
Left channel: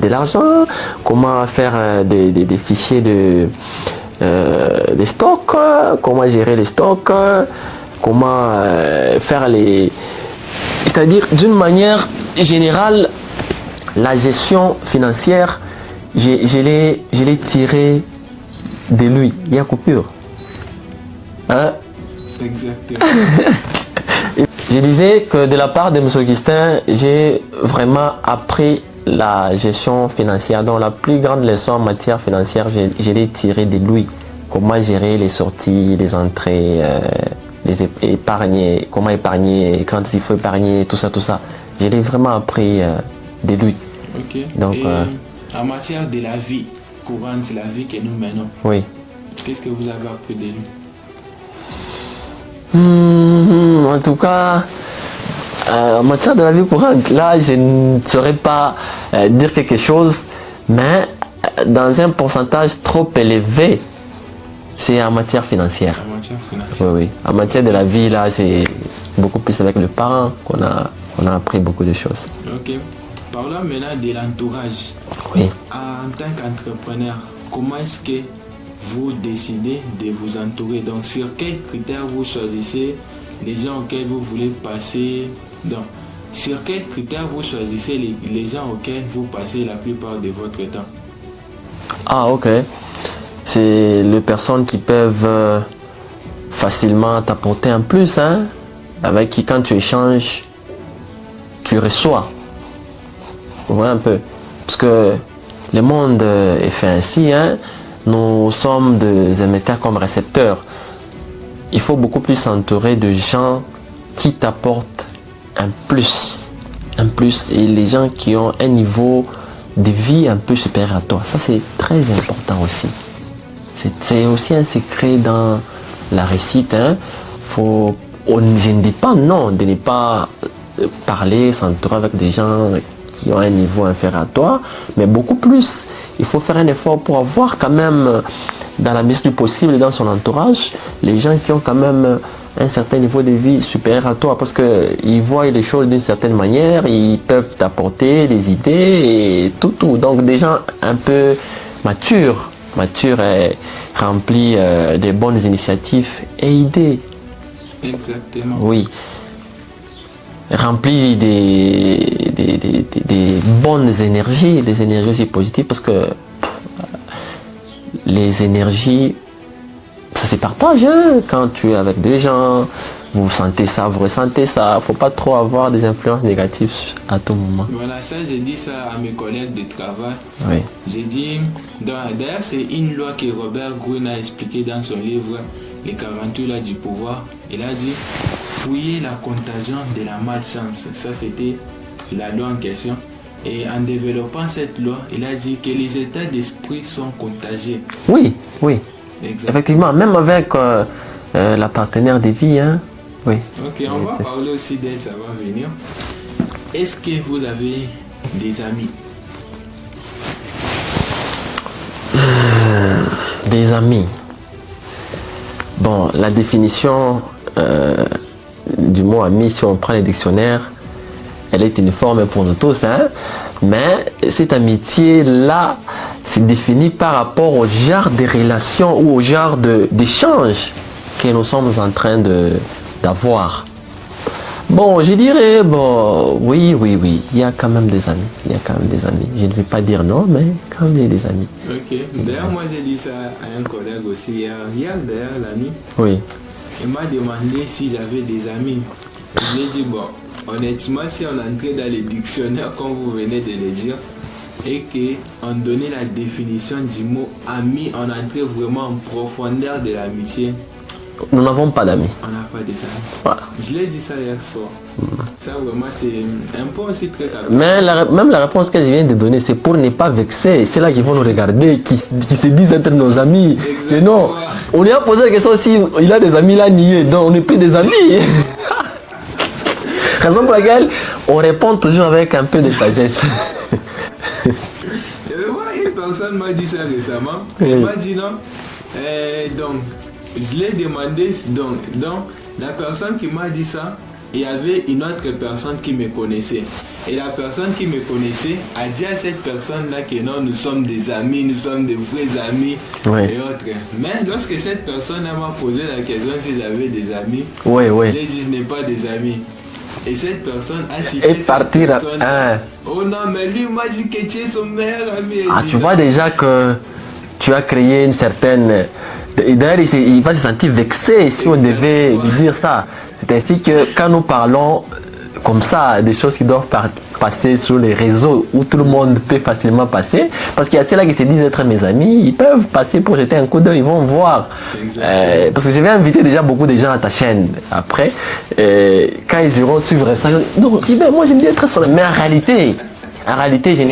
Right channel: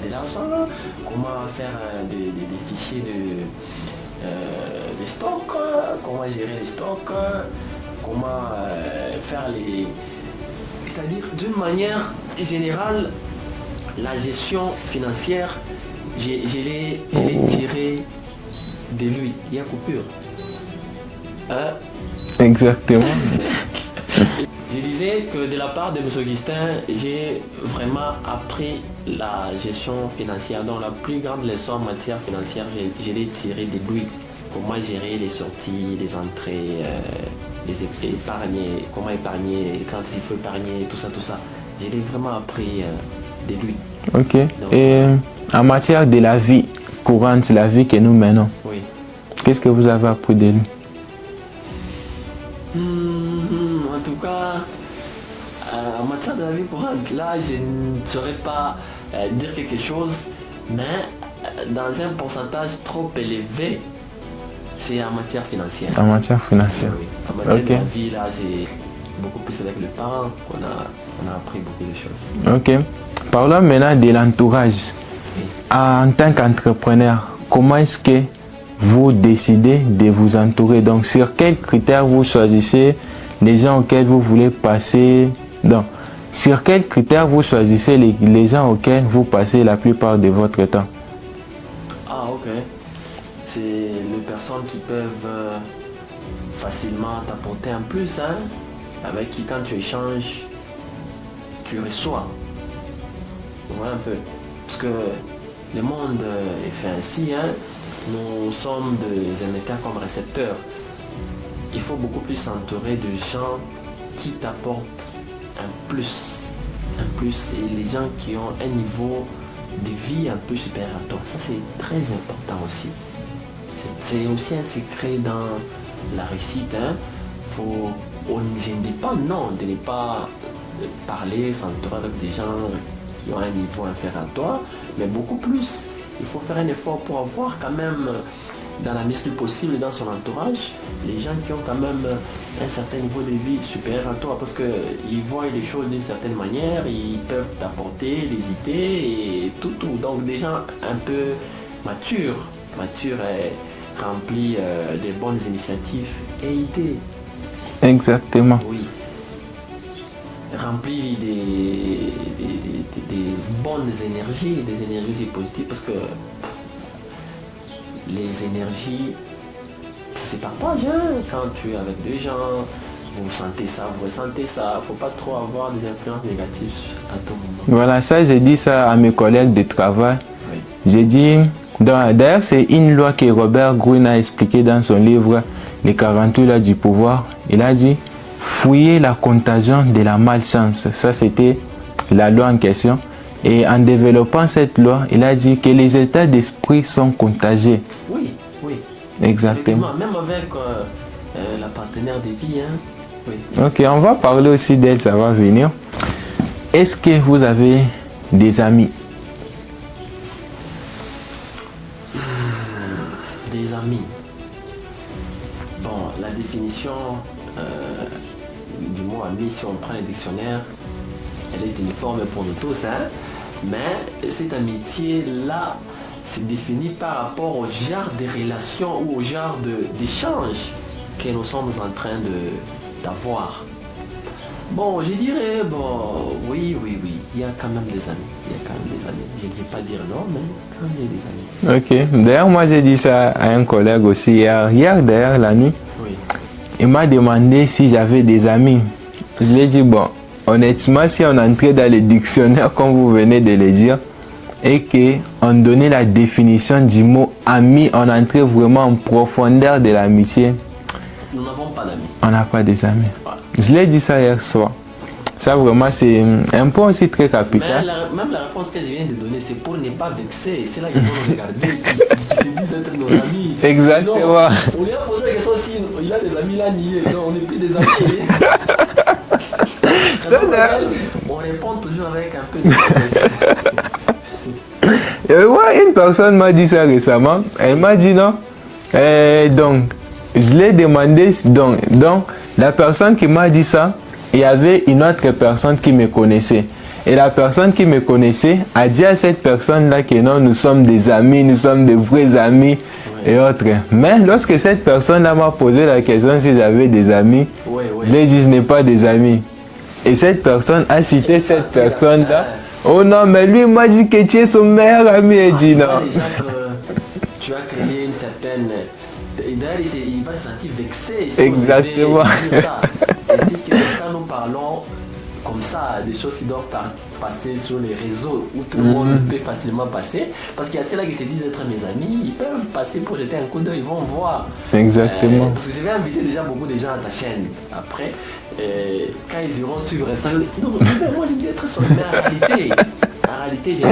de l'argent, comment faire des fichiers de stocks, comment gérer les stocks, comment faire les... C'est-à-dire, d'une manière générale, la gestion financière, je l'ai tiré de lui. Il y a coupure. Hein? Exactement. Je disais que de la part de M. Augustin, j'ai vraiment appris la gestion financière. Donc la plus grande leçon en matière financière, je l'ai tirée de lui. Comment gérer les sorties, les entrées, les épargner, comment épargner, quand il faut épargner, tout ça. Je l'ai vraiment appris de lui. Ok. Donc, et en matière de la vie courante, la vie que nous menons, oui. qu'est-ce que vous avez appris de lui? En tout cas, en matière de la vie courante, là, je ne saurais pas dire quelque chose, mais dans un pourcentage trop élevé, c'est en matière financière. En matière financière. Oui. En matière de Ok. la vie, là, c'est beaucoup plus avec le parent qu'on a appris beaucoup de choses. Ok. Parlons maintenant de l'entourage. Oui. En tant qu'entrepreneur, comment est-ce que vous décidez de vous entourer? Donc, sur quels critères vous choisissez les gens auxquels vous voulez passer? Donc, sur quels critères vous choisissez les gens auxquels vous passez la plupart de votre temps? Ah, ok. C'est les personnes qui peuvent facilement t'apporter un plus, hein, avec qui, quand tu échanges, tu reçois. Vous voyez un peu. Parce que le monde est fait ainsi, hein. Nous sommes des émetteurs comme récepteurs. Il faut beaucoup plus s'entourer de gens qui t'apportent un plus. Un plus. Et les gens qui ont un niveau de vie un peu supérieur à toi. Ça, c'est très important aussi. C'est aussi un secret dans la réussite. Hein. Je ne dis pas non de ne pas parler, s'entourer avec des gens qui ont un niveau inférieur à toi, mais beaucoup plus. Il faut faire un effort pour avoir quand même, dans la mesure du possible et dans son entourage, les gens qui ont quand même un certain niveau de vie supérieur à toi, parce qu'ils voient les choses d'une certaine manière, ils peuvent t'apporter des idées et tout. Donc des gens un peu matures mature et remplie de bonnes initiatives et idées. Exactement. Oui. Remplie des bonnes énergies, des énergies aussi positives, parce que les énergies, ça se partage. Hein? Quand tu es avec des gens, vous sentez ça, vous ressentez ça. Il ne faut pas trop avoir des influences négatives à tout moment. Voilà, ça, j'ai dit ça à mes collègues de travail. Oui. J'ai dit, d'ailleurs, c'est une loi que Robert Greene a expliqué dans son livre Les 48 lois du pouvoir. Il a dit, fouiller la contagion de la malchance. Ça, c'était la loi en question. Et en développant cette loi, il a dit que les états d'esprit sont contagieux. Oui, oui. Exactement. Effectivement, même avec la partenaire de vie. Hein? Oui. Ok, on va parler aussi d'elle, ça va venir. Est-ce que vous avez des amis? Des amis. Bon, la définition du mot ami, si on prend les dictionnaires, elle est uniforme pour nous tous. Hein? Mais cette amitié-là, c'est défini par rapport au genre de relations ou au genre d'échange que nous sommes en train d'avoir. Bon, je dirais, bon, oui, il y a quand même des amis. Il y a quand même des amis. Je ne vais pas dire non, mais quand même il y a des amis. Ok. D'ailleurs, moi j'ai dit ça à un collègue aussi hier d'ailleurs, la nuit. Oui. Il m'a demandé si j'avais des amis. Je lui ai dit, bon, honnêtement, si on entrait dans les dictionnaires, comme vous venez de le dire, et qu'on donnait la définition du mot ami, on entrait vraiment en profondeur de l'amitié. Nous n'avons pas d'amis. On n'a pas des amis. Voilà. Je l'ai dit ça hier soir. Ça vraiment, c'est un point aussi très capital. Mais même la réponse que je viens de donner, c'est pour ne pas vexer. C'est là qu'ils vont nous regarder, qui se disent être nos amis. Exactement. Non, on lui a posé la question s'il a des amis là niés. Donc on n'est plus des amis. Raison pour laquelle on répond toujours avec un peu de sagesse. Et moi, une personne m'a dit ça récemment. Elle m'a dit non. Donc, je l'ai demandé. Donc, la personne qui m'a dit ça, il y avait une autre personne qui me connaissait. Et la personne qui me connaissait a dit à cette personne-là que non, nous sommes des amis, nous sommes des vrais amis et autres. Mais lorsque cette personne-là m'a posé la question si j'avais des amis, je lui ai dit ce n'est pas des amis. Et cette personne a cité cette personne-là. Oh non, mais lui m'a dit que tu es son meilleur ami. Tu vois déjà que tu as créé une certaine... D'ailleurs, il va se sentir vexé si on devait dire ça. Ainsi que quand nous parlons comme ça, des choses qui doivent passer sur les réseaux où tout le monde peut facilement passer, parce qu'il y a ceux-là qui se disent être mes amis, ils peuvent passer pour jeter un coup d'œil, ils vont voir. Exactement. Parce que je vais inviter déjà beaucoup de gens à ta chaîne après. Quand ils iront suivre ça, ils vont dire, non, moi j'aime bien être son ami. Mais en réalité, je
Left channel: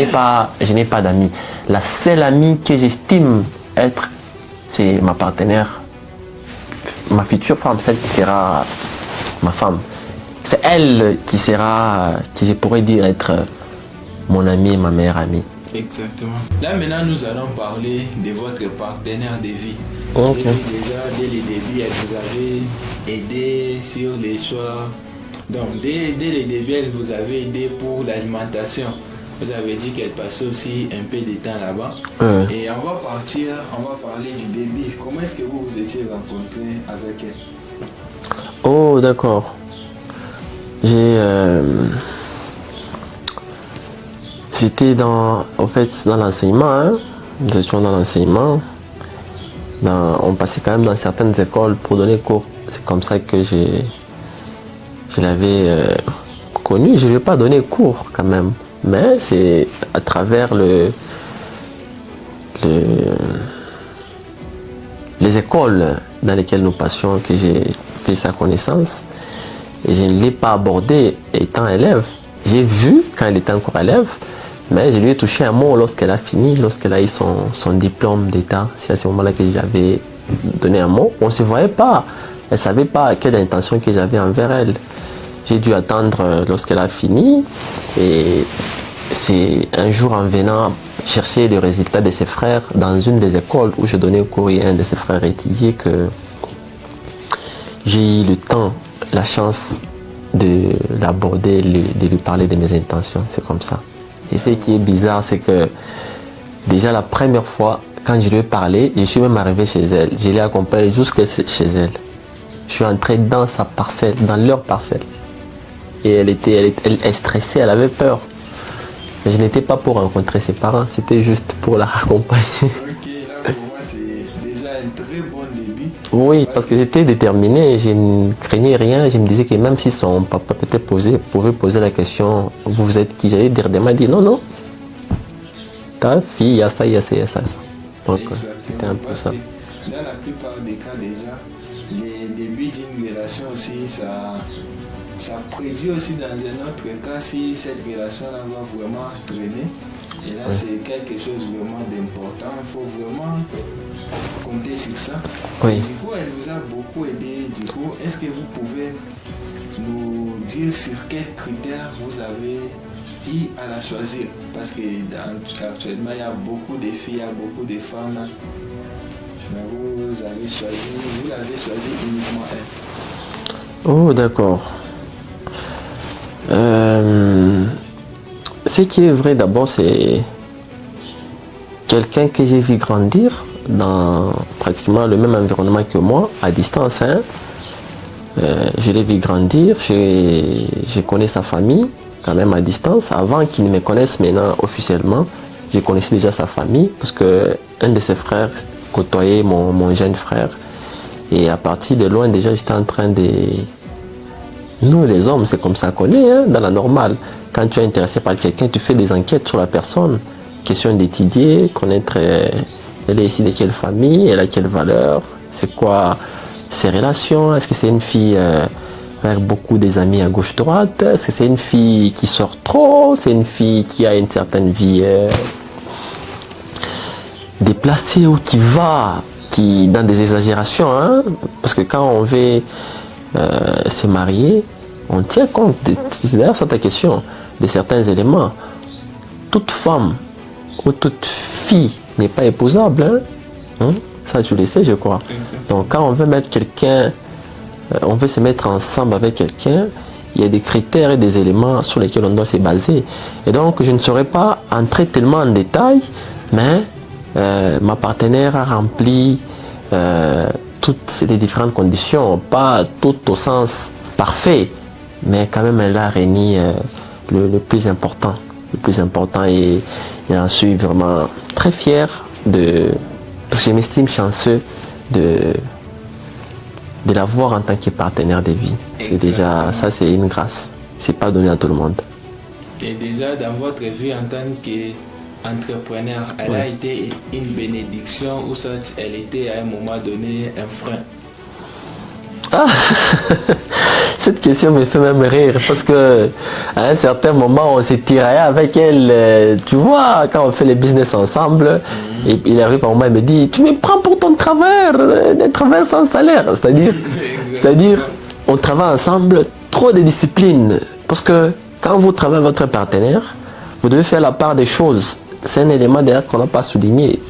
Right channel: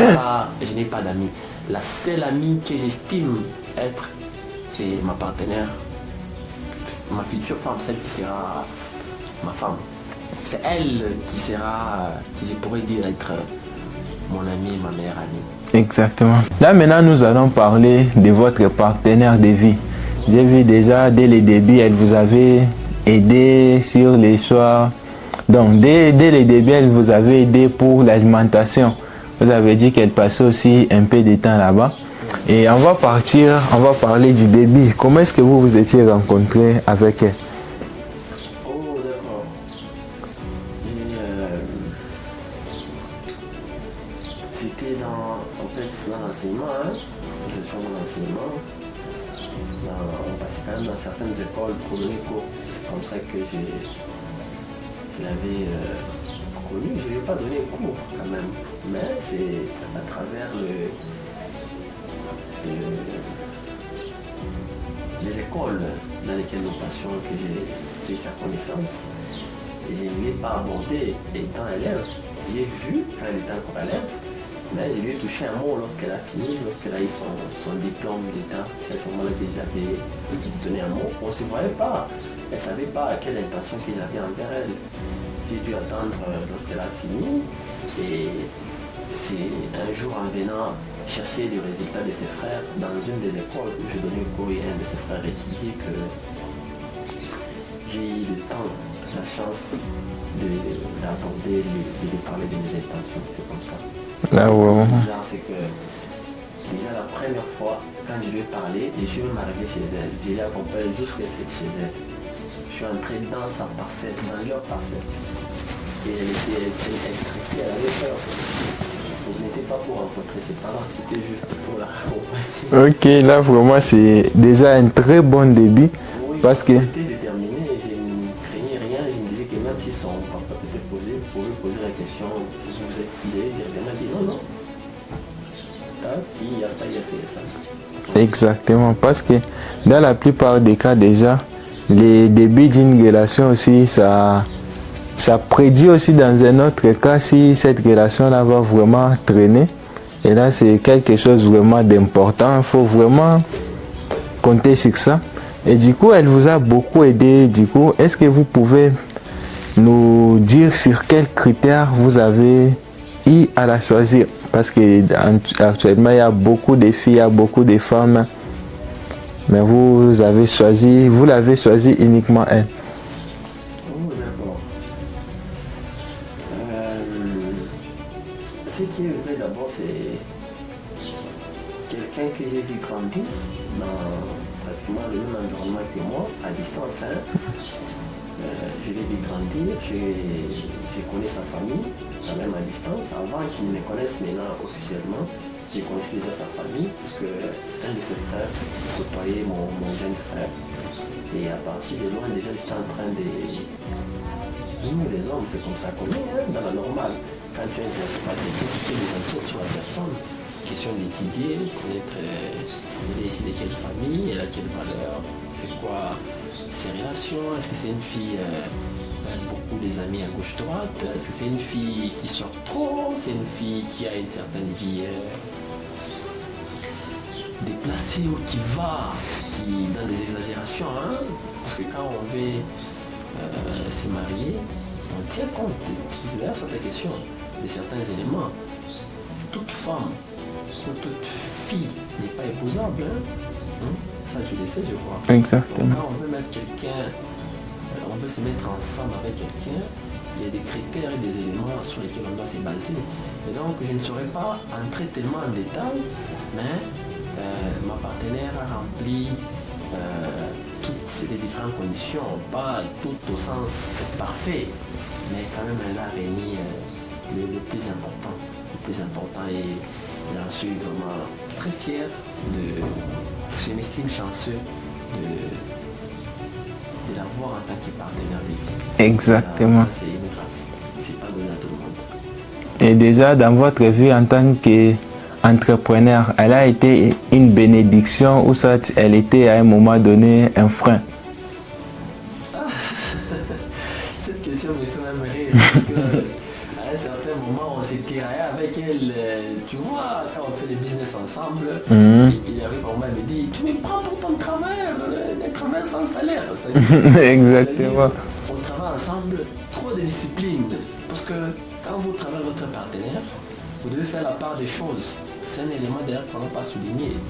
n'ai pas d'amis. La seule amie que j'estime être, c'est ma partenaire, ma future femme, celle qui sera ma femme. C'est elle qui sera, qui je pourrais dire être mon amie et ma meilleure amie. Exactement. Là maintenant, nous allons parler de votre partenaire de vie. J'ai vu déjà dès le début, elle vous avait aidé sur les choix. Donc dès le début, elle vous avait aidé pour l'alimentation. Vous avez dit qu'elle passait aussi un peu de temps là-bas. Et on va parler du début. Comment est-ce que vous vous étiez rencontrés avec elle? Oh, d'accord. C'était dans l'enseignement. Hein. Nous étions dans l'enseignement. On passait quand même dans certaines écoles pour donner cours. C'est comme ça que je l'avais connu. Je ne lui ai pas donné cours quand même. Mais c'est à travers les écoles dans lesquelles nous passions que j'ai fait sa connaissance. Et je ne l'ai pas abordée étant élève. J'ai vu quand elle était encore élève, mais je lui ai touché un mot lorsqu'elle a fini, lorsqu'elle a eu son diplôme d'État. C'est à ce moment-là que j'avais donné un mot. On ne se voyait pas. Elle ne savait pas quelle intention que j'avais envers elle. J'ai dû attendre lorsqu'elle a fini. Et c'est un jour en venant chercher le résultat de ses frères dans une des écoles où je donnais cours et un de ses frères étudiait que j'ai eu le temps, la chance de l'aborder, de lui parler de mes intentions. C'est comme ça. Et ce qui est bizarre, c'est que déjà la première fois quand je lui ai parlé, je suis même arrivé chez elle. Je l'ai accompagnée jusqu'à chez elle. Je suis entré dans sa parcelle, dans leur parcelle. Et elle stressait, elle avait peur. Mais je n'étais pas pour rencontrer ses parents, c'était juste pour la raccompagner. Ok, là vraiment c'est déjà un très bon début. Oui, parce que j'étais déterminé, je ne craignais rien. Je me disais que même si son papa pouvait poser la question, vous êtes qui? J'allais dire, m'a dit non, non. Ta fille, il y a ça, il y a ça, il y a ça. Donc, exactement, parce que dans la plupart des cas déjà, les débuts d'une relation aussi, ça prédit aussi dans un autre cas si cette relation-là va vraiment traîner. Et là, c'est quelque chose vraiment d'important. Il faut vraiment compter sur ça. Oui. Et du coup, elle vous a beaucoup aidé. Du coup, est-ce que vous pouvez nous dire sur quels critères vous avez eu à la choisir? Parce qu'actuellement, il y a beaucoup de filles, il y a beaucoup de femmes. Mais vous l'avez choisi uniquement elle. Oh, d'accord. Ce qui est vrai d'abord, c'est quelqu'un que j'ai vu grandir dans pratiquement le même environnement que moi, à distance. Hein. Je l'ai vu grandir, je connais sa famille, quand même à distance. Avant qu'il ne me connaisse maintenant officiellement, je connaissais déjà sa famille, parce qu'un de ses frères côtoyait mon jeune frère. Et à partir de loin, déjà, j'étais en train de... Nous, les hommes, c'est comme ça qu'on est, hein, dans la normale. Quand tu es intéressé par quelqu'un, tu fais des enquêtes sur la personne. Question d'étudier, connaître elle est issue de quelle famille, elle a quelle valeur, c'est quoi ses relations, est-ce que c'est une fille avec beaucoup des amis à gauche-droite, est-ce que c'est une fille qui sort trop, c'est une fille qui a une certaine vie déplacée ou qui va dans des exagérations, hein, parce que quand on veut se marier, on tient compte, c'est d'ailleurs ça ta question, de certains éléments. Toute femme ou toute fille n'est pas épousable, hein? Ça tu le sais, je crois. Exactement. Donc quand on veut mettre quelqu'un, on veut se mettre ensemble avec quelqu'un, il y a des critères et des éléments sur lesquels on doit se baser. Et donc je ne saurais pas entrer tellement en détail, mais ma partenaire a rempli toutes les différentes conditions, pas toutes au sens parfait, mais quand même elle a réuni le plus important. Le plus important, et j'en suis vraiment très fier parce que je m'estime chanceux de l'avoir en tant que partenaire de vie. Exactement. Déjà, ça c'est une grâce, c'est pas donné à tout le monde. Et déjà dans votre vie en tant qu'entrepreneur, elle a été une bénédiction ou ça elle était à un moment donné un frein? Cette question me fait même rire parce que à un certain moment on s'est tiraillé avec elle, tu vois, quand on fait les business ensemble, et il arrive par moment, il me dit tu me prends pour ton travers, des travers sans salaire, c'est-à-dire on travaille ensemble, trop de discipline, parce que quand vous travaillez avec votre partenaire, vous devez faire la part des choses. C'est un élément d'ailleurs qu'on n'a pas souligné.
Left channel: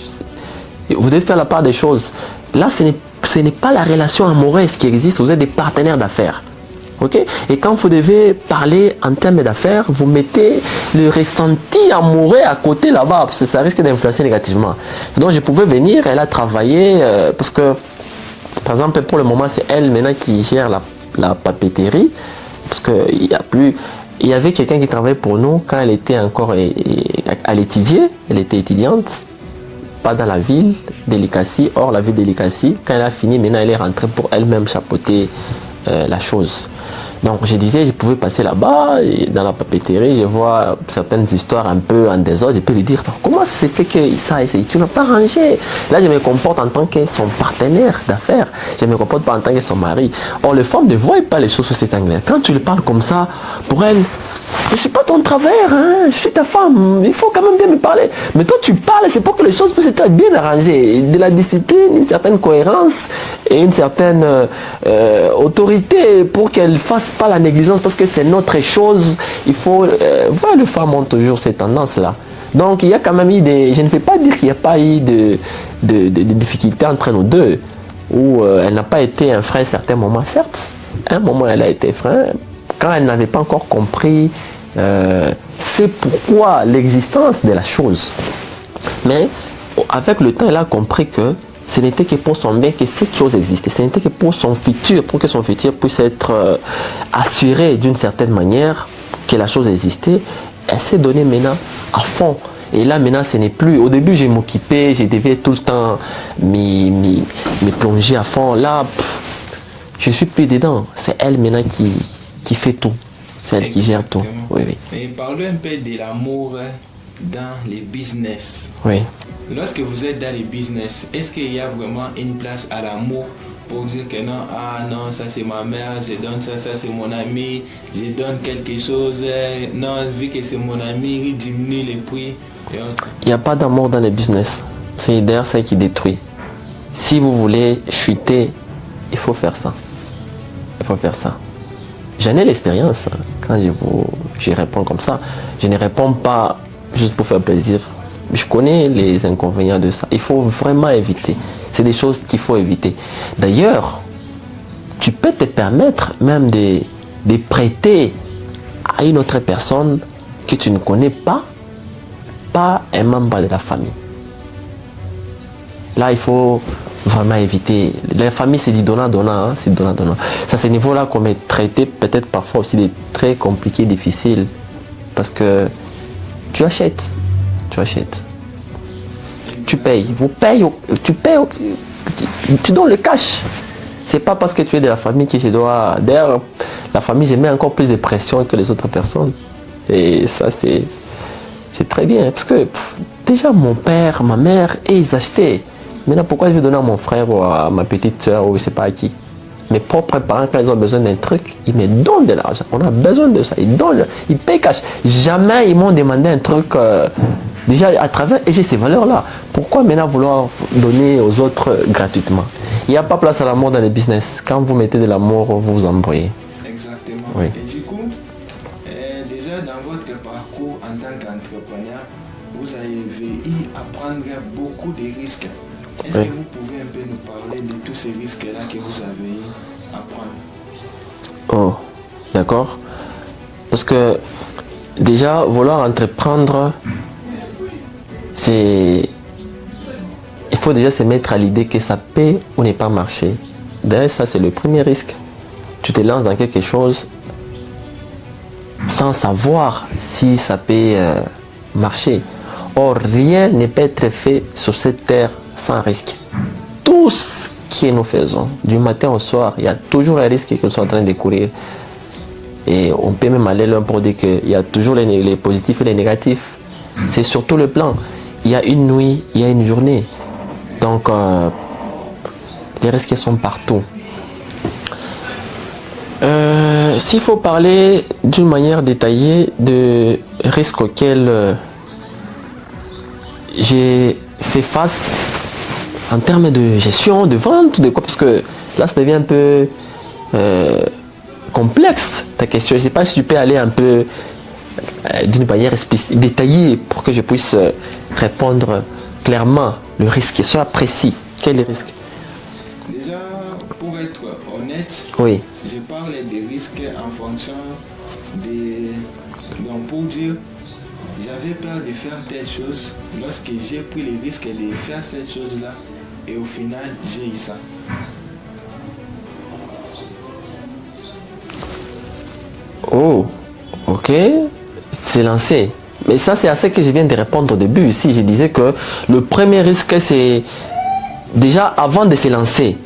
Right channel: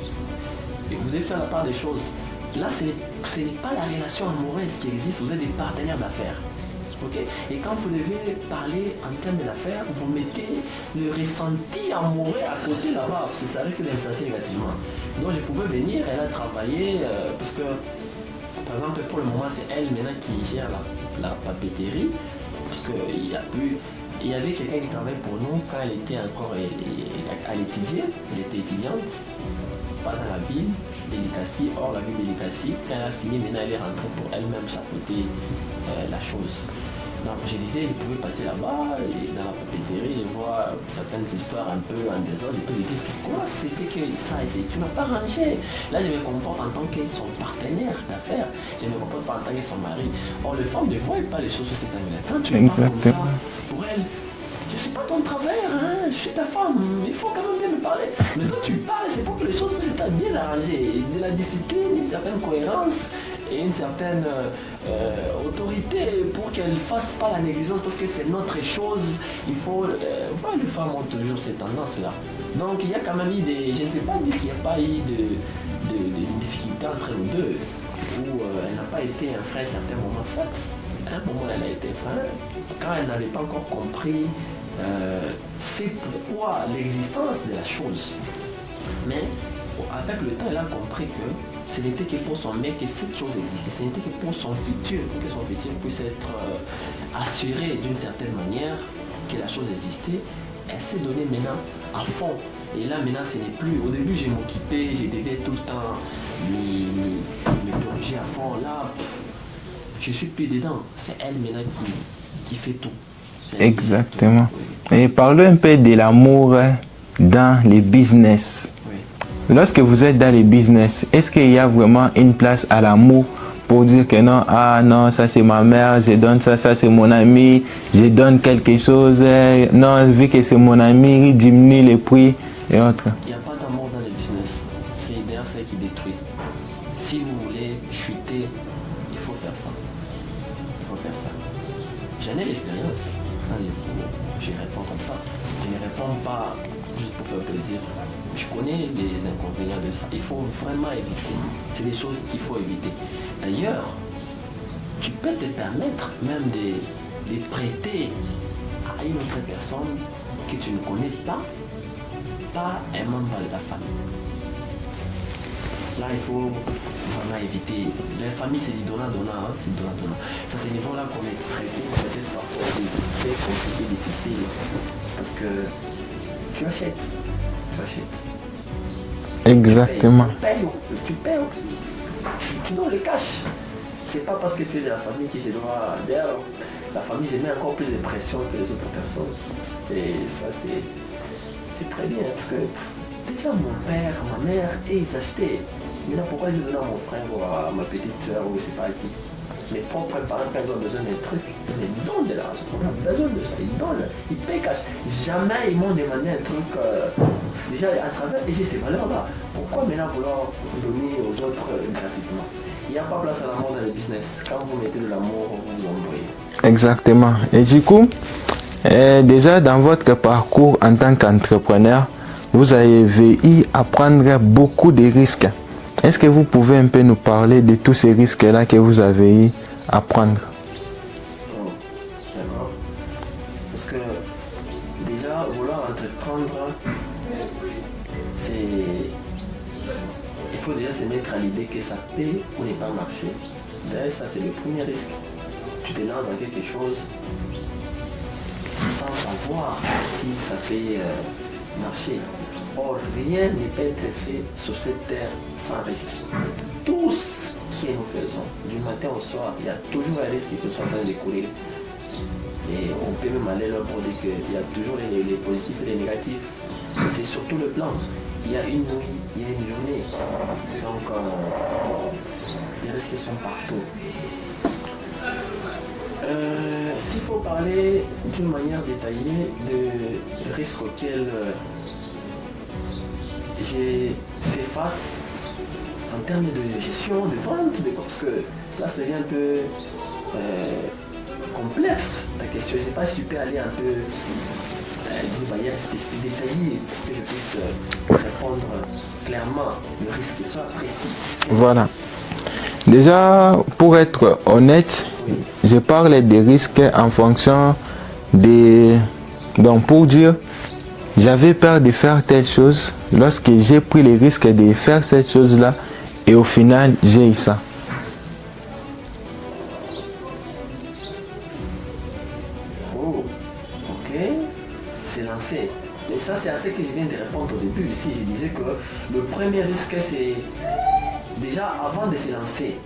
Vous devez faire la part des choses. Là, ce n'est pas la relation amoureuse qui existe, vous êtes des partenaires d'affaires. Okay? Et quand vous devez parler en termes d'affaires, vous mettez le ressenti amoureux à côté là-bas, parce que ça risque d'influencer négativement. Donc je pouvais venir, elle a travaillé, parce que, par exemple, pour le moment, c'est elle maintenant qui gère la papeterie, parce il y avait quelqu'un qui travaillait pour nous quand elle était encore à l'étudier, elle était étudiante, pas dans la ville d'Elikassi, hors la ville d'Elikassi. Quand elle a fini, maintenant elle est rentrée pour elle-même chapeauter la chose. Donc je disais, je pouvais passer là-bas, et dans la papeterie, je vois certaines histoires un peu en désordre, je peux lui dire, comment ça s'est fait que ça, tu n'as pas rangé? Là je me comporte en tant que son partenaire d'affaires, je ne me comporte pas en tant que son mari. Or les femmes ne voient pas les choses sous cet angle. Quand tu lui parles comme ça, pour elle, je ne suis pas ton travers, hein? Je suis ta femme, il faut quand même bien me parler. Mais toi tu parles, c'est pour que les choses puissent être bien arrangées. De la discipline, une certaine cohérence et une certaine autorité pour qu'elle ne fasse pas la négligence, parce que c'est notre chose. Il faut... voilà, les femmes ont toujours ces tendances-là. Donc il y a quand même eu des... Je ne vais pas dire qu'il n'y a pas eu de difficultés entre nous deux, où elle n'a pas été un frein à certains moments, certes. À un moment elle a été frein, quand elle n'avait pas encore compris c'est pourquoi l'existence de la chose. Mais avec le temps, elle a compris que ce n'était que pour son bien que cette chose existait. Ce n'était que pour son futur, pour que son futur puisse être assuré d'une certaine manière que la chose existait. Elle s'est donnée maintenant à fond. Et là, maintenant, ce n'est plus... Au début, j'ai m'occupé, j'ai devais tout le temps me plonger à fond. Là, je suis plus dedans. C'est elle maintenant qui fait tout. C'est elle qui gère tout. Oui, oui. Et parlons un peu de l'amour dans les business. Oui. Lorsque vous êtes dans les business, est-ce qu'il y a vraiment une place à l'amour pour dire que non, ah non, ça c'est ma mère, je donne ça, ça c'est mon ami, je donne quelque chose, non, vu que c'est mon ami, il diminue les prix et autres. Il n'y a pas d'amour dans les business. C'est d'ailleurs ça qui détruit. Si vous voulez chuter, il faut faire ça. Il faut faire ça. J'en ai l'expérience. Quand je réponds comme ça, je ne réponds pas juste pour faire plaisir. Je connais les inconvénients de ça. Il faut vraiment éviter. C'est des choses qu'il faut éviter. D'ailleurs, tu peux te permettre même de prêter à une autre personne que tu ne connais pas un membre de la famille. Là, il faut vraiment éviter. La famille, c'est du donnant-donnant. Hein? C'est donnant-donnant. C'est à ce niveau-là qu'on est traité, peut-être parfois aussi très compliqué, difficile. Parce que tu achètes. Tu achètes. Exactement. Tu payes, tu donnes le cash. C'est pas parce que tu es de la famille que je dois... D'ailleurs, la famille, je mets encore plus de pression que les autres personnes. Et ça, c'est très bien. Parce que déjà, mon père, ma mère, ils achetaient. Maintenant, pourquoi je vais donner à mon frère ou à ma petite soeur ou je ne sais pas à qui? Mes propres parents, quand ils ont besoin d'un truc, ils me donnent de l'argent. On a besoin de ça. Ils payent cash. Jamais ils m'ont demandé un truc... déjà à travers, et j'ai ces valeurs-là. Pourquoi maintenant vouloir donner aux autres gratuitement? Il n'y a pas place à l'amour dans les business. Quand vous mettez de l'amour, vous vous embrouillez. Exactement. Oui. Et du coup, déjà dans votre parcours en tant qu'entrepreneur, vous avez eu à prendre beaucoup de risques. Est-ce que vous pouvez un peu nous parler de tous ces risques-là que vous avez eu à prendre? Oh, d'accord. Parce que déjà, vouloir entreprendre, il faut déjà se mettre à l'idée que ça peut ou n'est pas marcher. D'ailleurs, ça c'est le premier risque. Tu te lances dans quelque chose sans savoir si ça peut marcher. Or, rien ne peut être fait sur cette terre sans risque. Tout ce que nous faisons, du matin au soir, il y a toujours un risque que nous sommes en train de courir. Et on peut même aller loin pour dire qu'il y a toujours les positifs et les négatifs. C'est surtout le plan. Il y a une nuit, il y a une journée. Donc, les risques sont partout. S'il faut parler d'une manière détaillée de risques auxquels j'ai fait face en termes de gestion, de vente, de quoi, parce que là, ça devient un peu complexe, ta question. Je ne sais pas si tu peux aller un peu d'une manière détaillée pour que je puisse répondre clairement. Le risque soit précis. Quel voilà. Risque? Déjà, pour être honnête, oui. Je parle des risques en fonction des... Donc pour dire, j'avais peur de faire telle chose lorsque j'ai pris le risque de faire cette chose-là et au final, j'ai eu ça. Oh, ok. C'est lancé. Mais ça, c'est à ce que je viens de répondre au début. Ici, je disais que le premier risque, c'est déjà avant de se lancer.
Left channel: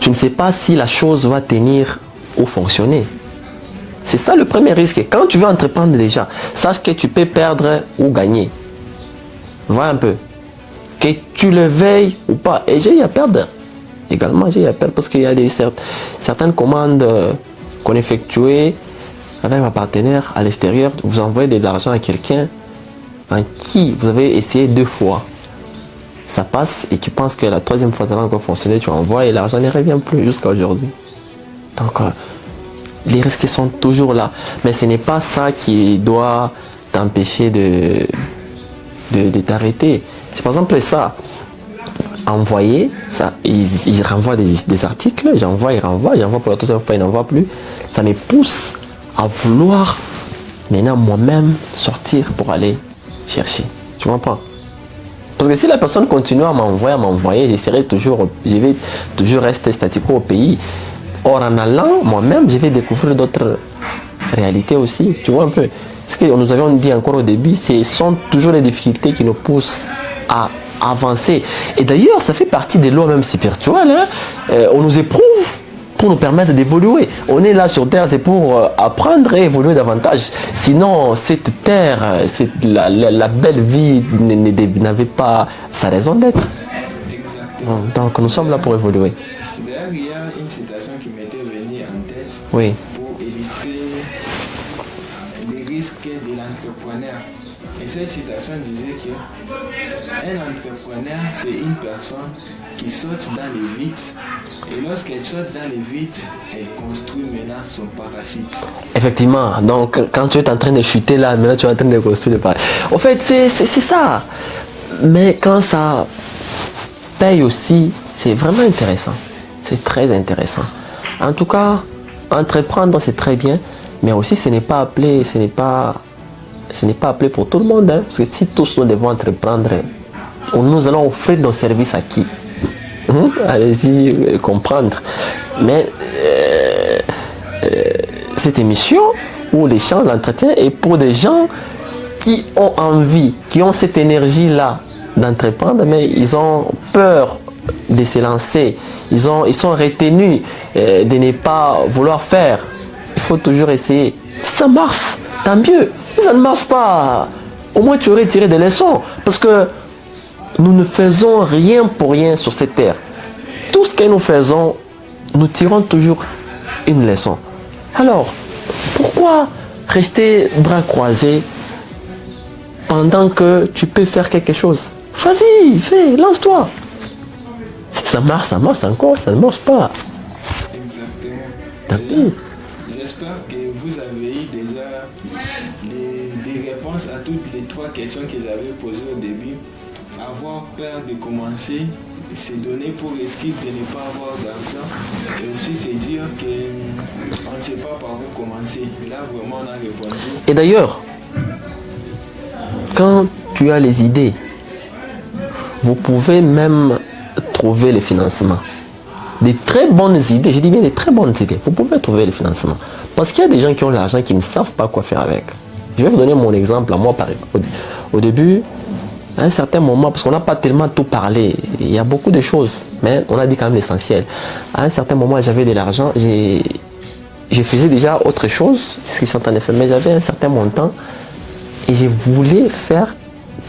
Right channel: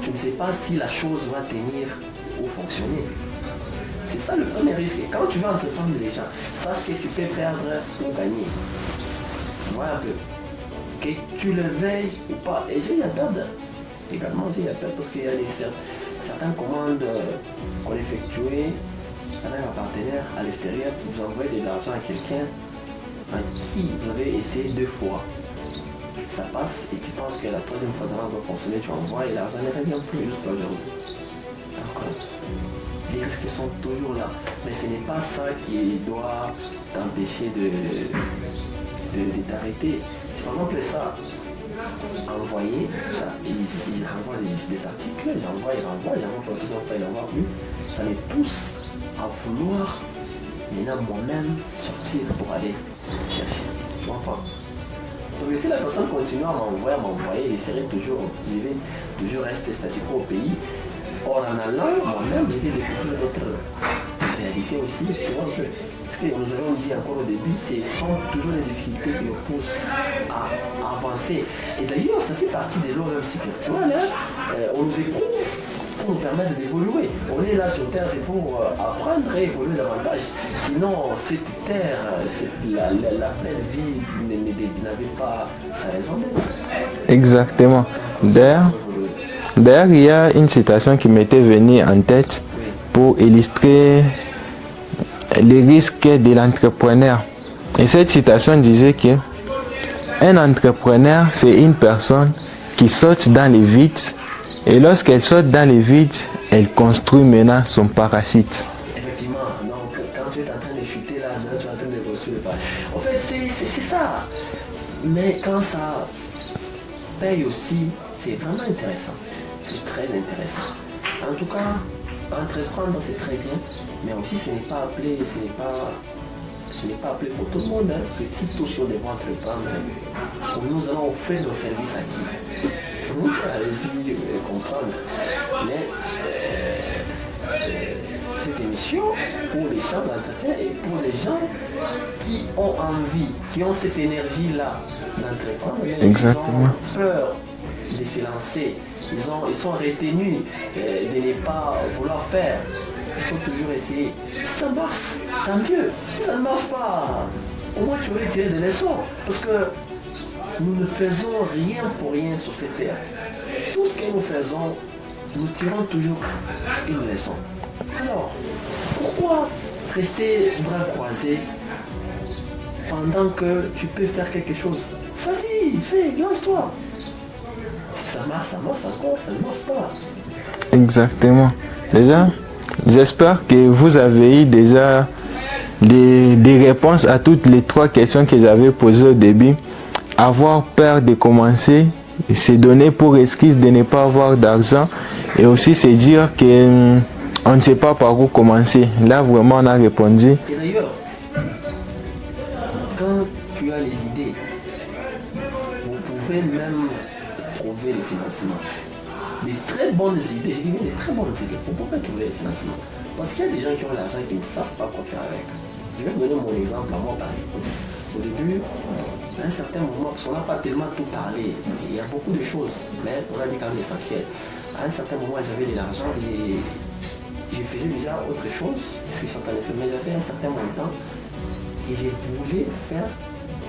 Tu ne sais pas si la chose va tenir ou fonctionner. C'est ça le premier risque. Quand tu veux entreprendre déjà, sache que tu peux perdre ou gagner. Vois un peu. Que tu le veuilles ou pas. Et j'ai eu à perdre. Également, j'ai eu à perdre parce qu'il y a certaines commandes qu'on effectuait avec ma partenaire à l'extérieur. Vous envoyez de l'argent à quelqu'un en qui vous avez essayé 2 fois. Ça passe et tu penses que la 3e fois ça va encore fonctionner, tu envoies et l'argent ne revient plus jusqu'à aujourd'hui. Donc les risques sont toujours là. Mais ce n'est pas ça qui doit t'empêcher de t'arrêter. C'est par exemple ça. Envoyer, ça, ils renvoient des articles, j'envoie, ils renvoient, j'envoie pour la 3e fois, ils n'envoient plus. Ça me pousse à vouloir maintenant moi-même sortir pour aller chercher. Tu comprends? Parce que si la personne continue à m'envoyer, je vais toujours rester statico au pays. Or, en allant, moi-même, je vais découvrir d'autres réalités aussi. Tu vois un peu. Ce que nous avions dit encore au début, ce sont toujours les difficultés qui nous poussent à avancer. Et d'ailleurs, ça fait partie des lois même spirituelles. On nous éprouve pour nous permettre d'évoluer. On est là sur Terre, c'est pour apprendre et évoluer davantage. Sinon, cette Terre, la belle vie n'avait pas sa raison d'être. Exactement. Donc, nous sommes là pour évoluer. D'ailleurs, il y a une citation qui m'était venue en tête pour illustrer les risques de l'entrepreneur. Et cette citation disait que un entrepreneur, c'est une personne qui saute dans les vides. Et lorsqu'elle saute dans les vides, elle construit maintenant son parachute. Effectivement, donc quand tu es en train de chuter là, maintenant tu es en train de construire le parachute. Au fait, c'est ça. Mais quand ça paye aussi, c'est vraiment intéressant. C'est très intéressant. En tout cas, entreprendre, c'est très bien, mais aussi ce n'est pas appelé pour tout le monde. Hein, parce que si tous nous devons entreprendre, nous allons offrir nos services à qui? Allez-y comprendre. Mais cette émission où les gens l'entretien est pour des gens qui ont envie, qui ont cette énergie-là d'entreprendre, mais ils ont peur de se lancer. Ils sont retenus de ne pas vouloir faire. Il faut toujours essayer. Si ça marche, tant mieux. Si ça ne marche pas, au moins tu aurais tiré des leçons. Parce que nous ne faisons rien pour rien sur cette terre. Tout ce que nous faisons, nous tirons toujours une leçon. Alors, pourquoi rester bras croisés pendant que tu peux faire quelque chose? Vas-y, fais, lance-toi. Si ça marche encore, ça ne marche pas. Exactement. Déjà, j'espère que vous avez eu déjà des réponses à toutes les 3 questions que j'avais posées au début. Avoir peur de commencer, se donner pour excuse de ne pas avoir d'argent et aussi se dire qu'on ne sait pas par où commencer. Là, vraiment, on a répondu. Et d'ailleurs, quand tu as les idées, vous pouvez même trouver les financements. Des très bonnes idées, je dis bien des très bonnes idées, vous pouvez trouver les financements. Parce qu'il y a des gens qui ont l'argent qui ne savent pas quoi faire avec. Je vais vous donner mon exemple à moi par exemple. Au début, à un certain moment, parce qu'on n'a pas tellement tout parlé, il y a beaucoup de choses, mais on a dit quand même l'essentiel. À un certain moment, j'avais de l'argent, je faisais déjà autre chose, ce que je suis en train de faire, mais j'avais un certain montant et je voulais faire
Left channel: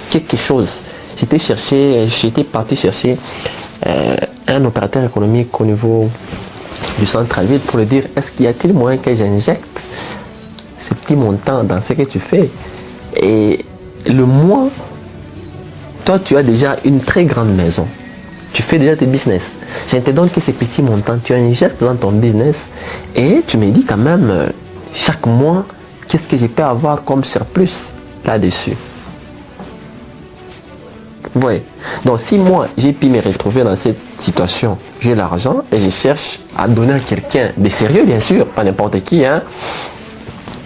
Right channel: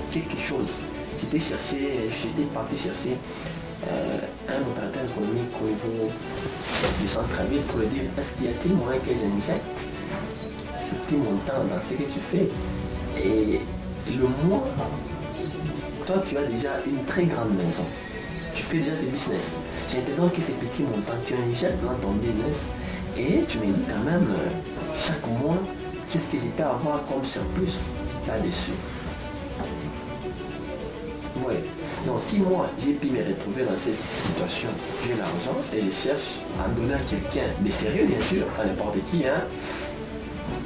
quelque chose. J'étais parti chercher un opérateur économique au niveau du centre-ville pour lui dire, est-ce qu'il y a-t-il moyen que j'injecte ce petit montant dans ce que tu fais? Et le mois, toi tu as déjà une très grande maison, tu fais déjà tes business, je te donne que ces petits montants, tu injectes dans ton business et tu me dis quand même chaque mois qu'est-ce que je peux avoir comme surplus là-dessus. Oui. Donc si moi j'ai pu me retrouver dans cette situation, j'ai l'argent et je cherche à donner à quelqu'un de sérieux, bien sûr, pas n'importe qui, hein,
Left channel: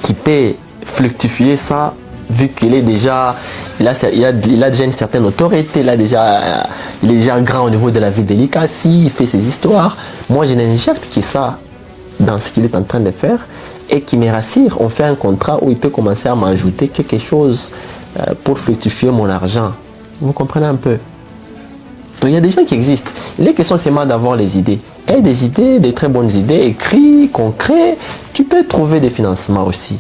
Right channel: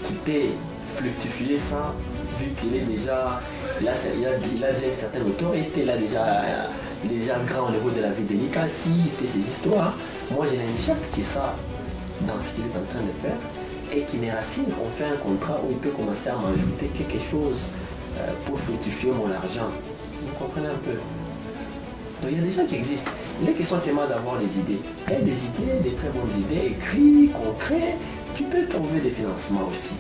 qui peut fluctuer ça, vu qu'il est déjà, il a déjà une certaine autorité, il est déjà grand au niveau de la vie délicate, il fait ses histoires. Moi je n'injecte que ça dans ce qu'il est en train de faire et qui me rassure. On fait un contrat où il peut commencer à m'ajouter quelque chose pour fluctuer mon argent. Vous comprenez un peu? Donc il y a des gens qui existent. Il est question seulement d'avoir les idées. Et des idées, des très bonnes idées, écrites, concrètes. Tu peux trouver des financements aussi.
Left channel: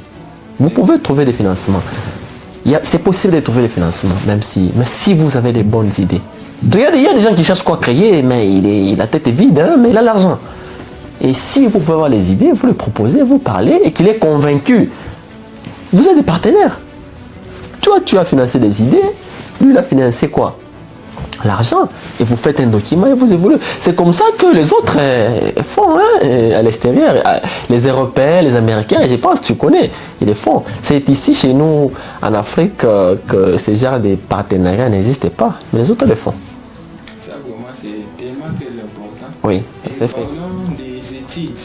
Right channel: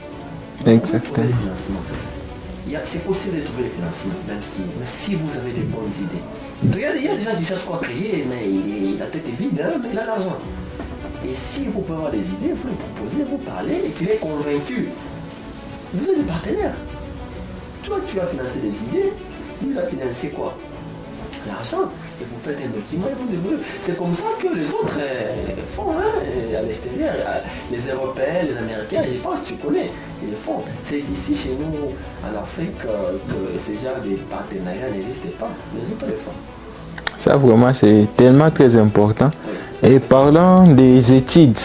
Vous pouvez trouver des financements. C'est possible de trouver des financements, mais si vous avez des bonnes idées. Il y a des gens qui cherchent quoi créer, mais la tête est vide, hein, mais il a l'argent. Et si vous pouvez avoir les idées, vous les proposez, vous parlez, et qu'il est convaincu, vous êtes des partenaires. Toi, tu as financé des idées, lui, il a financé quoi? L'argent. Et vous faites un document et vous évoluez. C'est comme ça que les autres font, hein, à l'extérieur. Les Européens, les Américains, je pense que tu connais, ils le font. C'est ici, chez nous, en Afrique, que ce genre de partenariat n'existe pas. Mais les autres le font. Ça, vraiment, c'est tellement très important. Oui. Et parlons des études.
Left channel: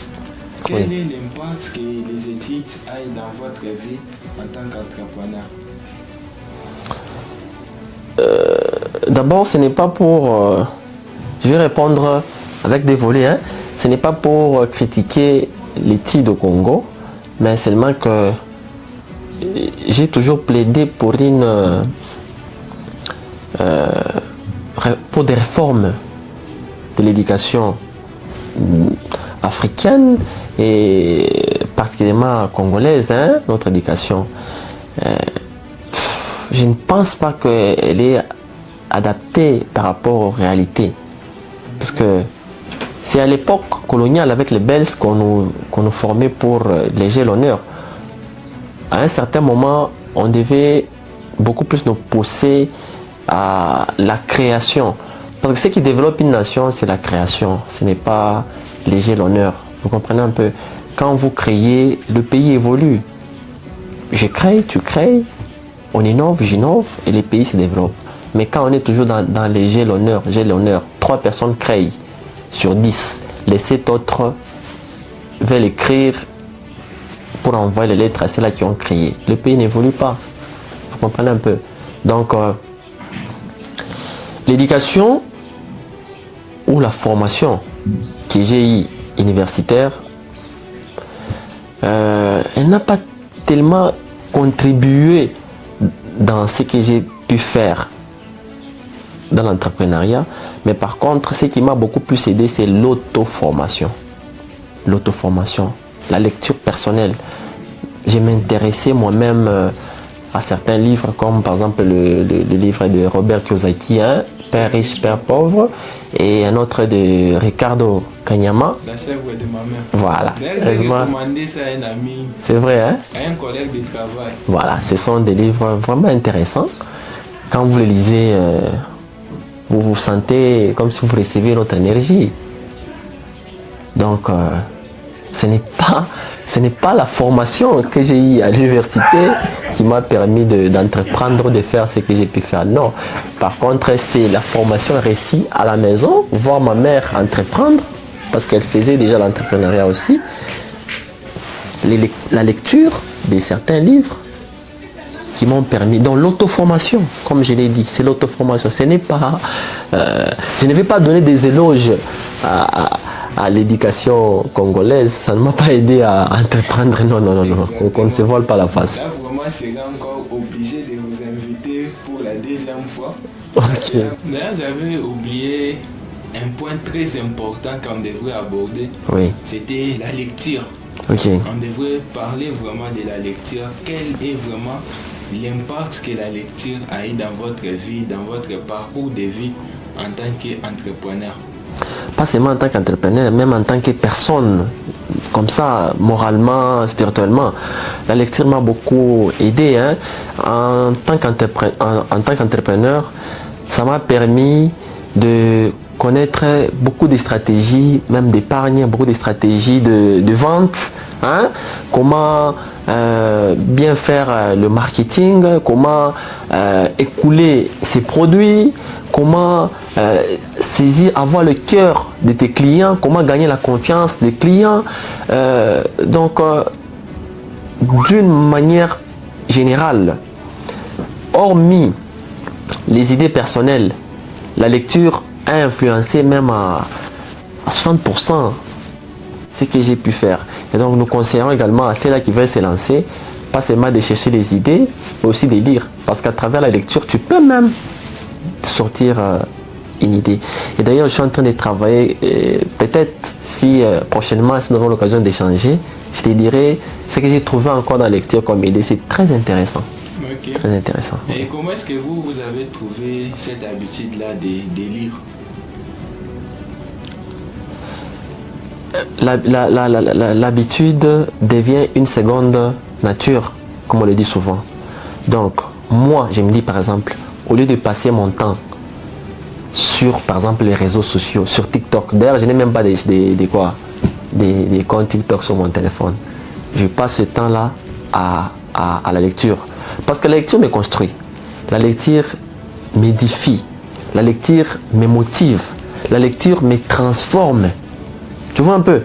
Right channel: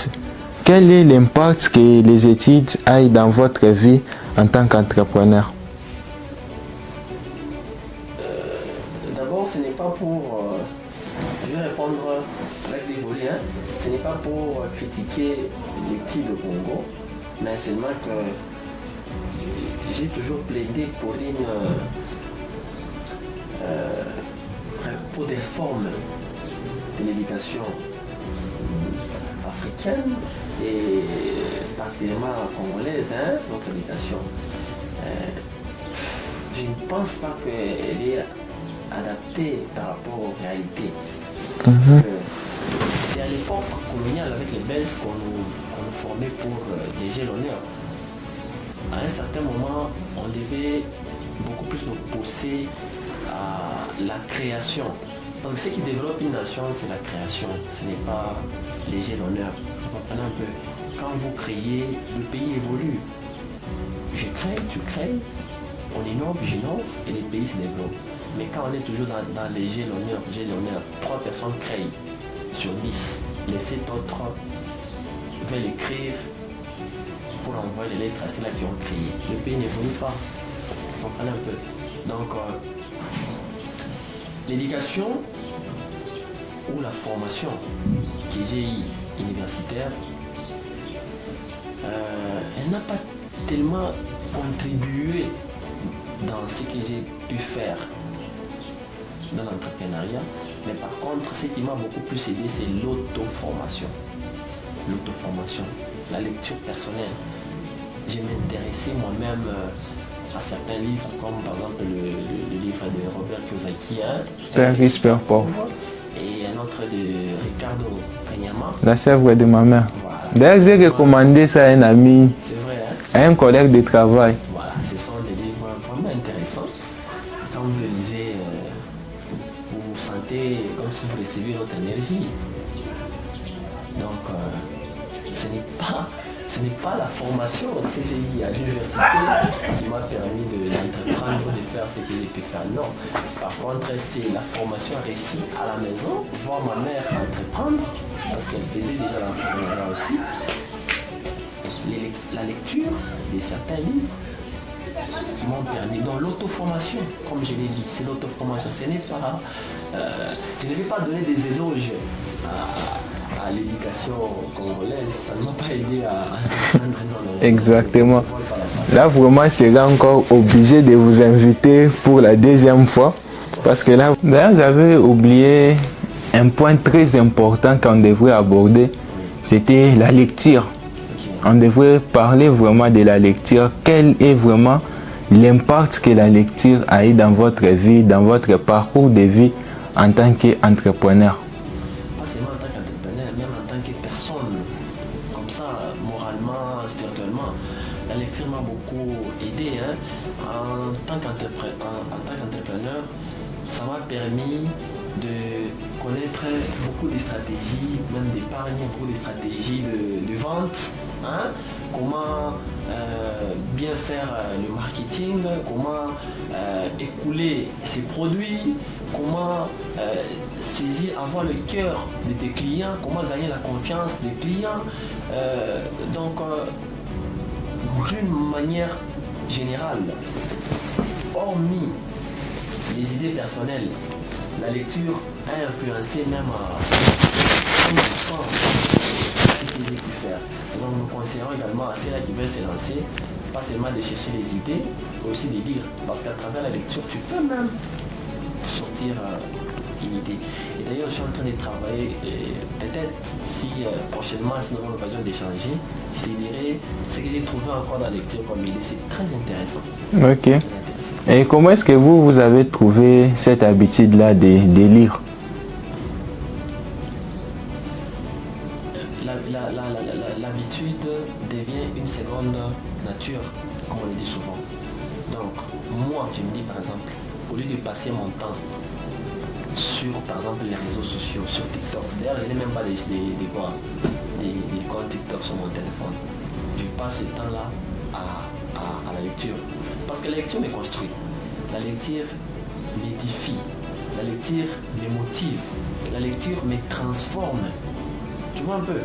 Quel est l'impact que les études aient dans votre vie en tant qu'entrepreneur? D'abord, ce n'est pas pour... je vais répondre avec des volets. Hein. Ce n'est pas pour critiquer les TID au Congo, mais seulement que j'ai toujours plaidé pour pour des réformes de l'éducation africaine et particulièrement congolaise, hein, notre éducation. Je ne pense pas qu'elle est adaptée par rapport aux réalités. Parce que c'est à l'époque coloniale avec les Belges qu'on nous formait pour léger l'honneur. À un certain moment, on devait beaucoup plus nous pousser à la création. Parce que ce qui développe une nation, c'est la création. Ce n'est pas léger l'honneur. Vous comprenez un peu? Quand vous créez, le pays évolue. Je crée, tu crées, on innove, j'innove et le pays se développe. Mais quand on est toujours dans les j'ai l'honneur, 3 personnes créent sur 10. Les 7 autres veulent écrire pour envoyer les lettres à ceux-là qui ont créé. Le pays n'évolue pas. Vous comprenez un peu? Donc, l'éducation ou la formation que j'ai eue universitaire, elle n'a pas tellement contribué dans ce que j'ai pu faire dans l'entrepreneuriat, mais par contre, ce qui m'a beaucoup plus aidé, c'est l'auto-formation. L'auto-formation, la lecture personnelle. J'ai m'intéressé moi-même à certains livres, comme par exemple le livre de Robert Kiyosaki, hein, Père riche, Père pauvre, et un autre de Ricardo Kanyama. La chèvre de ma mère. Voilà. D'ailleurs, j'ai recommandé ça à un ami. C'est vrai, hein? À un collègue de travail. Voilà, ce sont des livres vraiment intéressants. Quand vous les lisez, vous vous sentez comme si vous recevez notre énergie. Donc, ce n'est pas la formation que j'ai eue à l'université qui m'a permis d'entreprendre, de faire ce que j'ai pu faire. Non. Par contre, c'est la formation réussie à la maison, voir ma mère entreprendre, parce qu'elle faisait déjà l'entrepreneuriat aussi. La lecture de certains livres qui m'ont permis. Donc l'auto-formation, comme je l'ai dit, c'est l'auto-formation. Ce n'est pas... je ne vais pas donner des éloges à l'éducation congolaise, ça ne m'a pas aidé à entreprendre. Non. Exactement. On ne se vole pas la face. Là, vraiment, je serai encore obligé de vous inviter pour la deuxième fois. Parce que là, d'ailleurs, j'avais oublié un point très important qu'on devrait aborder. Oui. C'était la lecture. Okay. On devrait parler vraiment de la lecture. Quel est vraiment l'impact que la lecture a eu dans votre vie, dans votre parcours de vie en tant qu'entrepreneur? Pas seulement en tant qu'entrepreneur, même en tant que personne, comme ça, moralement, spirituellement. La lecture m'a beaucoup aidé. Hein. En tant qu'entrepreneur, ça m'a permis de connaître beaucoup de stratégies, même d'épargne, beaucoup de stratégies de vente. Hein. Comment bien faire le marketing, comment écouler ses produits, comment saisir, avoir le cœur de tes clients, comment gagner la confiance des clients. Donc, d'une manière générale, hormis les idées personnelles, la lecture a influencé même à 60% ce que j'ai pu faire. Et donc, nous conseillons également à ceux-là qui veulent se lancer, pas seulement de chercher des idées, mais aussi de lire. Parce qu'à travers la lecture, tu peux même sortir une idée. Et d'ailleurs, je suis en train de travailler, peut-être si prochainement, si nous aurons l'occasion d'échanger, je te dirai ce que j'ai trouvé encore dans la lecture comme idée. C'est très intéressant. Ok. Très intéressant. Et comment est-ce que vous avez trouvé cette habitude-là de lire? L'habitude devient une seconde nature, comme on le dit souvent. Donc, moi, je me dis par exemple, au lieu de passer mon temps sur, par exemple, les réseaux sociaux, sur TikTok, d'ailleurs, je n'ai même pas des comptes TikTok sur mon téléphone. Je passe ce temps-là à la lecture. Parce que la lecture me construit. La lecture m'édifie. La lecture me motive. La lecture me transforme. Tu vois un peu?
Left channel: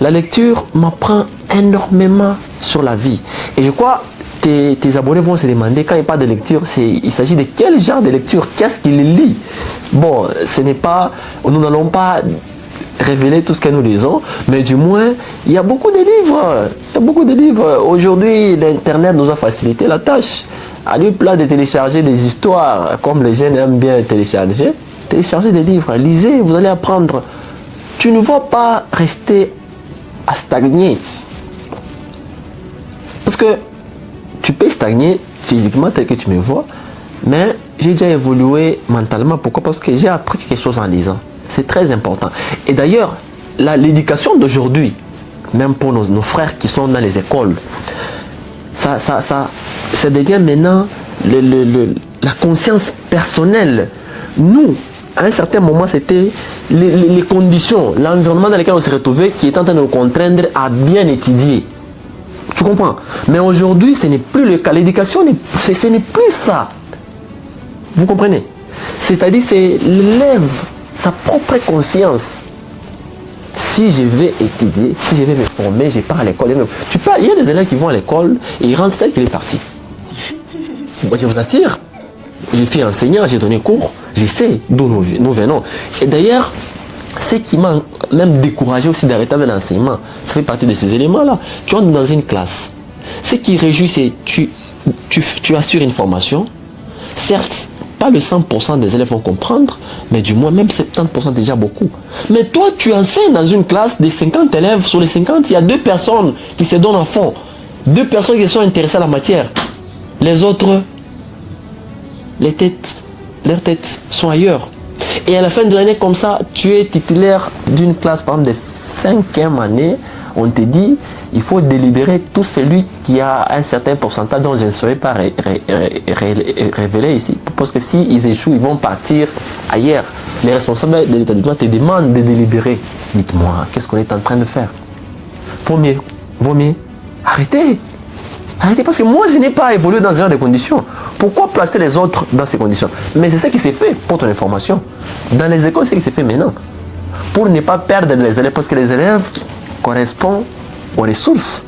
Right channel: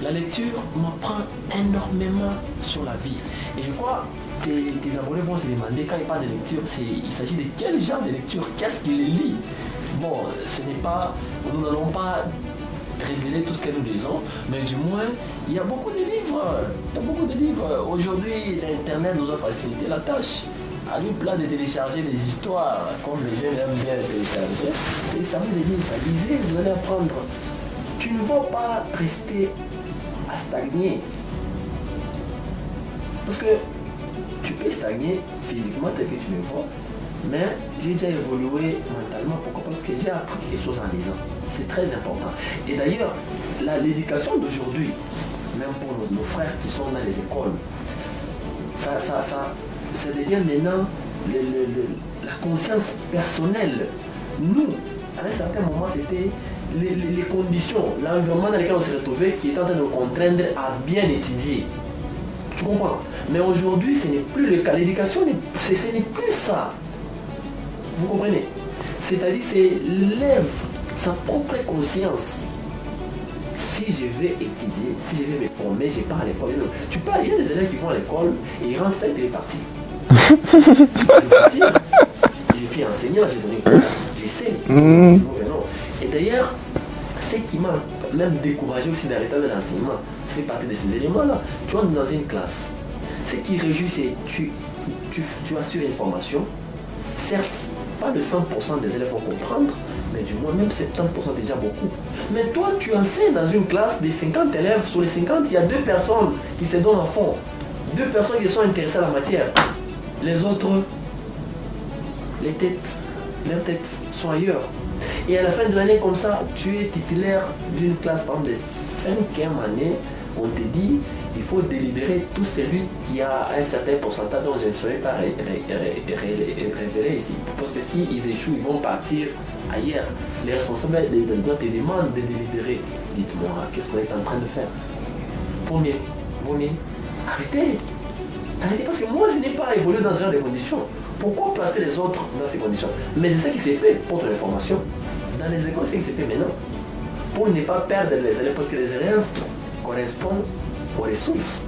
La lecture m'apprend énormément sur la vie. Et je crois tes abonnés vont se demander, quand il parle de lecture, il s'agit de quel genre de lecture? Qu'est-ce qu'il lit? Bon, nous n'allons pas révéler tout ce que nous lisons, mais du moins, il y a beaucoup de livres. Il y a beaucoup de livres. Aujourd'hui, l'Internet nous a facilité la tâche. À lui plat de télécharger des histoires, comme les jeunes aiment bien télécharger des livres, lisez, vous allez apprendre. Tu ne vas pas rester à stagner. Parce que tu peux stagner physiquement tel que tu me vois, mais j'ai déjà évolué mentalement. Pourquoi? Parce que j'ai appris quelque chose en lisant. C'est très important. Et d'ailleurs, l'éducation d'aujourd'hui, même pour nos frères qui sont dans les écoles, ça devient maintenant la conscience personnelle. Nous, à un certain moment, c'était les conditions, l'environnement dans lequel on s'est retrouvé qui est en train de nous contraindre à bien étudier. Tu comprends? Mais aujourd'hui, ce n'est plus le cas. L'éducation, ce n'est plus ça. Vous comprenez? C'est-à-dire, c'est l'élève, sa propre conscience. Si je vais étudier, si je vais me former, je pars à l'école. Il y a des élèves qui vont à l'école et ils rentrent tel qu'il est parti. Je vous assure, j'ai fait enseignant, j'ai donné cours, je sais d'où nous venons. Et d'ailleurs, ce qui m'a même découragé aussi d'arrêter avec l'enseignement, ça fait partie de ces éléments-là. Tu entres dans une classe, ce qui réjouit, c'est tu assures une formation. Certes, pas le 100% des élèves vont comprendre, mais du moins même 70% déjà beaucoup. Mais toi, tu enseignes dans une classe de 50 élèves, sur les 50, il y a 2 personnes qui se donnent à fond. 2 personnes qui sont intéressées à la matière. Les autres, leurs têtes sont ailleurs. Et à la fin de l'année, comme ça, tu es titulaire d'une classe, par exemple, de 5e année. On te dit, il faut délibérer tout celui qui a un certain pourcentage dont je ne saurais pas révéler ici. Parce que s'ils échouent, ils vont partir ailleurs. Les responsables de l'État du droit te demandent de délibérer. Dites-moi, qu'est-ce qu'on est en train de faire? Vaut mieux. Arrêtez, parce que moi, je n'ai pas évolué dans ce genre de conditions. Pourquoi placer les autres dans ces conditions? Mais c'est ce qui s'est fait, pour ton information. Dans les écoles, c'est ce qui s'est fait maintenant. Pour ne pas perdre les élèves, parce que les élèves correspondent aux ressources.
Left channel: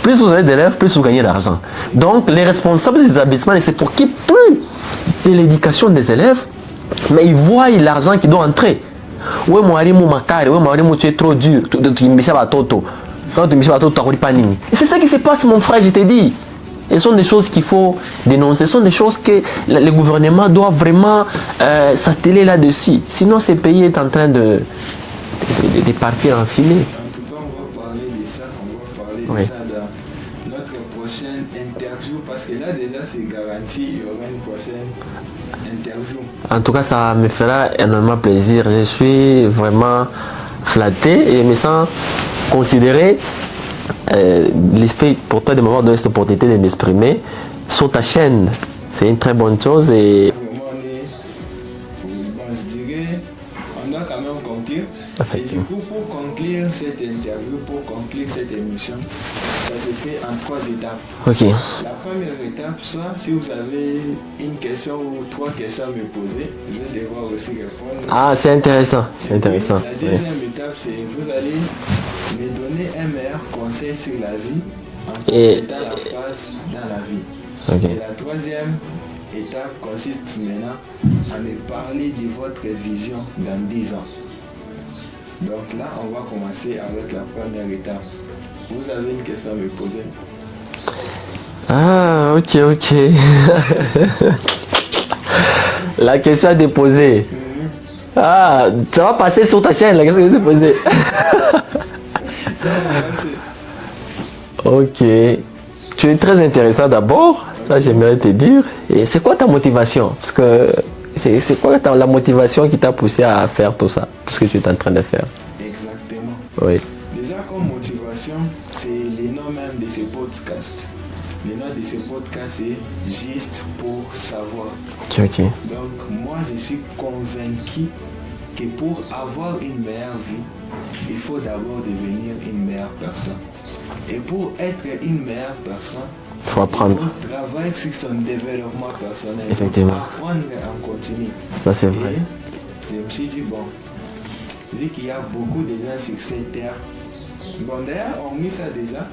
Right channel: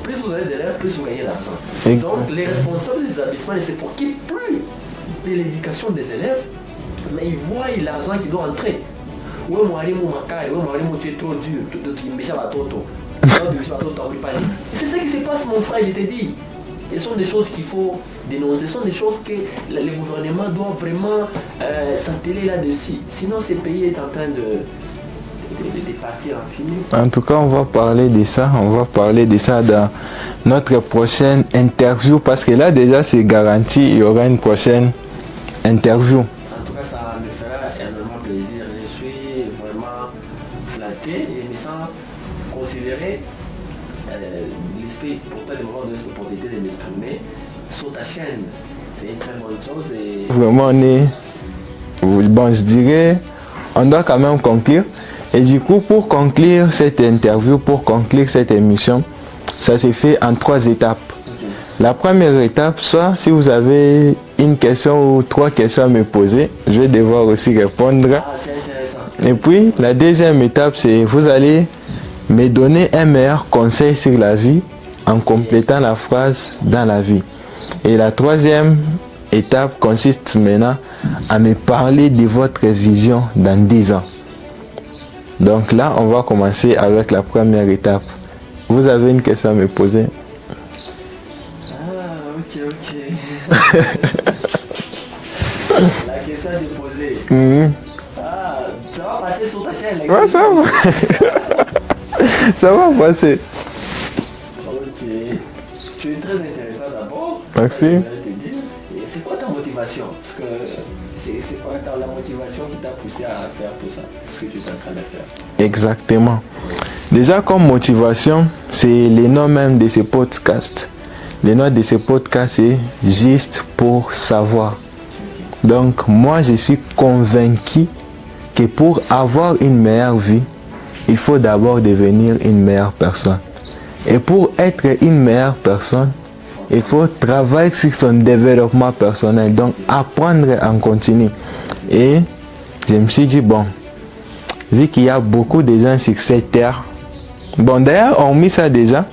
Plus vous avez d'élèves, plus vous gagnez d'argent. Donc, les responsables des établissements ne s'occupent plus de l'éducation des élèves, mais ils voient l'argent qui doit entrer. Oui, moi, tu es trop dur. C'est ça qui se passe, mon frère, je t'ai dit. Ce sont des choses qu'il faut dénoncer. Ce sont des choses que le gouvernement doit vraiment s'atteler là-dessus. Sinon, ce pays est en train de partir en filet. En tout cas, on va parler de ça. On va parler de ça dans notre prochaine interview. Parce que là, déjà, c'est garanti, il y aura une prochaine interview. En tout cas, ça me fera énormément plaisir. Je suis vraiment flatté et me sens considéré. L'esprit pour toi de m'avoir donné cette opportunité de m'exprimer sur ta chaîne, c'est une très bonne chose. Et vraiment, je dirais, on doit quand même conclure. Et du coup, pour conclure cette interview, pour conclure cette émission, ça s'est fait en 3 étapes. Okay. La première étape, soit si vous avez une question ou 3 questions à me poser, je vais devoir aussi répondre. Ah, c'est intéressant. Et puis, la deuxième étape, c'est vous allez me donner un meilleur conseil sur la vie en complétant la phrase dans la vie. Okay. Et la troisième étape consiste maintenant à me parler de votre vision dans 10 ans. Donc là, on va commencer avec la première étape. Vous avez une question à me poser? Ah, ok. La question à déposer. Ah, ça va passer sur ta chaîne, la question à déposer. Ça va passer. Ok. Tu es très intéressant d'abord. Ça, j'aimerais te dire. Et c'est quoi ta motivation? Parce que c'est quoi la motivation qui t'a poussé à faire tout ça, tout ce que tu es en train de faire? Exactement. Oui. Déjà, comme motivation, c'est le nom même de ce podcast. Le nom de ce podcast est Juste pour savoir. Ok. Donc, moi, je suis convaincu que pour avoir une meilleure vie, il faut d'abord devenir une meilleure personne. Et pour être une meilleure personne, il faut travailler sur son développement personnel. Donc, apprendre en continu. Ça, c'est vrai. Et je me suis dit, bon, vu qu'il y a beaucoup de gens sur cette terre, bon, d'ailleurs, on met ça déjà.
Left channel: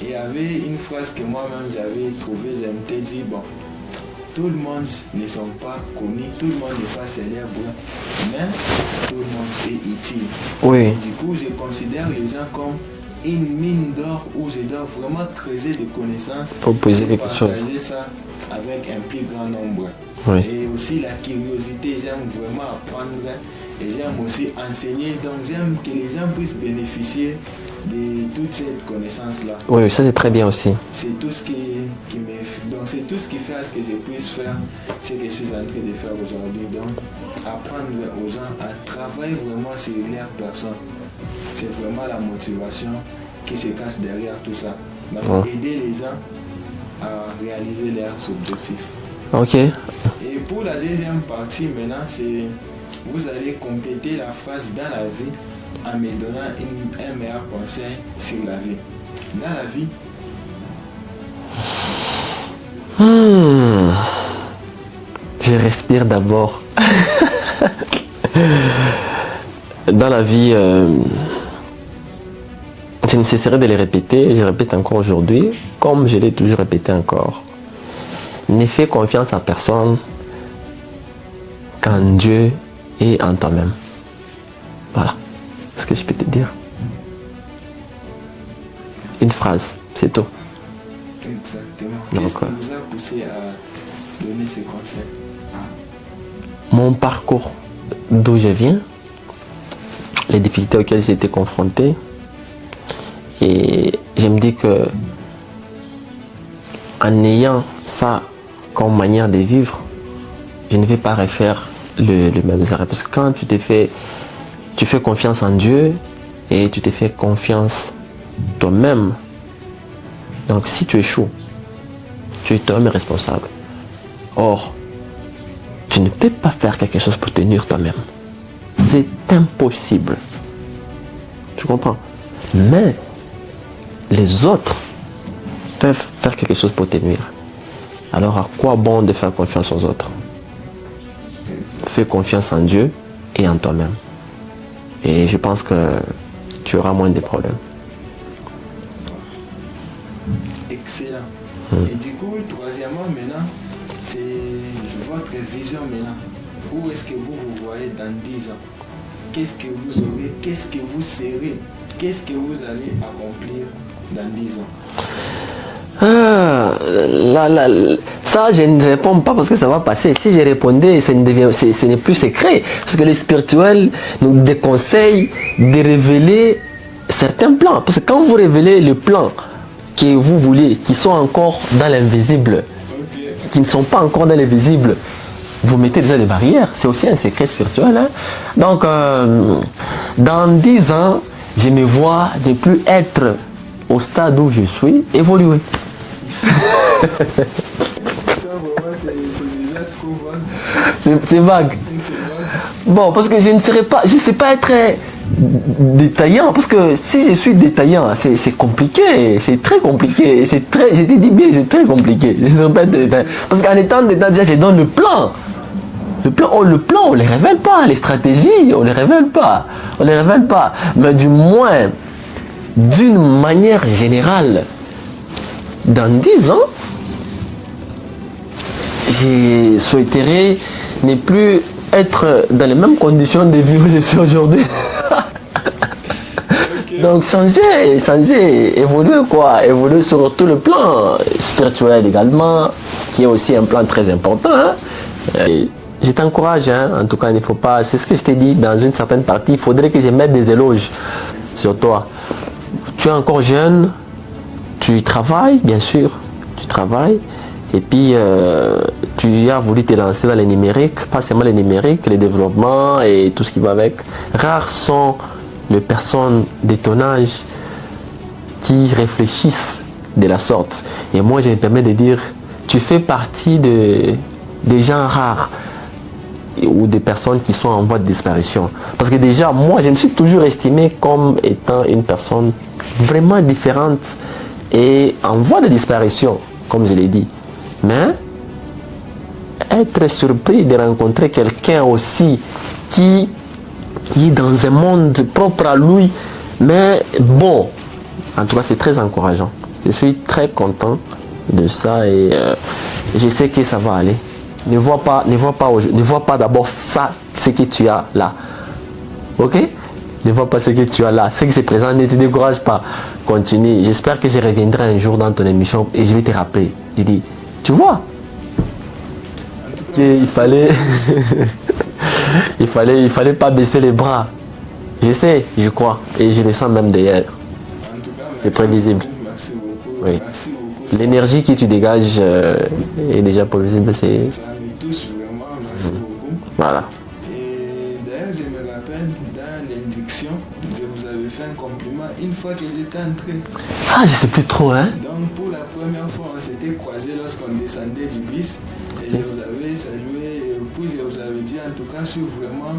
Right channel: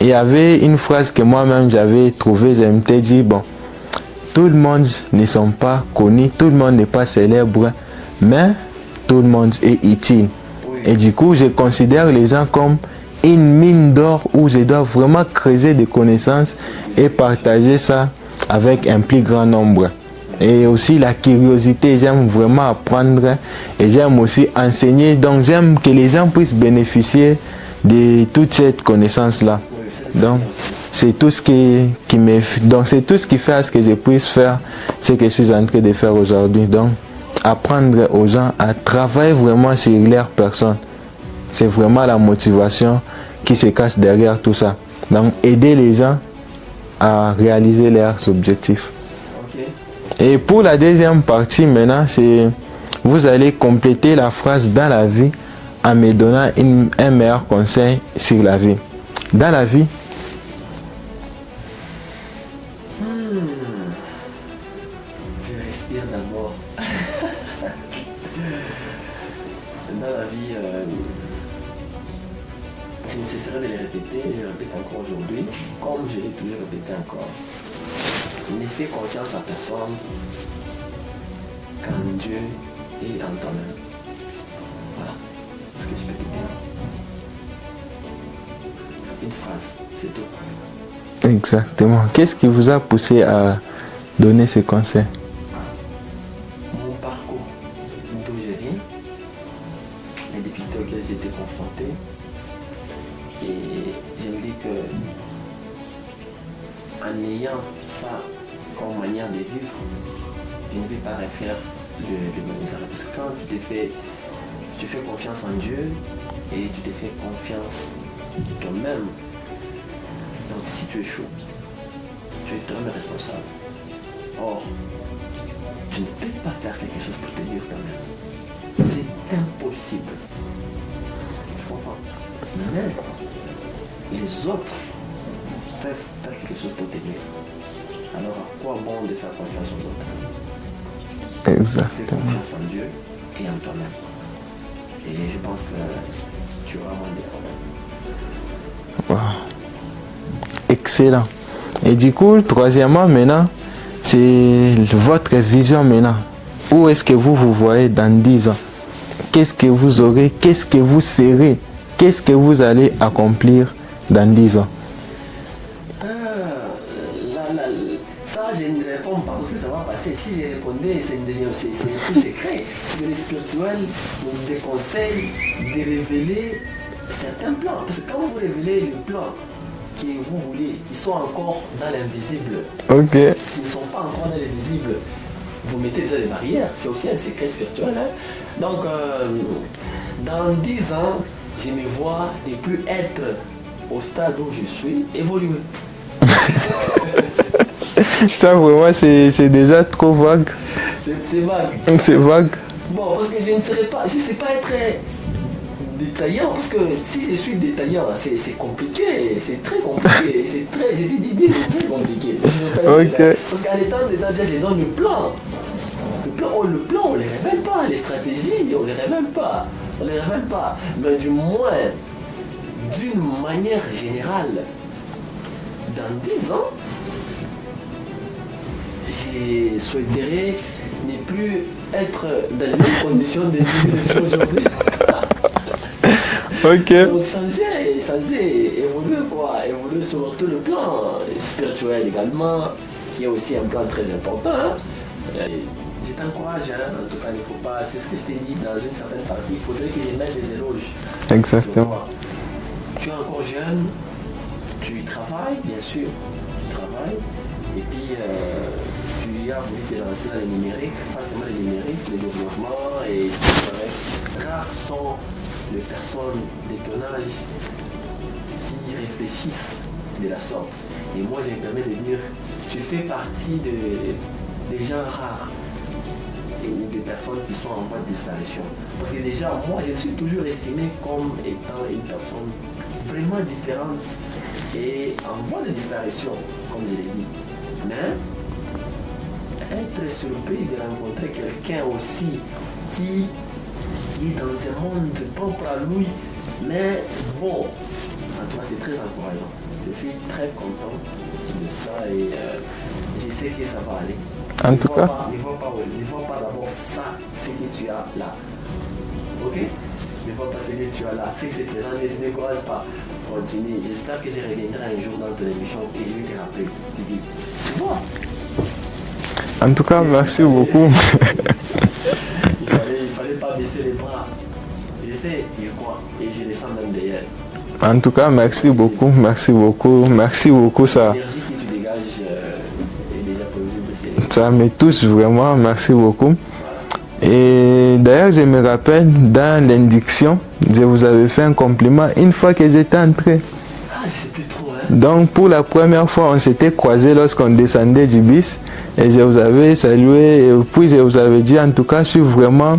il y avait une phrase que moi-même j'avais trouvée, je m'étais dit, bon, tout le monde ne sont pas connus, tout le monde n'est pas célèbre, mais tout le monde est utile. Oui. Et du coup, je considère les gens comme une mine d'or où je dois vraiment creuser des connaissances et partager ça avec un plus grand nombre. Oui. Et aussi la curiosité, j'aime vraiment apprendre et j'aime aussi enseigner. Donc j'aime que les gens puissent bénéficier de toute cette connaissance-là. Oui, ça c'est très bien aussi. C'est tout ce qui me... Donc c'est tout ce qui fait à ce que je puisse faire ce que je suis en train de faire aujourd'hui. Donc apprendre aux gens à travailler vraiment sur leur personne. C'est vraiment la motivation qui se cache derrière tout ça. Donc aider les gens à réaliser leurs objectifs. Ok. Et pour la deuxième partie maintenant, c'est vous allez compléter la phrase dans la vie en me donnant un meilleur conseil sur la vie. Dans la vie. Je respire d'abord. Dans la vie, je ne cesserai de les répéter, je répète encore aujourd'hui, comme je l'ai toujours répété encore. Ne fais confiance à personne qu'en Dieu et en toi-même. Voilà ce que je peux te dire. Une phrase, c'est tout. Exactement. Qu'est-ce qui vous a poussé à donner ces conseils? Mon parcours, d'où je viens, les difficultés auxquelles j'ai été confronté. Et je me dis que en ayant ça comme manière de vivre, je ne vais pas refaire le même arrêt. Parce que quand tu fais confiance en Dieu et tu te fais confiance toi-même, donc si tu échoues, tu es toi-même responsable. Or, tu ne peux pas faire quelque chose pour tenir toi-même. C'est impossible. Tu comprends? Mais les autres peuvent faire quelque chose pour tenir. Alors à quoi bon de faire confiance aux autres? Exact. Fais confiance en Dieu et en toi-même. Et je pense que tu auras moins de problèmes. Wow. Excellent. Et du coup, troisièmement, maintenant, c'est votre vision maintenant. Où est-ce que vous vous voyez dans 10 ans? Qu'est-ce que vous aurez? Qu'est-ce que vous serez? Qu'est-ce que vous allez accomplir dans 10 ans? Ça, je ne réponds pas parce que ça va passer. Si je répondais, ce n'est plus secret. Parce que les spirituels nous déconseillent de révéler certains plans. Parce que quand vous révélez le plan que vous voulez, qui sont encore dans l'invisible, qui ne sont pas encore dans l'invisible, vous mettez déjà des barrières. C'est aussi un secret spirituel. Hein? Donc, dans 10 ans, je me vois ne plus être au stade où je suis, évoluer. Ça vraiment c'est déjà trop vague. C'est vague. C'est vague. Bon, parce que je ne sais pas être détaillant, parce que si je suis détaillant, c'est compliqué, c'est très compliqué, je t'ai dit bien, c'est très compliqué. Parce qu'en étant détaillant, déjà je donne le plan. Le plan, on ne les révèle pas, les stratégies, on ne les révèle pas. Mais du moins, d'une manière générale, dans 10 ans, je souhaiterais ne plus être dans les mêmes conditions de vie où je suis aujourd'hui. Donc changer, évoluer sur tout le plan spirituel également, qui est aussi un plan très important. Hein. Je t'encourage, hein. En tout cas, il ne faut pas, c'est ce que je t'ai dit dans une certaine partie, il faudrait que je mette des éloges sur toi. Tu es encore jeune, tu travailles, bien sûr, et puis tu as voulu te lancer dans les numériques, pas seulement les numériques, les développements et tout ce qui va avec. Rares sont les personnes de ton âge qui réfléchissent de la sorte. Et moi, je me permets de dire, tu fais partie des gens rares ou des personnes qui sont en voie de disparition. Parce que déjà, moi, je me suis toujours estimé comme étant une personne vraiment différente et en voie de disparition, comme je l'ai dit. Mais être surpris de rencontrer quelqu'un aussi qui est dans un monde propre à lui, mais bon, en tout cas, c'est très encourageant. Je suis très content de ça et je sais que ça va aller. Ne vois pas d'abord ça, ce que tu as là. Ok? Ne vois pas ce que tu as là. Ce qui se présente, ne te décourage pas. Continue. J'espère que je reviendrai un jour dans ton émission et je vais te rappeler. Je dis, tu vois? En tout cas, merci beaucoup. il fallait pas baisser les bras. Je sais, je crois. Et je le sens même derrière. En tout cas, merci beaucoup. Merci beaucoup. Oui. Merci beaucoup. L'énergie que tu dégages est déjà prévisible. Ça me touche vraiment. Merci beaucoup. Voilà. Et d'ailleurs, je me rappelle, dans l'induction, je vous avais fait un compliment une fois que j'étais entré. Ah, je sais plus trop, hein. Donc, pour la première fois, on s'était croisés lorsqu'on descendait du bus. Et je vous avais salué. Et puis, je vous avais dit, en tout cas, je suis vraiment...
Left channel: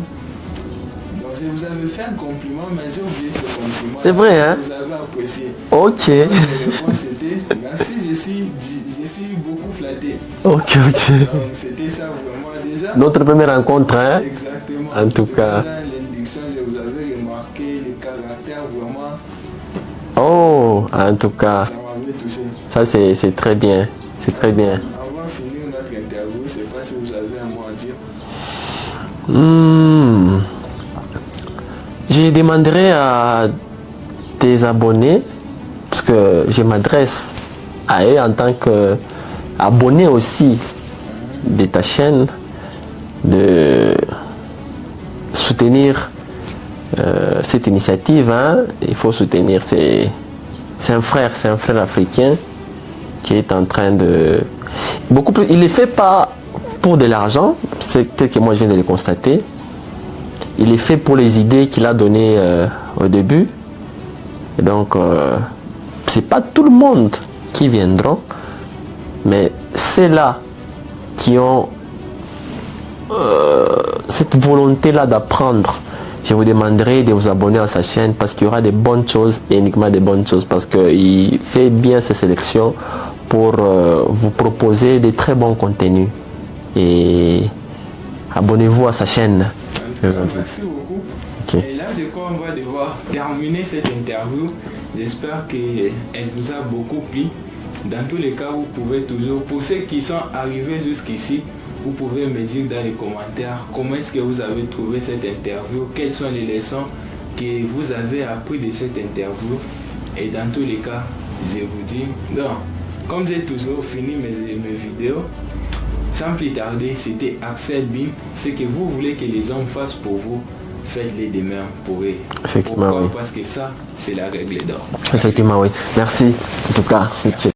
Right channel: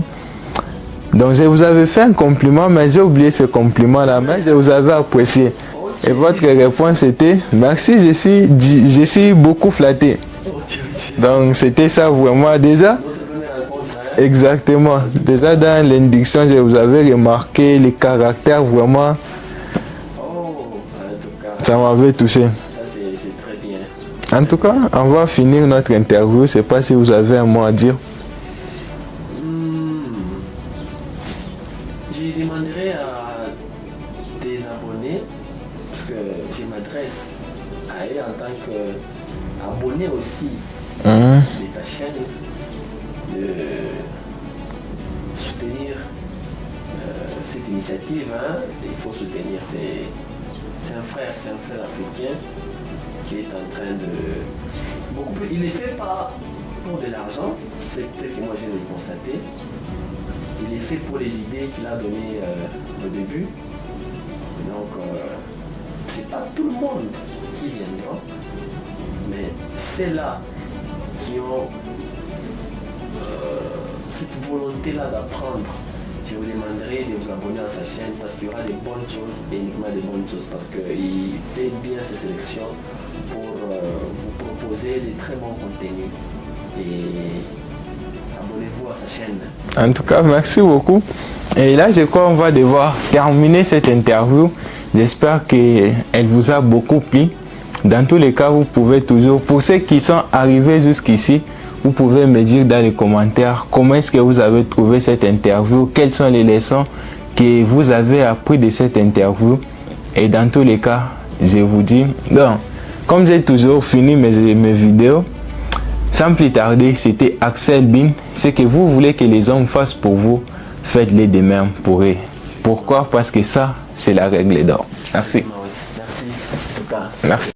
Donc, je vous avais fait un compliment, mais j'ai oublié ce compliment-là. C'est vrai, hein? Je vous avais apprécié. Ok. Et votre réponse était, merci, je suis beaucoup flatté. Ok. Donc c'était ça vraiment déjà. Notre première rencontre, hein? Exactement. Déjà dans l'induction, je vous avais remarqué les caractères vraiment. Oh, en tout cas. Ça m'avait touché. Ça c'est très bien. En tout cas, on va finir notre interview. Je ne sais pas si vous avez un mot à dire. Je demanderai à tes abonnés, parce que je m'adresse à eux en tant qu'abonné aussi de ta chaîne, de soutenir cette initiative. Hein. Il faut soutenir. C'est un frère africain qui est en train de... Beaucoup plus, il ne le fait pas pour de l'argent, c'est tel que moi je viens de le constater. Il est fait pour les idées qu'il a données au début. Et donc, c'est pas tout le monde qui viendront, mais c'est là qui ont cette volonté-là d'apprendre. Je vous demanderai de vous abonner à sa chaîne parce qu'il y aura des bonnes choses et uniquement des bonnes choses parce qu'il fait bien ses sélections pour vous proposer des très bons contenus. Et abonnez-vous à sa chaîne. En tout cas, merci beaucoup. Et là, je crois qu'on va devoir terminer cette interview. J'espère qu'elle vous a beaucoup plu. Dans tous les cas, vous pouvez toujours, pour ceux qui sont arrivés jusqu'ici, vous pouvez me dire dans les commentaires comment est-ce que vous avez trouvé cette interview, quelles sont les leçons que vous avez appris de cette interview. Et dans tous les cas, je vous dis, donc, comme j'ai toujours fini mes vidéos, sans plus tarder, c'était Axel Bin. Ce que vous voulez que les hommes fassent pour vous, faites-les de même pour eux. Pourquoi? Oui. Parce que ça, c'est la règle d'or. Effectivement, oui. Merci, en tout cas. Merci.